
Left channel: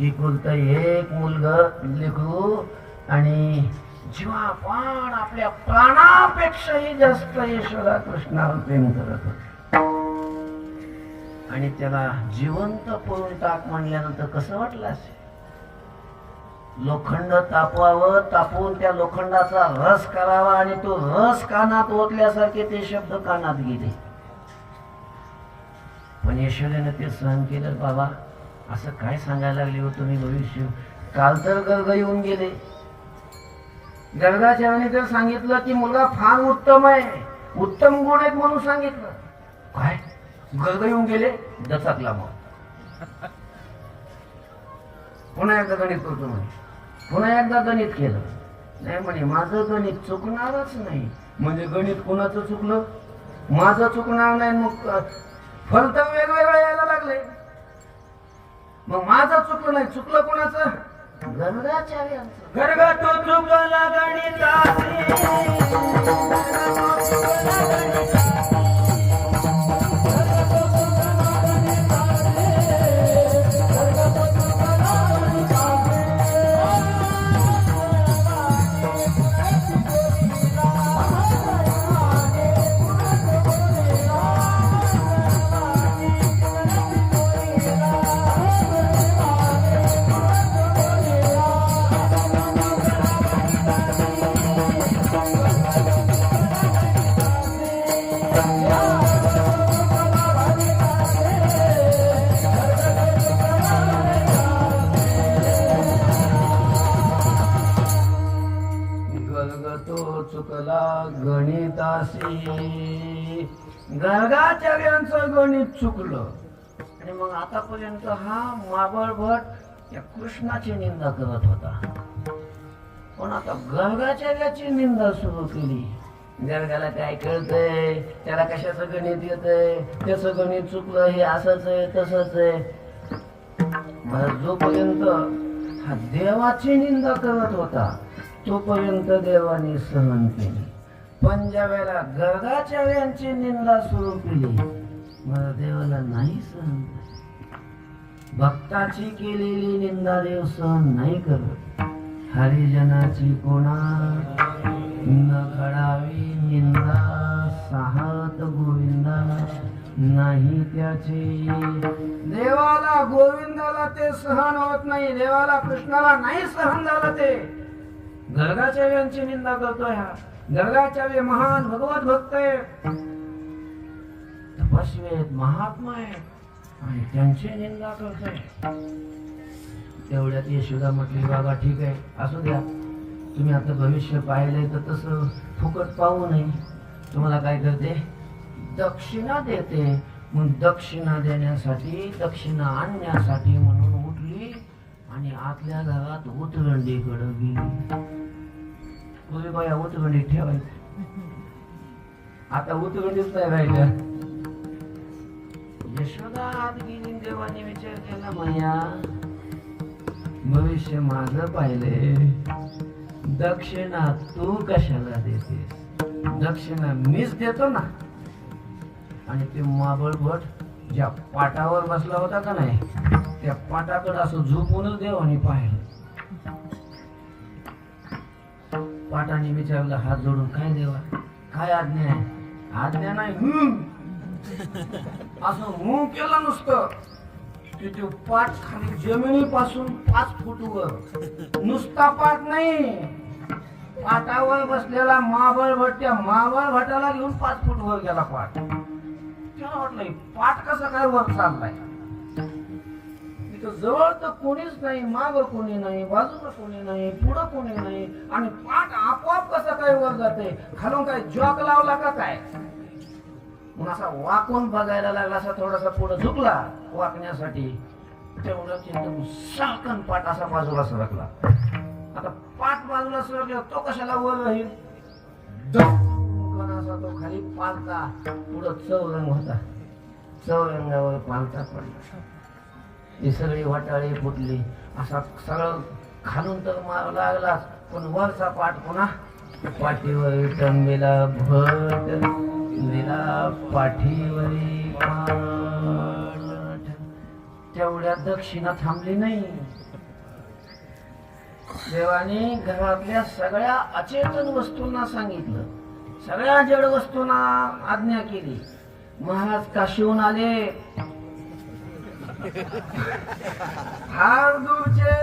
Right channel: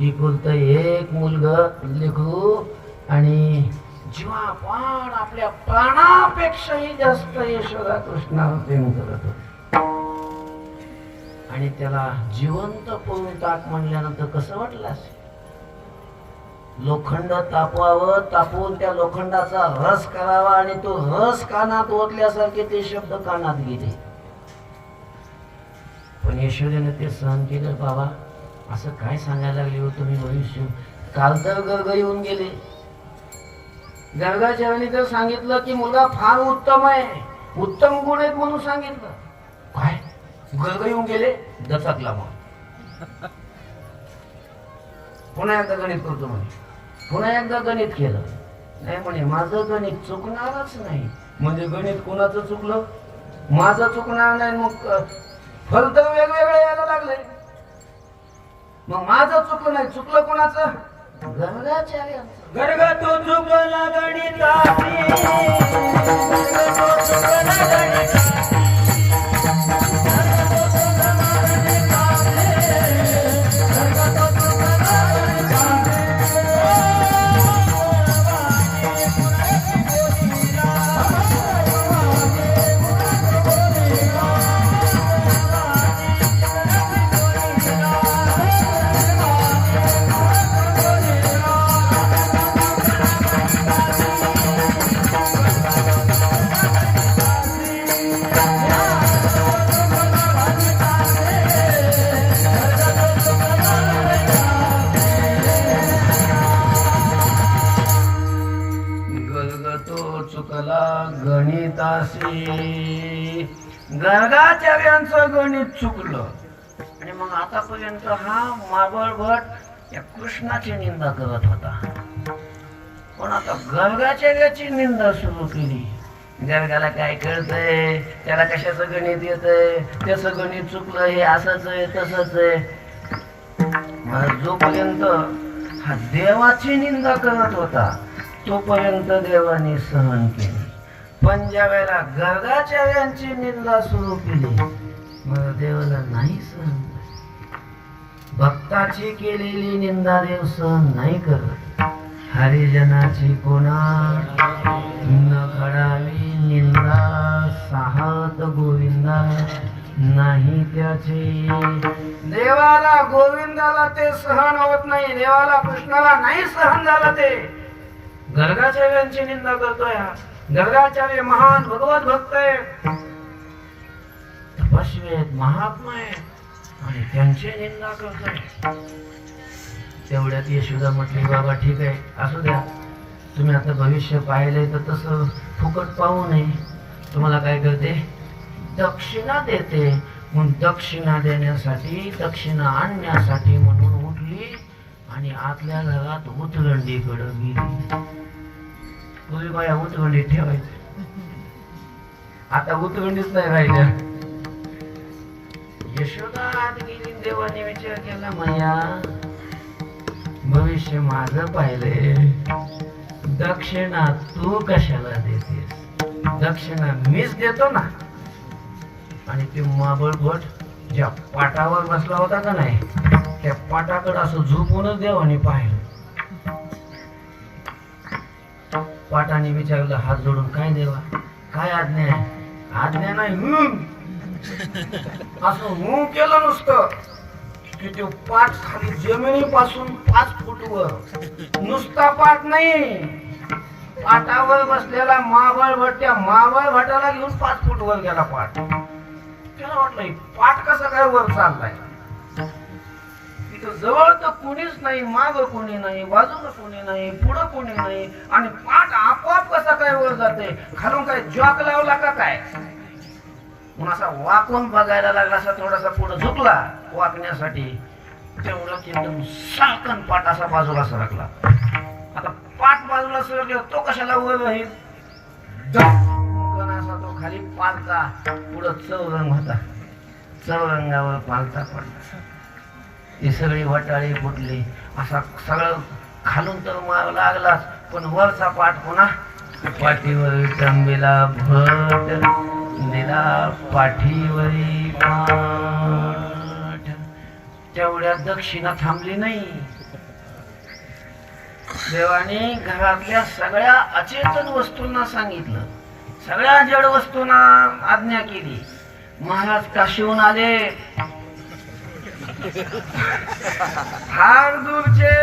एकुलतं एक मुलगं लेकरू आणि जीवापाड आपल्या प्राणापेक्षाही जास्त यशोदा कृष्णावर प्रेम करत होते. आणि त्याला जिवंत पळून टाक म्हणल्यानंतर कसं वाटलं असेल? लोखंड तापवावं, तापवून त्या लोखंडाचा रस करावा आणि तो रस कानात ओतल्यासारखे ते शब्द कानात गेले. पण यशोदेनं ते सहन केलं. बाबा असं काय सांगायला लागले हो तुम्ही? भविष्य काल तर गर्ग येऊन गेले. गर्गाचार्याने तर सांगितलं की मुलगा फार उत्तम आहे, उत्तम गुण आहेत म्हणून सांगितलं. काय गर्ग येऊन गेले? दचकला. मग पुन्हा एकदा गणित करतो म्हणे. पुन्हा एकदा गणित केलं. नाही म्हणे माझं गणित चुकणारच नाही. म्हणजे गणित कोणाचं चुकलं? माझं चुकणार नाही. मग फल तर वेगवेगळे यायला लागले. मग माझं चुकलं नाही, चुकलं कोणाचं? गर्गाचार्यांचं. गर्ग तो चुकला गणिताची, गर्गाचार्यांचं गणित चुकलं. आणि मग आतापर्यंत हा माबळ भट या कृष्णाची निंदा करत होता. पण आता गर्गाचार्याची निंदा सुरू केली. गर्गाला काय कळतंय? त्याला कशाचं गणित येतंय? त्याचं गणित चुकलं, हे असंच आहे तसंच आहे. मग जोपर्यंत हा देवाची निंदा करत होता तोपर्यंत देवाने सहन केली. पण ज्या वेळेला गर्गाचार्यांची निंदा सुरू केली मग देवाला नाही सहन. भक्ताची केलेली निंदा देव सहन नाही करत. हरिजनाची कोणा न खडावी निंदा, साहत गोविंदा नाही त्याची. देवाला गोविंदाला ते सहन होत नाही. देवाला कृष्णाला नाही सहन झालं. ते गर्गाचार्यांची निंदा करतोय. गर्गाचार्य महान भगवत भक्त आहेत, तपस्वी आहेत, महात्मा आहेत आणि त्यांची निंदा करतोय. तेवढ्यात यशोदा म्हटली बाबा ठीक आहे असू द्या, तुम्ही आता भविष्य पाहिलंय तर तसं फुकट पाहू नये. तुम्हाला काय करते? दक्षिणा देते. मग दक्षिणा देण्यासाठी, दक्षिणा आणण्यासाठी म्हणून उठली आणि आतल्या घरात उतरंडीकडे गेली. पूर्वी बाया उतरंडीत ठेवायचं, आता उतरंडीच नाही राहिल्या. यशोदा आत गेली. देवाने विचार केला मैया भविष्य माझं पाहिलंय, दक्षिणा तू कशाला देतेस? दक्षिणा मीच देतो ना. आणि ते माबळ भट ज्या पाटावर बसला होता का नाही त्या पाटाकडे असं झोपूनच देवाने पाहिलं. पाटाने विचारलं हात जोडून, काय देवा काय आज्ञा आहे? आज्ञा नाही असं केलं नुसतं की तो पाठ खाली जमिनीपासून 5 फूट वर. नुसता पाठ नाही, पाटावर बसलेला मावळ भट त्या मावळ भटाला घेऊन 5 फूट वर गेला पाठ. त्याला वाटलं पाठ कसा काय वर चाललाय? तिथं जवळ तर कोणीच नाही, माग कोणी नाही, बाजूला कोणी नाही, पुढं कोणी नाही आणि पाठ आपोआप कसा काय वर जाते? खालून काय जॉक लावला का काय? म्हणून असा वाकून बघायला लागला. असा थोडासा पुढे झुकला वाकण्यासाठी. तेवढं एकदम साकन पाठ असा बाजूला सरकला. आता पाठ बाजूला सरकला तो कशाला वर राहील? असा तो खाली पालता. पुढं चौरंग होता, चौरंगावर पालता पडला. ही सगळी वटाळी फुटली. असा सगळं खालून तर मार लागलाच पण वरचा पाठ पुन्हा पाठीवर टंबेला भट दिला पाठीवरी पाठ. तेवढ्या दक्षिणा थांबली नाही. देवाने घरातल्या सगळ्या अचेतन वस्तूंना सांगितलं, सगळ्या जड वस्तूंना आज्ञा केली. महाराज काशीहून आले, फार दूरचे,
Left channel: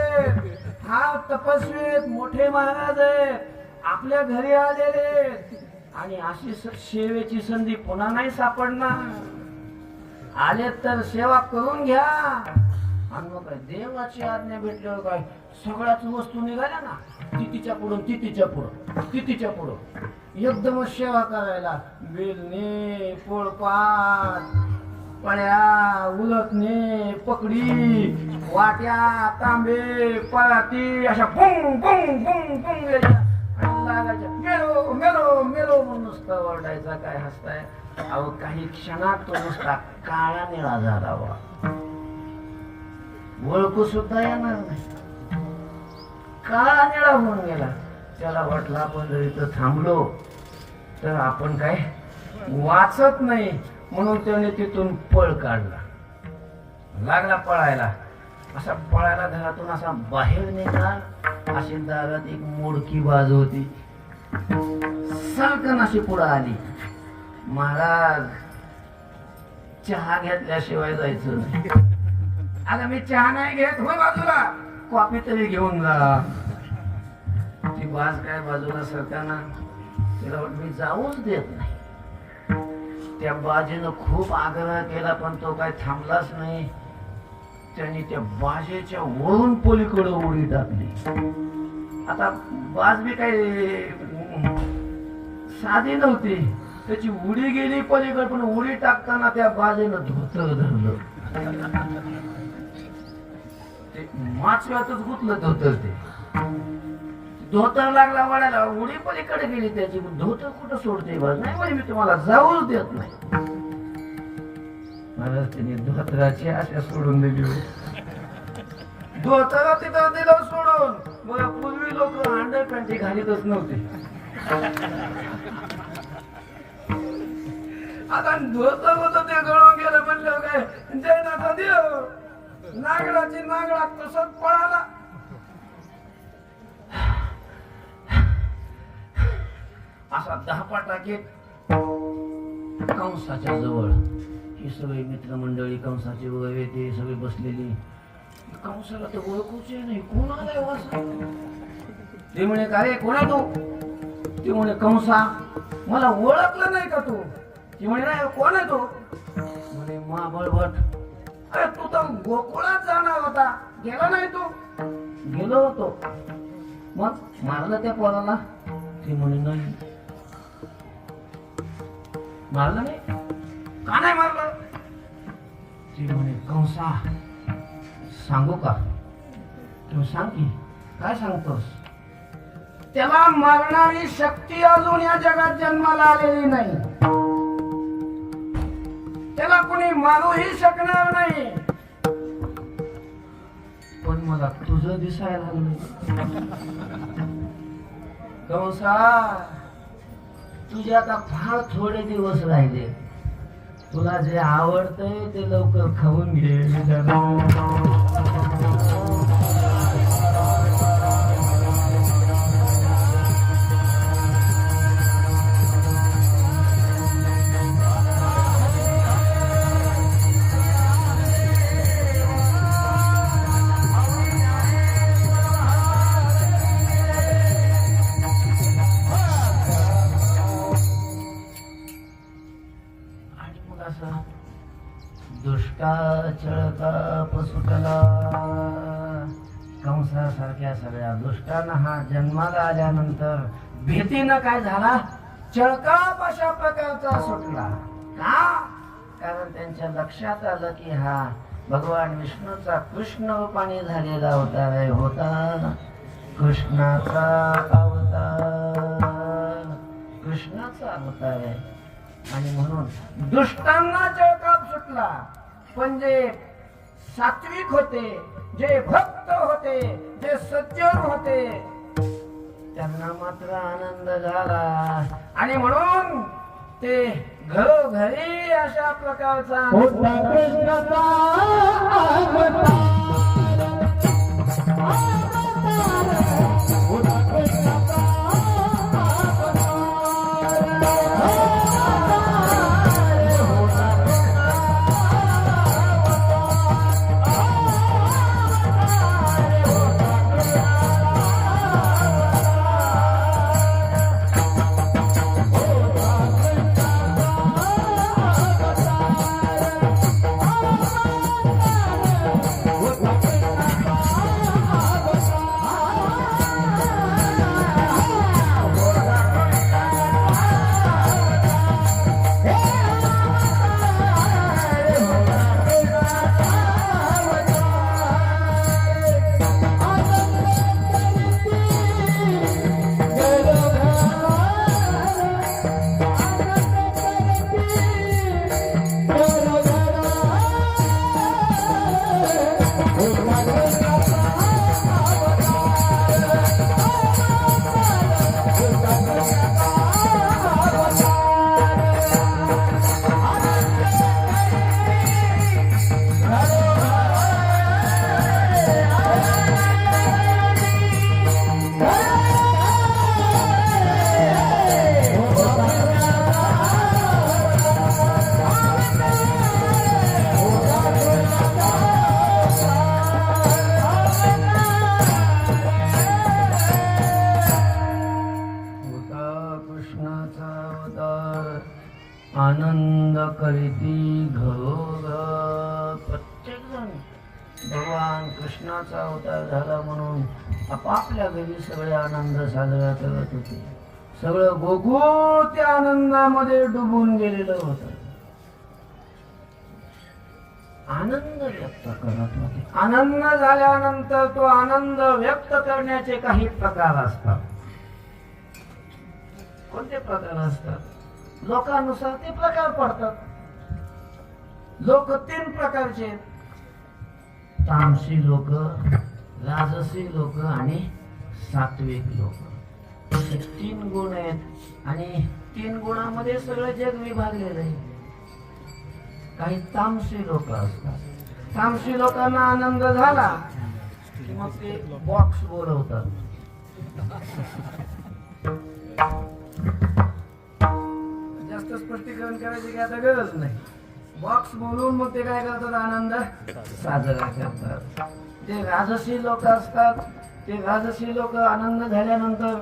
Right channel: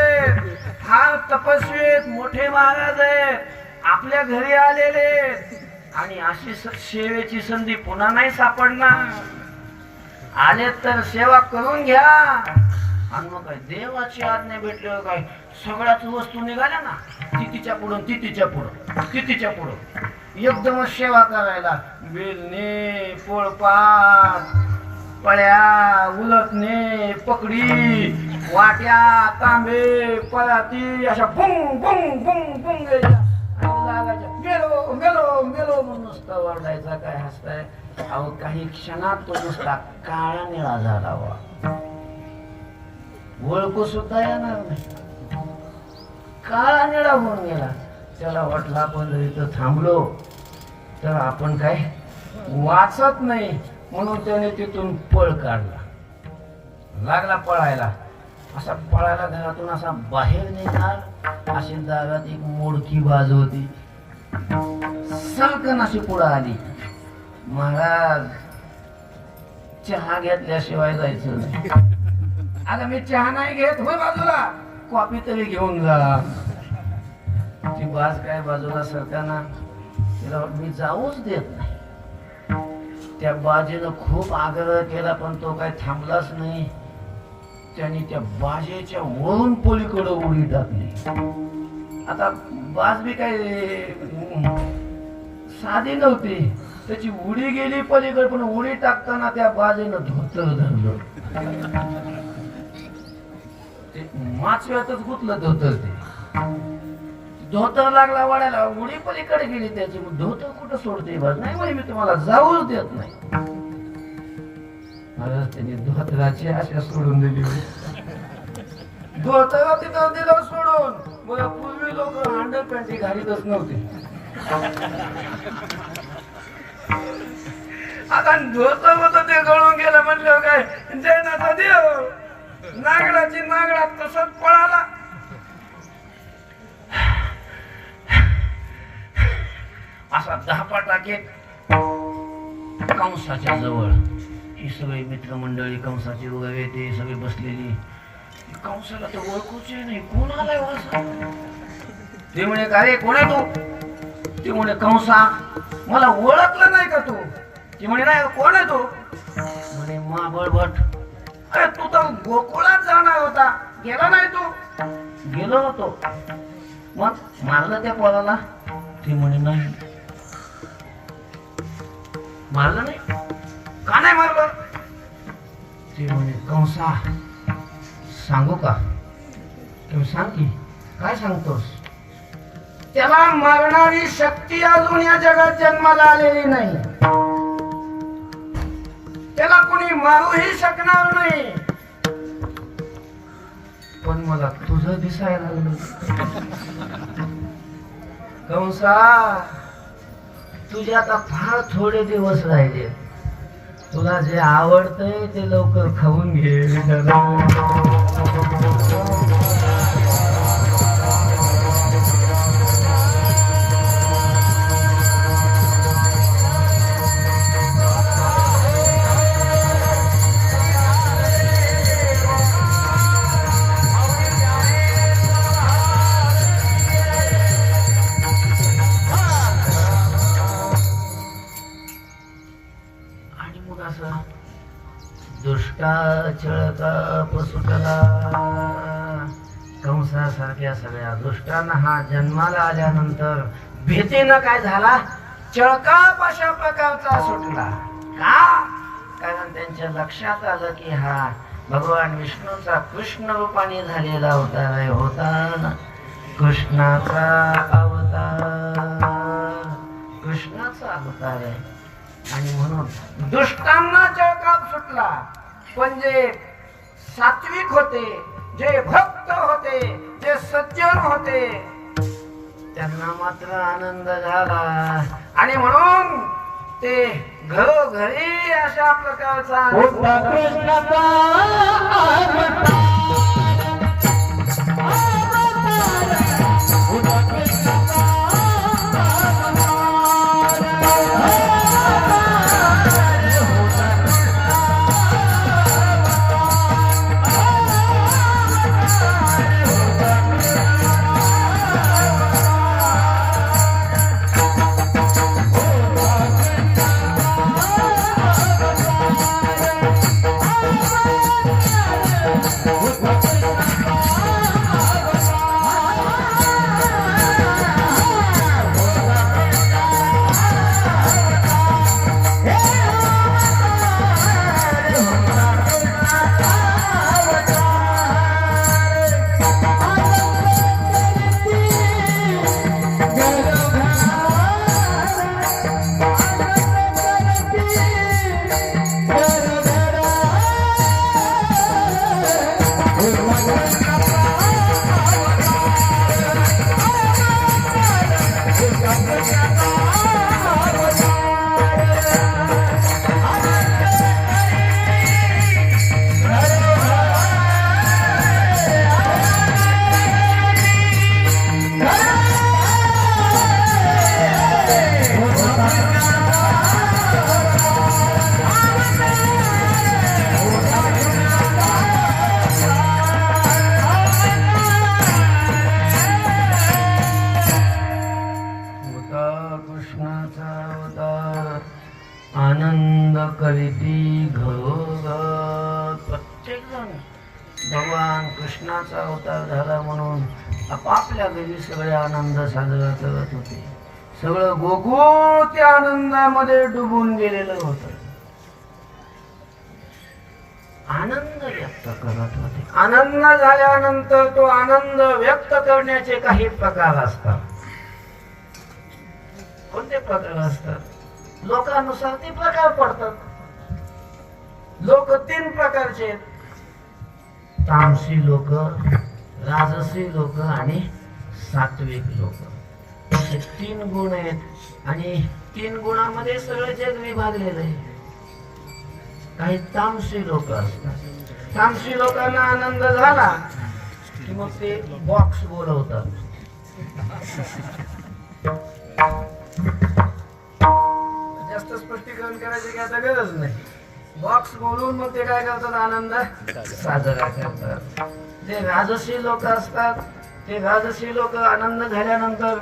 फार तपस्वी, मोठे महाराज आहेत, आपल्या घरी आलेले, आणि अशी सेवेची संधी पुन्हा नाही सापडणार. आले तर सेवा करून घ्या. आणि मग काय देवाची आज्ञा भेटल्यावर काय सगळ्याच वस्तू निघाल्या ना, तिच्या पुढं तिच्या पुढं तिच्या पुढं एकदमच सेवा करायला. बेलणे, पोळपाट, पळ्या, उलटणे, पकडी, वाट्या, तांबे, पराती अशा बुंग बुंग बुंग बुंग लागायच्या. मेलो मेलो मेलो म्हणून नुसता ओरडायचा. काय हसताय अहो? काही क्षणात तो नुसता काळा निळा झाला. ओळखू सुद्धा येणार नाही. काळा निळा होऊन गेला. त्याला वाटलं आपण जर इथं थांबलो तर आपण काय वाचत नाही, म्हणून त्याने तिथून पळ काढला. लागला पळायला. असा पळायला घरातून असा बाहेर निघाला. अशी दारात एक मोडकी बाजू होती. सलकन अशी पुढे आली. महाराज चहा घेतल्याशिवाय जायचं नाही. अगं मी चहा नाही घेत. होय बाजूला, कॉफी तरी घेऊन जा. ती बाज काय बाजूला सरकाना तिला मी जाऊच देत नाही. त्या बाजेनं खूप आग्रह केला पण तो काय थांबलाच नाही. त्याने त्या बाजेच्या वरून पलीकडे उडी टाकली. आता बाज बी काही साधी नव्हती. त्याची उडी गेली पलीकडे, पण उडी टाकताना त्या बाजेनं धोतर धरलं. ते माचव्यातच गुतलं धोतर. ते धोतर लागला वाढायला, उडी पलीकडे गेली त्याची. धोतर कुठं सोडते बाज? नाही म्हणे मी तुम्हाला जाऊच देत नाही. महाराज त्यांनी धोतराची आशा सोडून दिली. धोतर तिथं दिलं सोडून. बघा पूर्वी लोक अंडरकांटी घालीतच नव्हते. आता धोतर होतं ते गळून गेलं म्हणलं काय जैनाचा देव. नागडाची नागडा तसंच पळाला. असा 10 टाकेत कंसाच्या जवळ ही सगळी मित्रमंडळी, कंसाची वगैरे ते सगळी बसलेली. कंसाला तर ओळखूच नाही, कोण आलाय वासा? ते म्हणे काय कोण आहे तू? ते म्हणे कंसा, मला ओळखलं नाही का तू? ती म्हणे नाही, कोण आहे तू? म्हणे महाबळभट. अरे तू तर गोकुळात जाणार होता, गेला नाही तू? गेलो होतो. मग मारलं त्या पोराला? ती म्हणे नाही, मारलं नाही. का नाही मारलं? ती म्हणे कंसा सांगू का? तू सांग की. काय सांगतोस? त्याला मारणारी शक्ती अजून या जगात जन्माला आलेली नाही. त्याला कोणी मारूही शकणार नाही. पण मला तुझं दिसायला लागलं. कंसा तुझे आता फार थोडे दिवस राहिले. तुला जे आवडतंय ते लवकर खाऊन घे. दुष्टा चळका पसुटला. कंसासारख्या सगळ्या दुष्टांना हा जन्माला आल्यानंतर भीतीनं काय झाला? चळकाप अशा प्रकारचा सुटला. का? कारण त्यांच्या लक्षात आलं की हा भगवान विष्णूचा कृष्ण रूपाने झालेला अवतार होता. कृष्णाचा अवतार, कृष्णाचा अवतार आहे. आणि म्हणून दुष्टांना चळकाप सुटला. पण जे सात्विक होते, जे भक्त होते, जे सज्जन होते, त्यांना मात्र आनंद झाला आणि म्हणून ते घरोघरी अशा प्रकारचा होता कृष्णाचा अवतार. होता कृष्णाचा आनंद करीती घरोघर प्रत्येक जण भगवान कृष्णाचा अवतार झाला म्हणून आपापल्या घरी सगळे आनंद साजरा करत होते. सगळं गोकुळ त्या आनंदामध्ये डुबून गेलेलं होतं. आनंद व्यक्त करत होते. आनंद झाल्यानंतर तो आनंद व्यक्त करण्याचे काही प्रकार असतात. कोणते प्रकार असतात? लोकानुसार ते प्रकार पडतात. लोक तीन प्रकारचे आहेत. तामसी लोक, राजसी लोक आणि सात्विक लोक. असे तीन गुण आहेत आणि तीन गुणामध्ये सगळं जग विभागलेलं आहे. काही तामसी लोक असतात. तामसी लोकांना आनंद झाला की मग ते बॉक्स बोलवतात. जास्त स्पष्टीकरण करायची की आता गरज नाही. बॉक्स बोलून मग ते काय करतात? आनंद साजरा करतात. ते राजसी लोक असतात. ते राजसी लोक आनंद झाल्यानंतर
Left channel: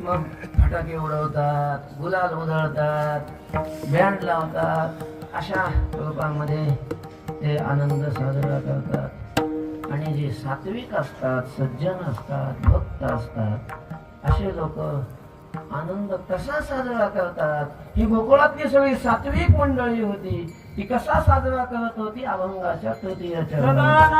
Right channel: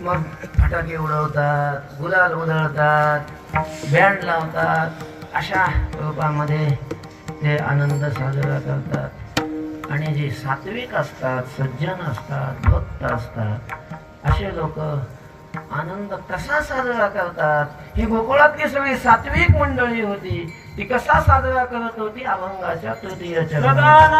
मग फटाके उडवतात, गुलाल उधळतात, बँड लावतात. अशा रूपामध्ये ते आनंद साजरा करतात. आणि जे सात्विक असतात, सज्जन असतात, भक्त असतात, असे लोक आनंद कसा साजरा करतात? ही गोकुळातली सगळी सात्विक मंडळी होती. ती कसा साजरा करत होती? अभंगाच्या तृतीय चरणात.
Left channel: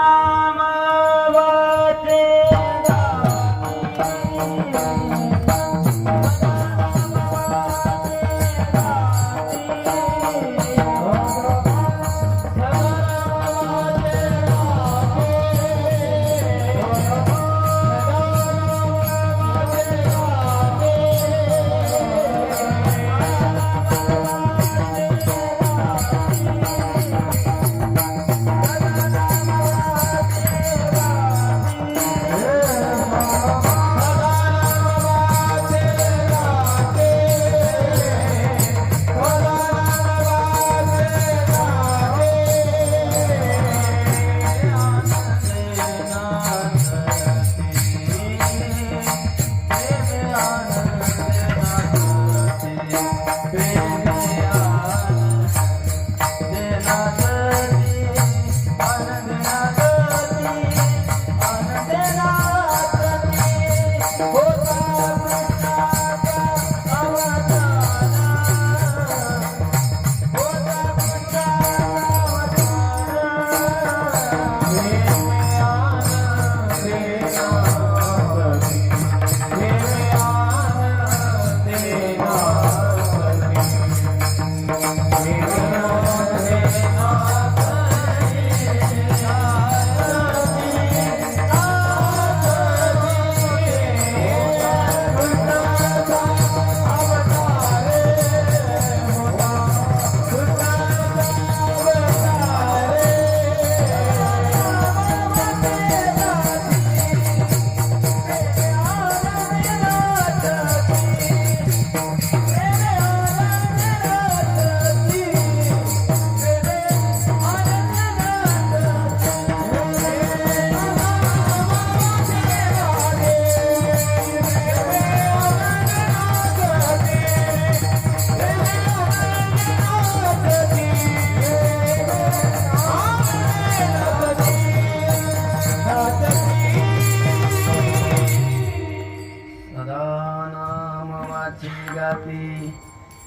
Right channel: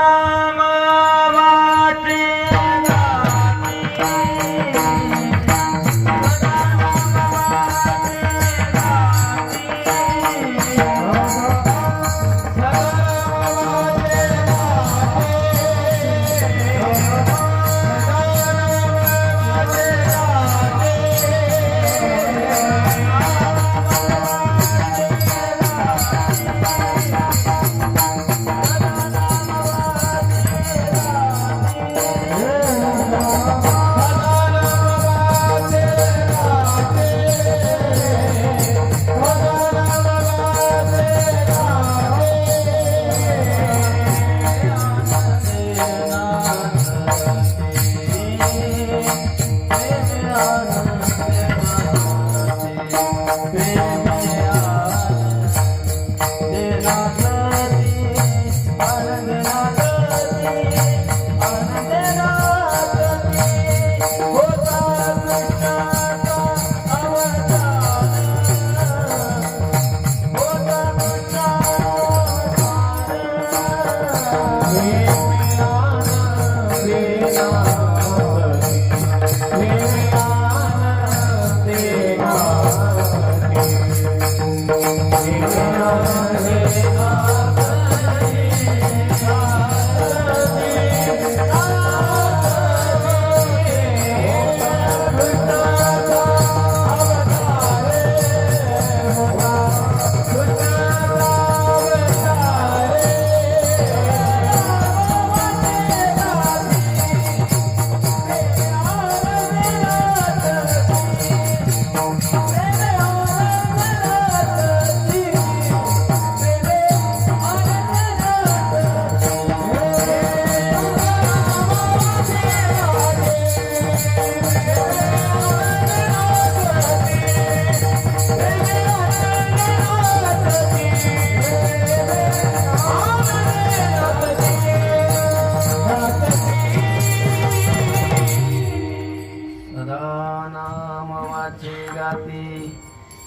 सदा नाम वाचे गाती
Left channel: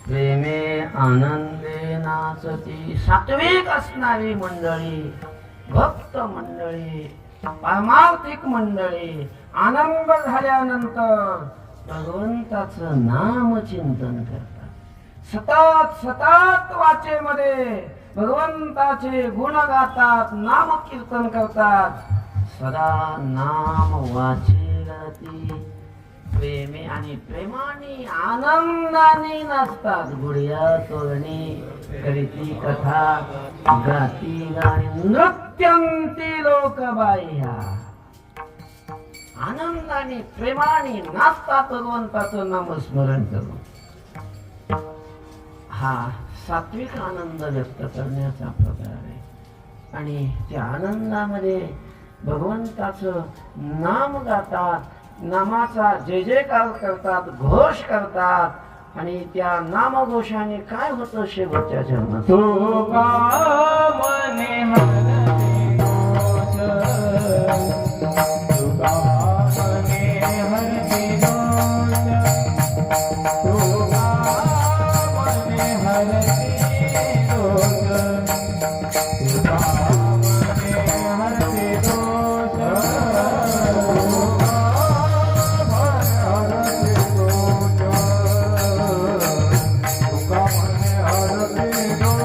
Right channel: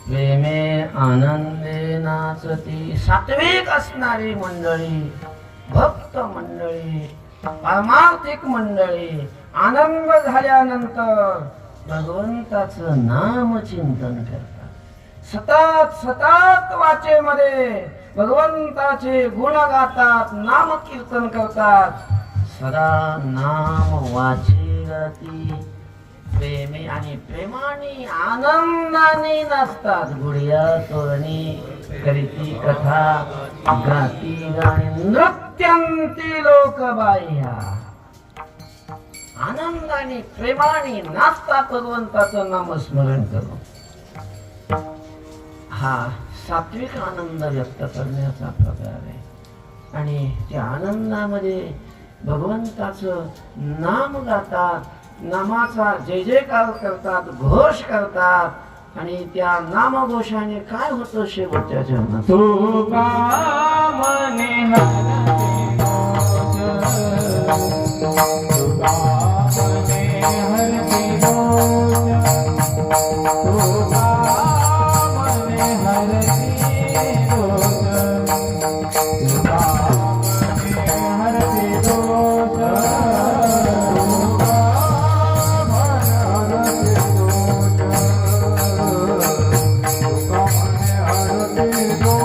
प्रेमे आनंदे नाचती. सात्विक असणारी मंडळी, भक्त मंडळी, परमार्थिक मंडळी आनंद झाल्यानंतर भगवंताचं नाम चिंतन करतात. सतत सतत वाचेमध्ये भगवंताचे गुण गातात, नाम कीर्तन करतात. सदा नाम वाचे गाती प्रेमे आणि प्रेमाने आनंदाने नाचतात. गुढिया तोरणी करीती कथा गाती गाणी नृत्यंती लोक बाह्या. आनंदाने प्रेमाने नाचतात भगवंताचं नामस्मरण करून. हा सात्विक आनंद व्यक्त करण्याचा प्रकार आहे. आणि त्या आनंदामध्ये भगवंताचं नाम गातात, नामाचा जय जयकार करतात, घोष करतात. आणि त्या नामघोषाने काय होतं शेवटच्या जन्मात? तुका मने हरते दोष, तुका मने हरते दोष, तुका मने हरते दोष, तुका मने हरते दोष,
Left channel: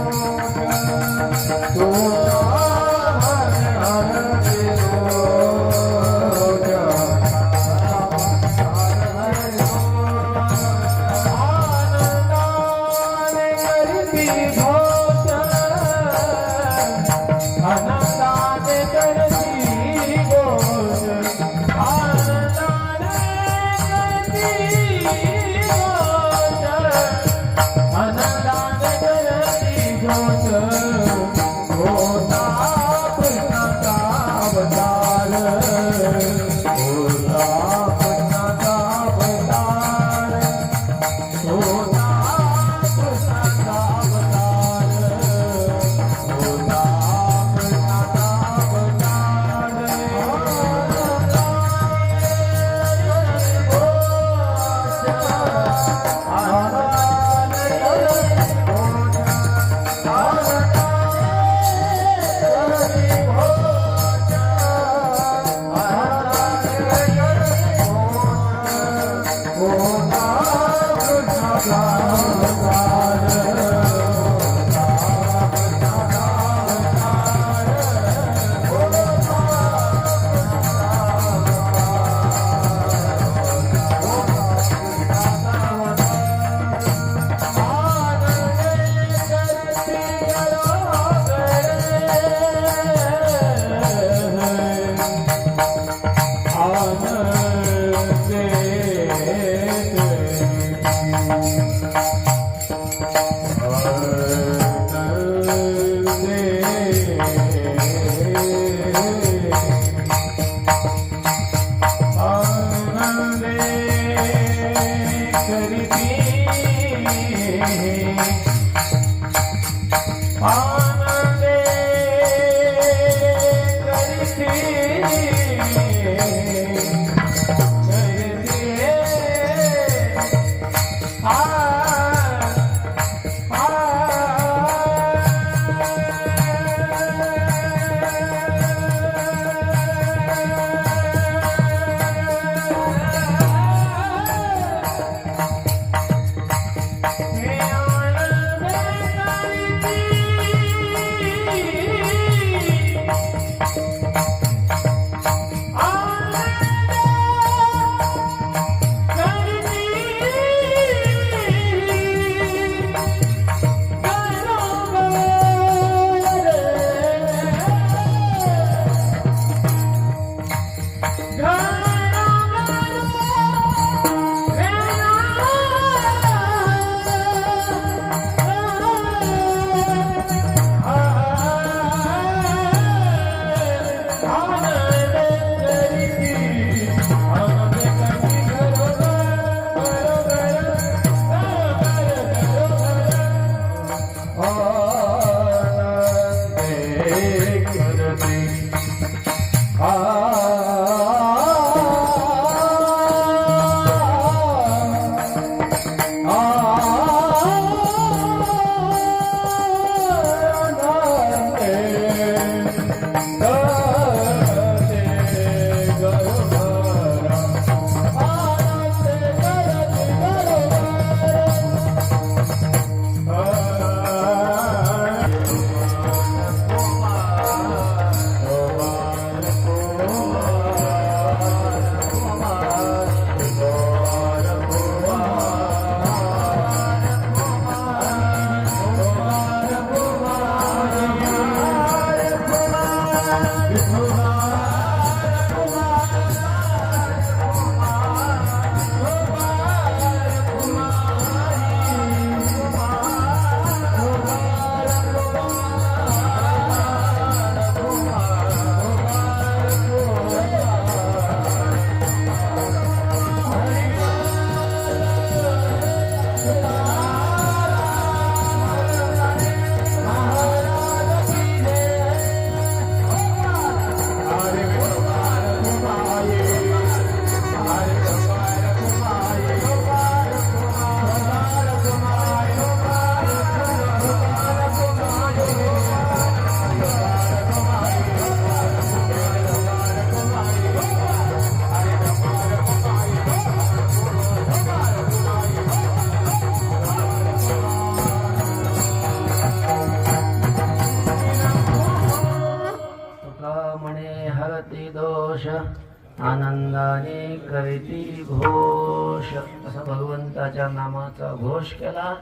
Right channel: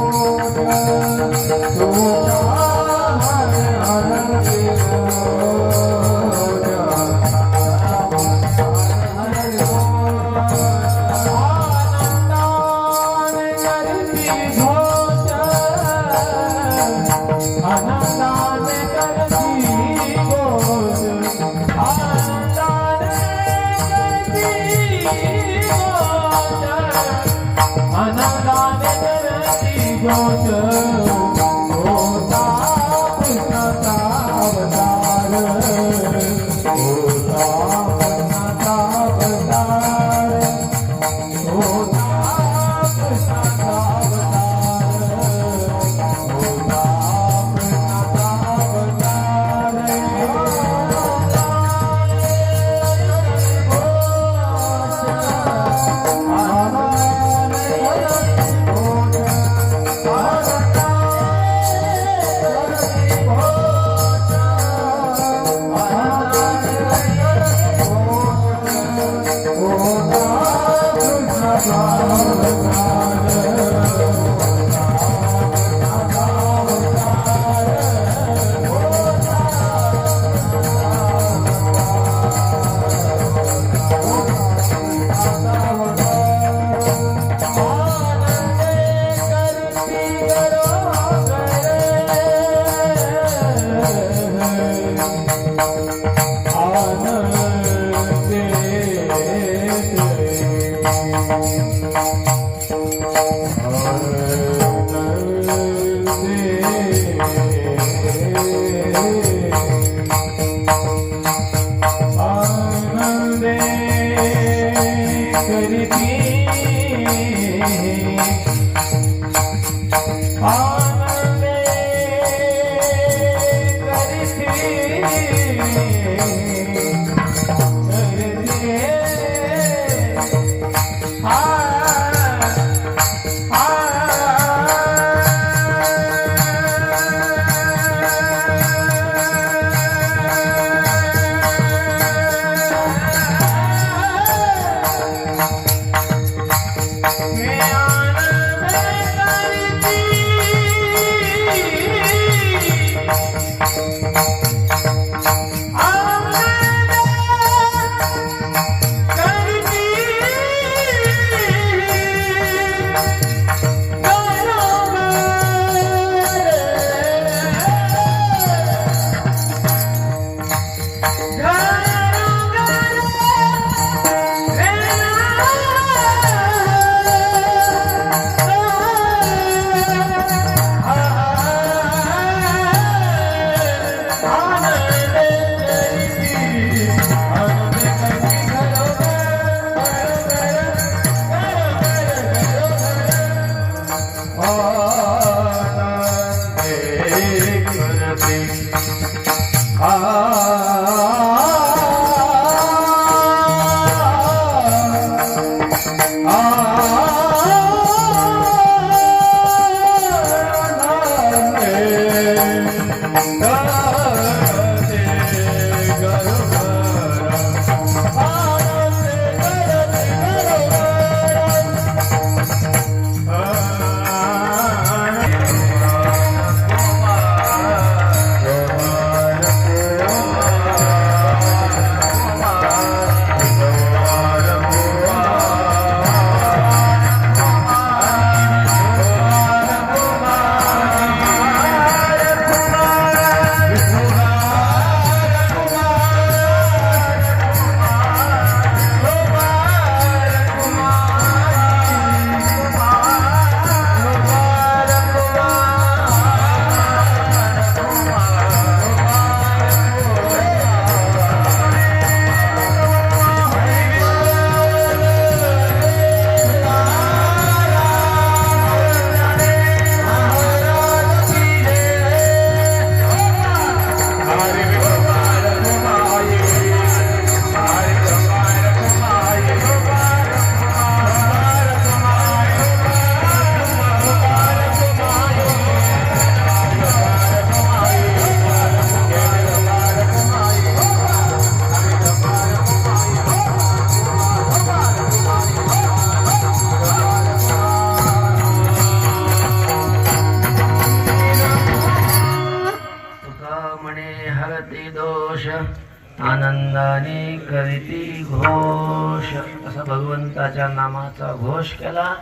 असा भगवंताच्या नामाचा घोष केला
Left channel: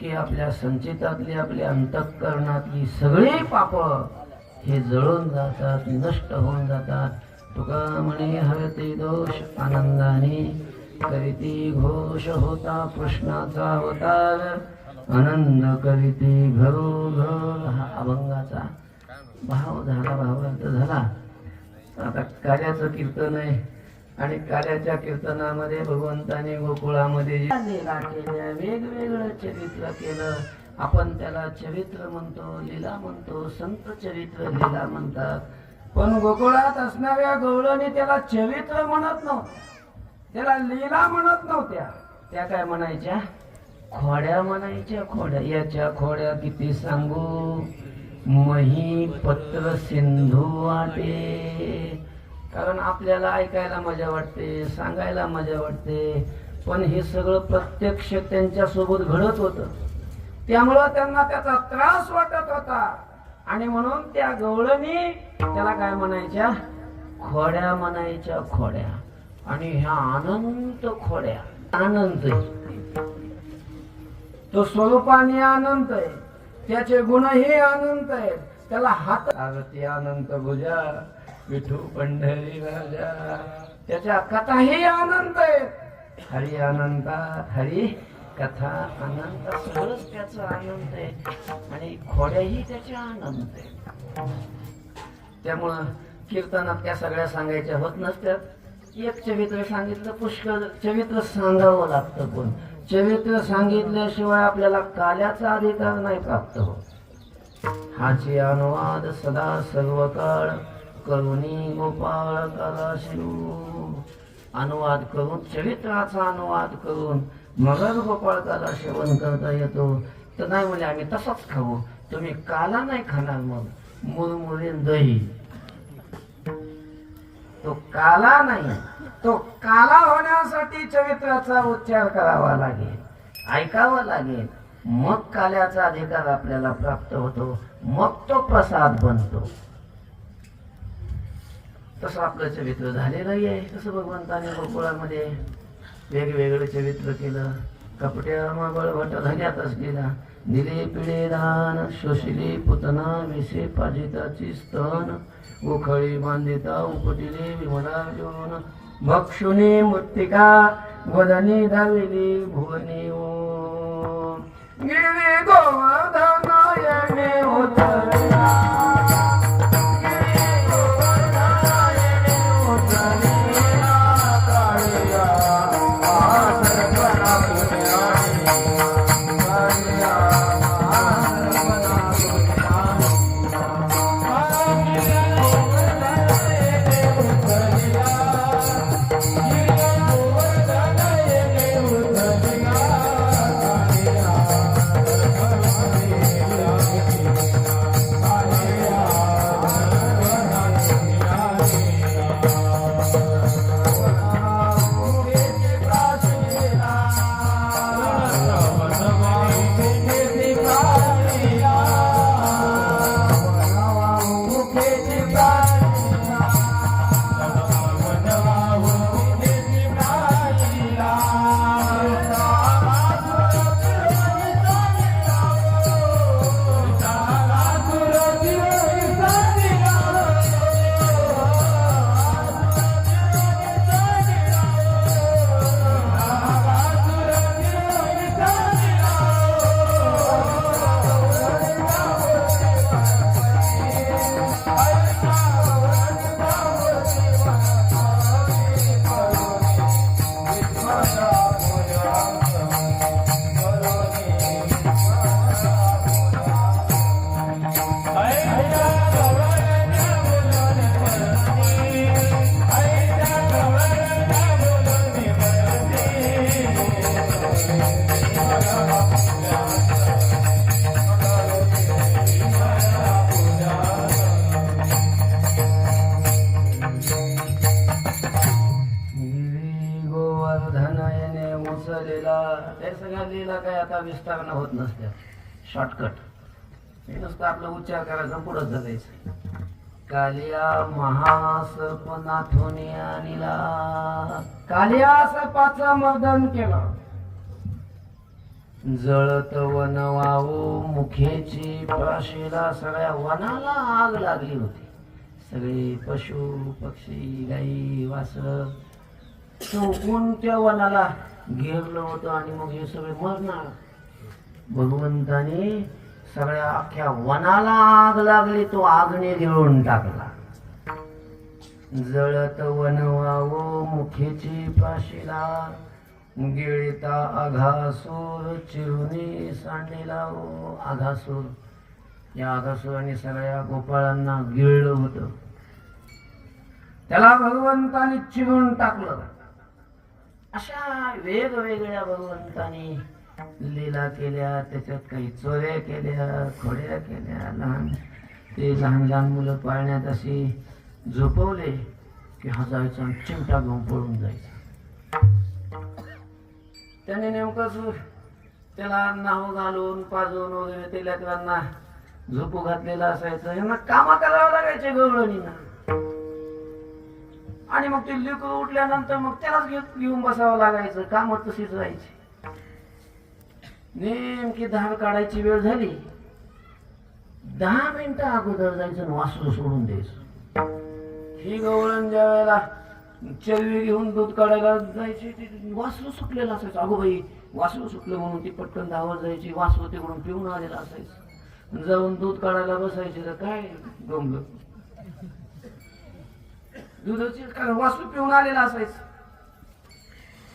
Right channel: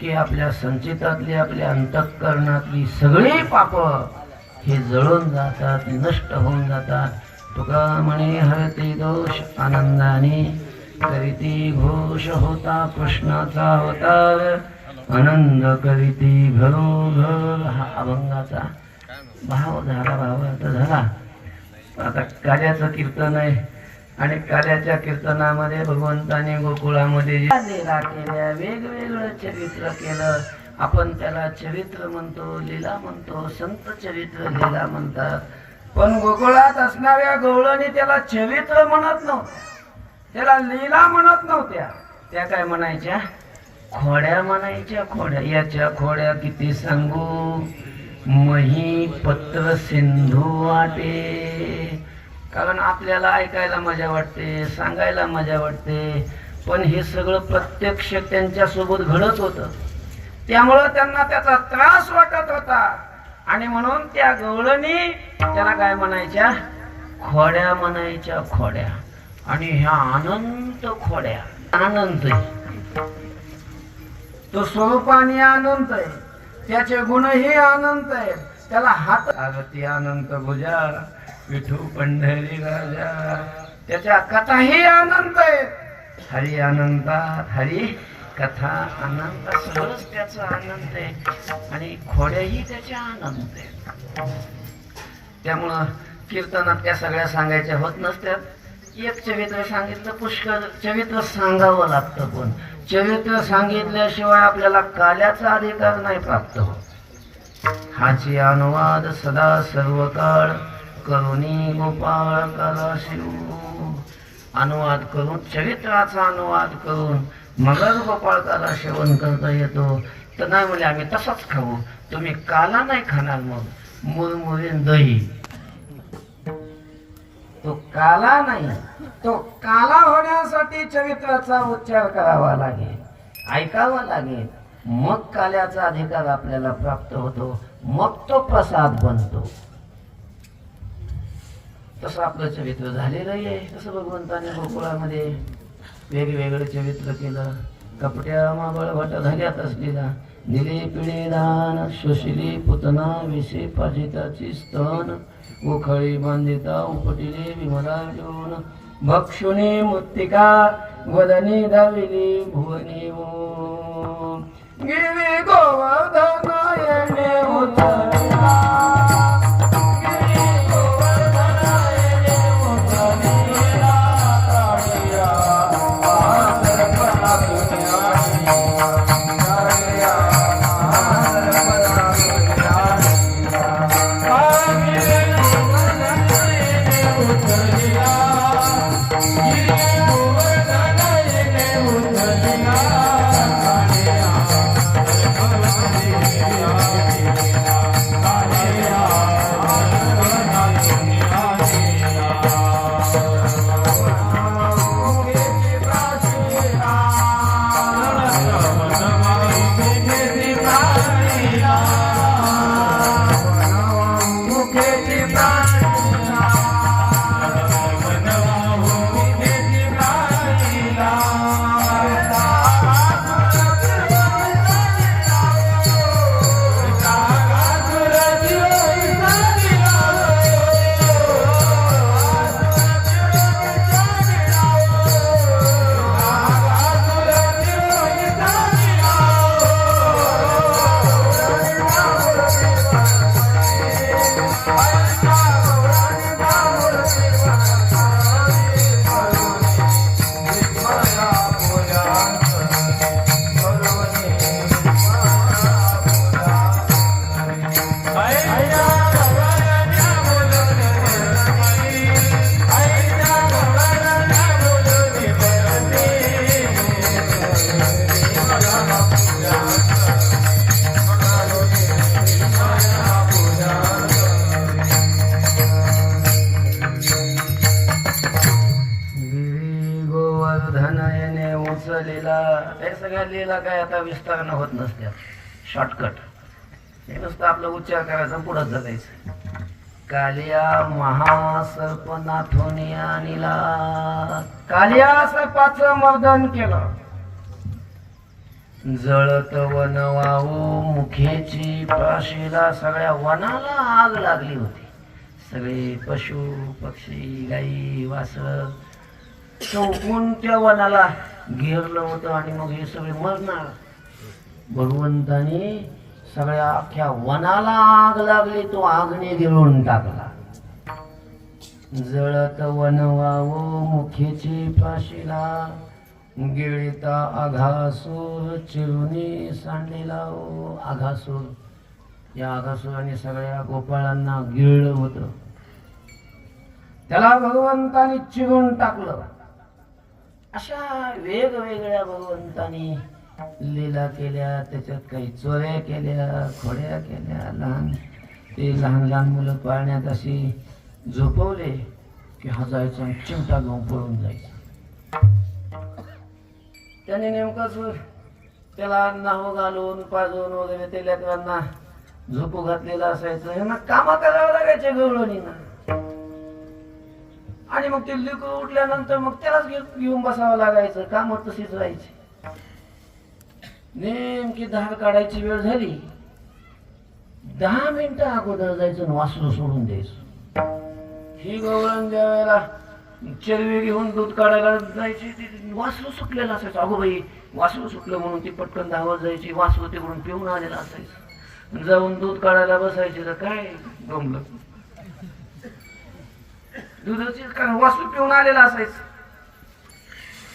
की आपल्या संचितातली आपल्या अंतःकरणातली सगळी पाप हे जळून जातात, नष्ट होऊन जातात. तुका म्हणे हरते दोष आनंदाने करीती घोष होता कृष्णाचा अवतार आनंद करीती घरोघर. हा अभंगाचा भाव झाला, भावार्थ झाला. आता कार्याचं कीर्तन आहे आणि कार्याच्या कीर्तनामध्ये भगवंताने गोकुळामध्ये लीला केल्या, वेगवेगळं चरित्र केलं. आपण त्याला चरित्र म्हणतो, लीला म्हणतो, संत चरित्र लीला म्हणतात. पण गोकुळात असणाऱ्या गवळणी त्याला चरित्र म्हणत नव्हत्या, त्याला लीला म्हणत नव्हत्या. त्या काय म्हणायच्या? खोड्या म्हणायच्या. खोड्या. याच्या खोड्या किती सांगू, मही पत्र सिंधू वाटे. कारण आपल्याला ऐकायला मजा वाटते, सांगायला मजा वाटते, पण हे सगळं प्रत्यक्ष त्यांच्या सोबत घडत होतं. त्यामुळं त्यांना त्याचा त्रास वाटत होता आणि म्हणून त्या गवळणी त्याला काय म्हणायच्या? खोड्या म्हणायच्या. खोड्या. आणि ह्या अनंत खोड्या. अनंत तो स्वरूपाने अनंत आहे, त्याचे गुणही अनंत आहेत. त्याला हात आरती अनंत भुजा विठू पंढरी राजा. त्याच्या कथाही अनंत आहेत. हरी अनंता, हरी कथा अनंत, सगळंच त्याचं अनंत आहे आणि खोड्याही त्याच्या अनंत आहेत. त्यामुळं कीर्तनात त्या सगळ्या सांगायच्या होत नसत्यात. एक चरित्र सांगितलं, पुष्कळ चरित्र सांगावं लागतं. पण चरित्र सांगितल्याशिवाय आपल्याला काल्याचा अधिकार नाही प्राप्त होत. हाची अनुवाद सदा सर्व काळ करुणी गोपाळ करा शिव. अनुवाद करून, चरित्राचा अनुवाद करून मगच गोपाळकाला सेवन करता येतो. तर नाही म्हणजे आम्ही तसंच खाऊ. तुम्ही काला नाही खाणार, मग मुरमुरीन दही. तो काला नाही, तो काला होण्यासाठी चरित्राचा उच्चार करावा लागेल, ऐकावा लागेल. मग काल्याचा अधिकार आपल्याला प्राप्त होतो, मग तो प्रसाद बनतो. तसं आपलं चरित्र झालेलं आहे. तसं भगवंताने गोकुळामध्ये वेगवेगळं चरित्र केलं. कपट्या माबळ भट धन्यात असलेला दिले पिळे दान, शोषिली पुतना विसे पाजिताची स्तन, गोखळी बांधिता उपटिले विमला घेऊन, भक्षुनी मृत्तिका वदनी धाविली भुवनी ओम. गिरी गोवर्धन येणे उतरला, लीला काय आता विस्तारानं होत नसत्या. शॉर्टकट हे नुसतं आपलं उच्चार करायचा, पुढं चालायचं. कालिया महासर्पनाथोनी आणिला. कालिया सर्पाचं मर्दन केलं. जळत वन वाहू मुखेची पाशीला. सगळ्या वनाला आग लागली होती. सगळे पशु पक्षी गाई वासर चौकून त्या वनाला घेरलं होतं आणि मग हे सगळे मरणार. भगवंताने सगळ्या अख्ख्या वनाला आग लागली. तो आगने गिळून टाकला. जळत वन वाहू मुखेची पाशीला. गिळिता आघासूर चिरुनी सांडलेला. आघासूर, या आघासुराने सगळ्या गोपाळांना गिळलं होतं. त्याला भगवंताने चिरून टाकलं. अशा वेगवेगळ्या भगवंताने लीला केल्या. त्याच्यात काही चोऱ्या केल्या, खोड्या केल्या. लहान लहान मुलं पाळण्यात अशी झोपवले की हा जायचा आणि चिमटा घेऊन पळून जायचा. त्याने नेमकंच त्याला नाव घालून पाजून वगैरे ते लेकरांना झोपू घातलेलं असायचं. यांना कामा करावं लागायचे गवळणींना. आणि मग ते लेकरं उठल्यानंतर मग त्यालाच घेऊन बसावं लागायचं. काम तशीच व्हायची. नेमकी धार काढायची वेळ झाली. 10 मिनिटं अगोदर जायचं आणि वासरू सोडून द्यायचं. ही गवळण ज्या वेळेला चरवी घेऊन दूध काढायला जायची, ती वासरू सुटलेलं असायचं. अगो बाई वासरू सुटलं म्हणून ती पटकन धावत जायची. वासरू तिकडून पिऊन आलेलं असायचं. जाऊन दूध काढायला बसायचे तर काय गमलं. दुधाची वासरू पिऊन आलेला असायचं.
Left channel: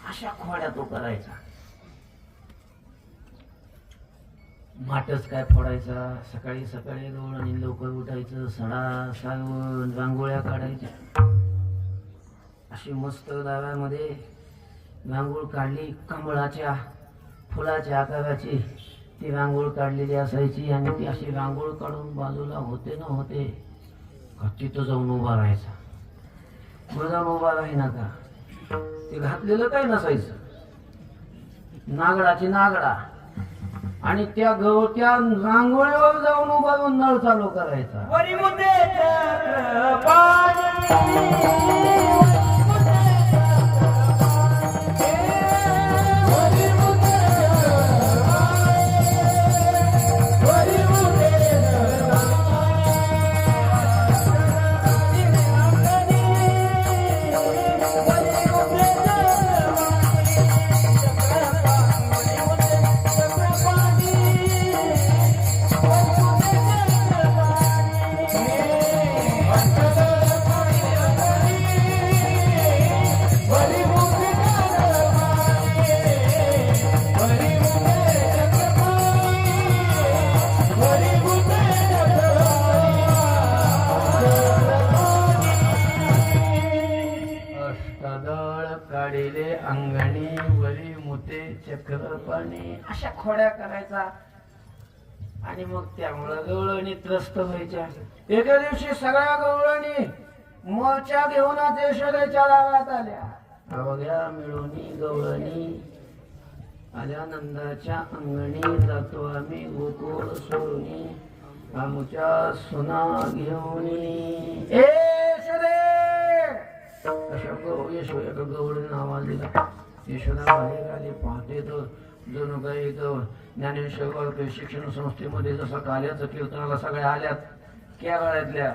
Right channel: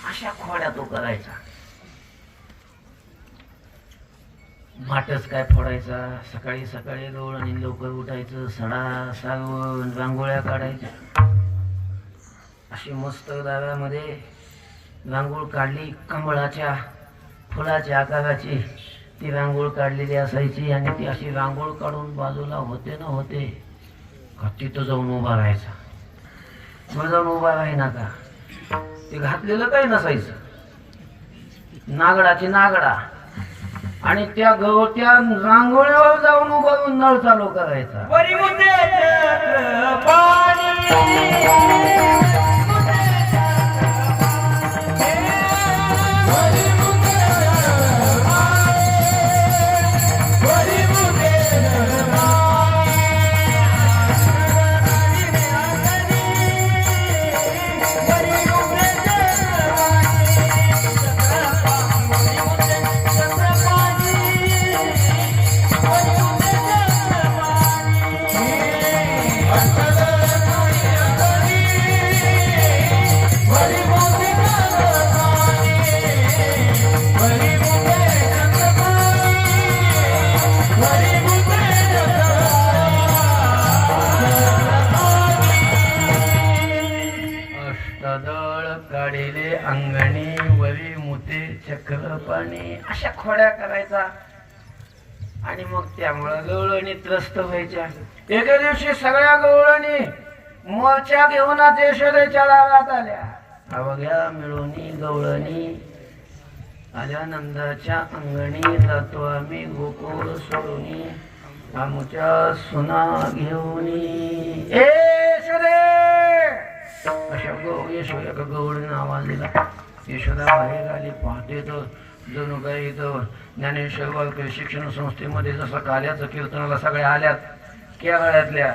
अशा खोड्या तो करायचा. माटच काय फोडायचा. सकाळी सकाळी गवळणी लवकर उठायचं. सडा सारवून रांगोळ्या काढायच्या. अशी मस्त दाव्यामध्ये रांगोळ काढली. कमळाच्या फुलाच्या आकाराची ती रांगोळ काढलेली असायची. आणि ती अशी रांगोळ काढून बाजूला होते ना होते का तिथं जाऊन उभा राहायचा. जाऊन उभा राहिना का ते घातलेलं काही नसायचं. नागडाची नागडा. आणि त्या रांगोळीवर जाऊन उभा राहून नळ चालू करायचा. अंगणी वरी मुते चक्र पाणी. अशा खोड्या करायचा. आणि मग त्यामुळं गवळणी त्रस्त व्हायच्या. एके दिवशी सगळ्या गवळणी मोर्चा घेऊन यशोदेच्या दारात आल्या. अवघ्या मिळूनी गवळणी आल्या नंदाच्या अंगणी. जातो आम्ही गोकुळ सोडूनी आमच्या सुना घेऊनी. यशोदे अशा यशोदा गवळीनं आवाज दिला. यशोदा बाहेर आली. पाहते तर जणू काही इथं ज्ञानेश्वर वाळके शिक्षण संस्थेमध्ये जसं काल्याचं कीर्तनाला सगळ्या आल्यात केरळातल्या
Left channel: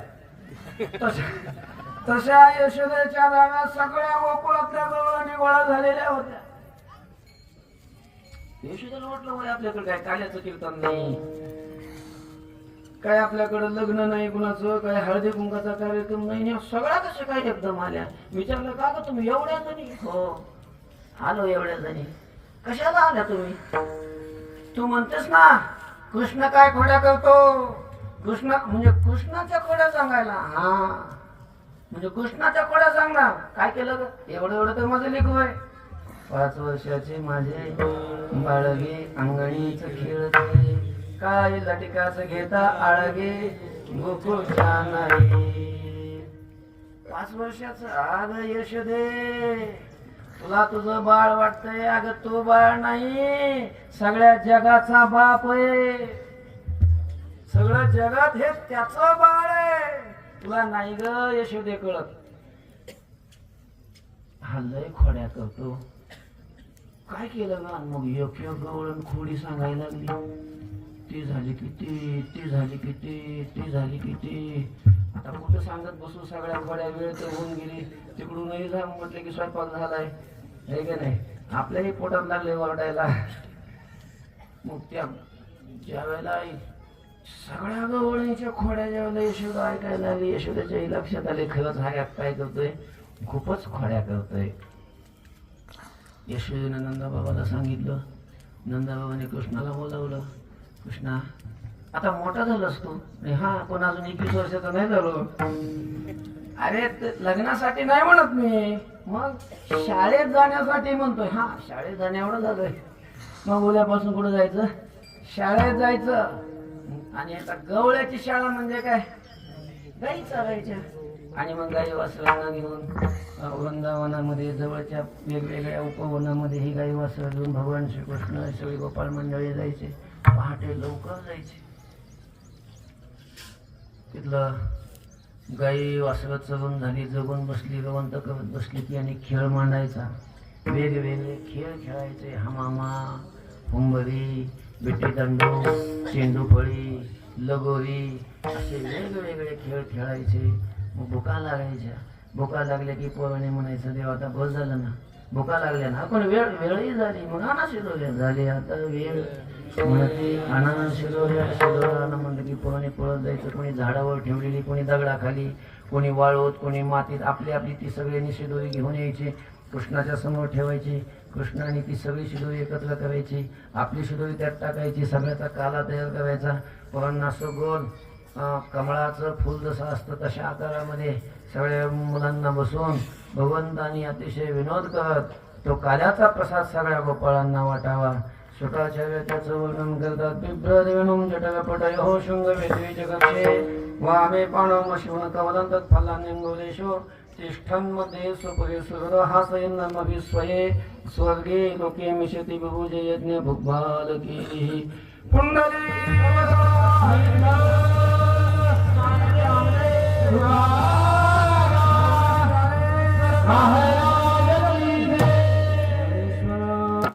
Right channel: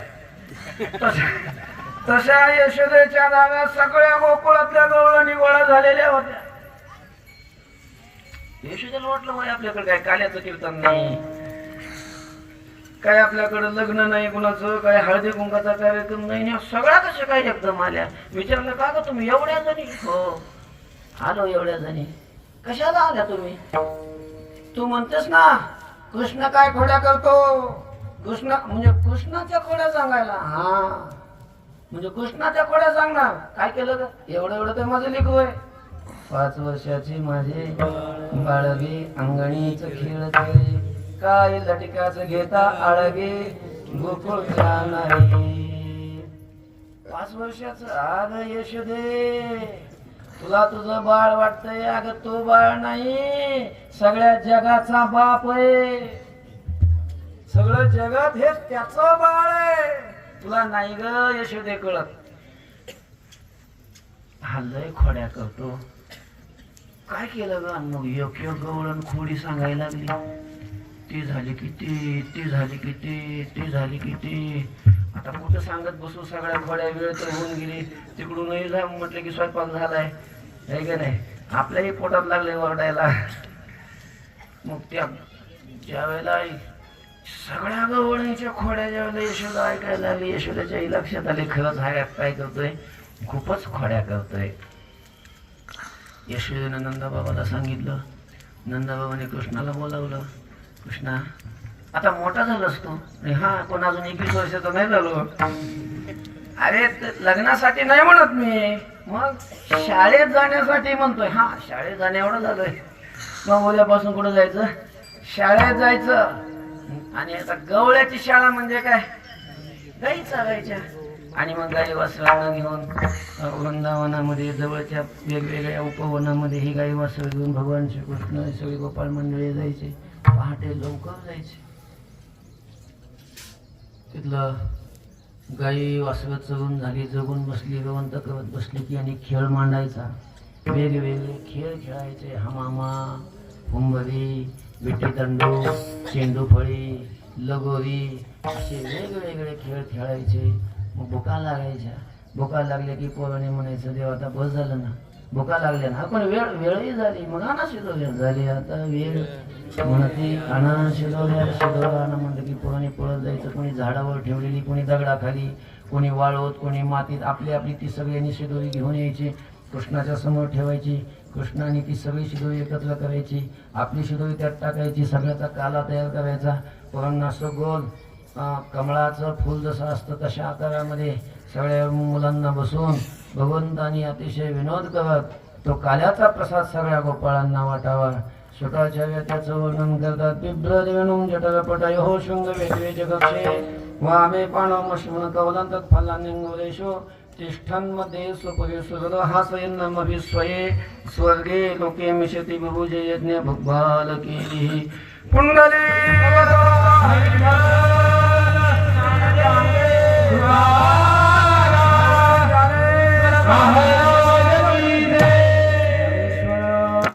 तशा यशोदेच्या दारात सगळ्या गोकुळातल्या गवळणी गोळा झालेल्या होत्या. यशोदेला वाटलं म्हणजे आपल्याकडे काय काल्याचं कीर्तन नाही, काय आपल्याकडे लग्न नाही कुणाचं, काय हळदी कुंकाचा कार्यक्रम नाही. सगळ्या कशा काय एकदम आल्या. विचारलं का ग तुम्ही एवढ्या जणी? हो आलो एवढ्या जणी. कशाला आल्या तुम्ही? तू म्हणतेस ना कृष्ण काय खोड्या करतो. कृष्ण म्हणजे कृष्णाच्या खोड्या सांगायला. हा म्हणजे कृष्णाच्या खोड्या सांगणार. काय केलं ग? एवढं एवढं तर माझं लेकरू आहे. 5 वर्षाचे माझे बाळगे अंगणीच खेळ खेळे. काय लटिकाच घेता आळगे गोकुळच्या नाही. 5 वर्षाचं. आग यशोदे तुला तुझं बाळ वाटतंय. अगं तो बाळ नाही, सगळ्या जगाचा बाप आहे. सगळं जगात हे त्याचं बाळ आहे. तुला नाही ग यशोदे कळत. हा लय खोड्या करतो. काय केलं ग? मग योग्य गवळण खोडी सांगायला लागली. ती झाली की ती झाली की ती झाली की आता कुठं सांगत बसू? सगळ्या खोड्या वेळ तर होऊन गेली. तिकडूनही जा म्हटलं की स्वयंपाक झालाय, आहे का नाही? आपल्याही पोटात लागले ओरडायला. मग ज्या वेळेला सगळ्या गवळणीच्या खोड्या ज्या वेळेला यशोदा ऐकायला लागली, यशोदाच्याही लक्षात आले खरंच हा काय करतोय, खूपच खोड्या करतोय. यशोदेनं नंदाबाबाला सांगितलं. नंदाबाबाने कृष्णाला बोलावलं. कृष्णा, आता मोठा झालास तू. हा, पण अजून 21 वर्षाचा नाही झालो. अरे लग्नासाठी नाही म्हणत मी, मग शाळेत जाण्यासाठी म्हणतोय. हा, शाळेत जाणे एवढं झालंय. मग उद्यापासून कुठं जायचं? शाळेत जायचं. आणि आता गवळ्याची शाळा म्हणजे काय? गाई चालायच्या. आणि मग गाई वासरांना घेऊन वृंदावनामध्ये जवळच्या वेगवेगळ्या उपवनामध्ये ही गाई वासरं घेऊन भगवान श्रीकृष्ण सगळी गोपाळ मंडळी जायचे. पहाटे लवकर जायचे. तिथलं गाई वासरं चरून झाली, जगून बसली, रवंत करत बसली की आणि खेळ मांडायचा. वेगवेगळे खेळ खेळायचे. हमामा, हुंबरी, विटीदंडू, चेंडूफळी, लगोरी असे वेगवेगळे खेळ खेळायचे. मग भुका लागायच्या. भुका लागल्या की पोराने म्हणायचं, देव आता बस झालं ना, भुका लागल्या ना. पण वेळही झाली. मग आणा शिदोऱ्या झाली, आता वेळ म्हणते आणा शिदोऱ्या. शिदोरा म्हणलं की पोराने पळत जायचं. कोणी झाडावर ठेवलेली, कोणी दगडाखाली, कोणी वाळवत, कोणी मातीत. आपली आपली ती सगळ्यांनी शिदोरी घेऊन यायची. कृष्णाच्या समोर ठेवायची. कृष्णाने ती सगळी शिदोरी एकत्र करायची. आपली शिदोरी त्यात टाकायची. सगळ्याचा काला तयार करायचा. पोरांना असं गोल कमळाचं फूल जसं असतं तशा आकारामध्ये सगळ्या मुलांना बसून भगवंतांनी अतिशय विनोद करत तो काल्याचा प्रसाद सगळ्या गोपाळांना वाटावा. शुकाचार्य त्याचं वर्णन करतात. बिभ्ररेणुं जटकपटयो शृंग वेदवे जगक्षे वामे पाणमशिवन कवलंतत् फलानिंगोरेषु तिष्ठन् मध्ये स्वपुरे सुहृद हासयन्नमभिस्वये स्वर्गे लोके मिशति बहुजे यज्ञ भुग्बालकीः कुंडली Hare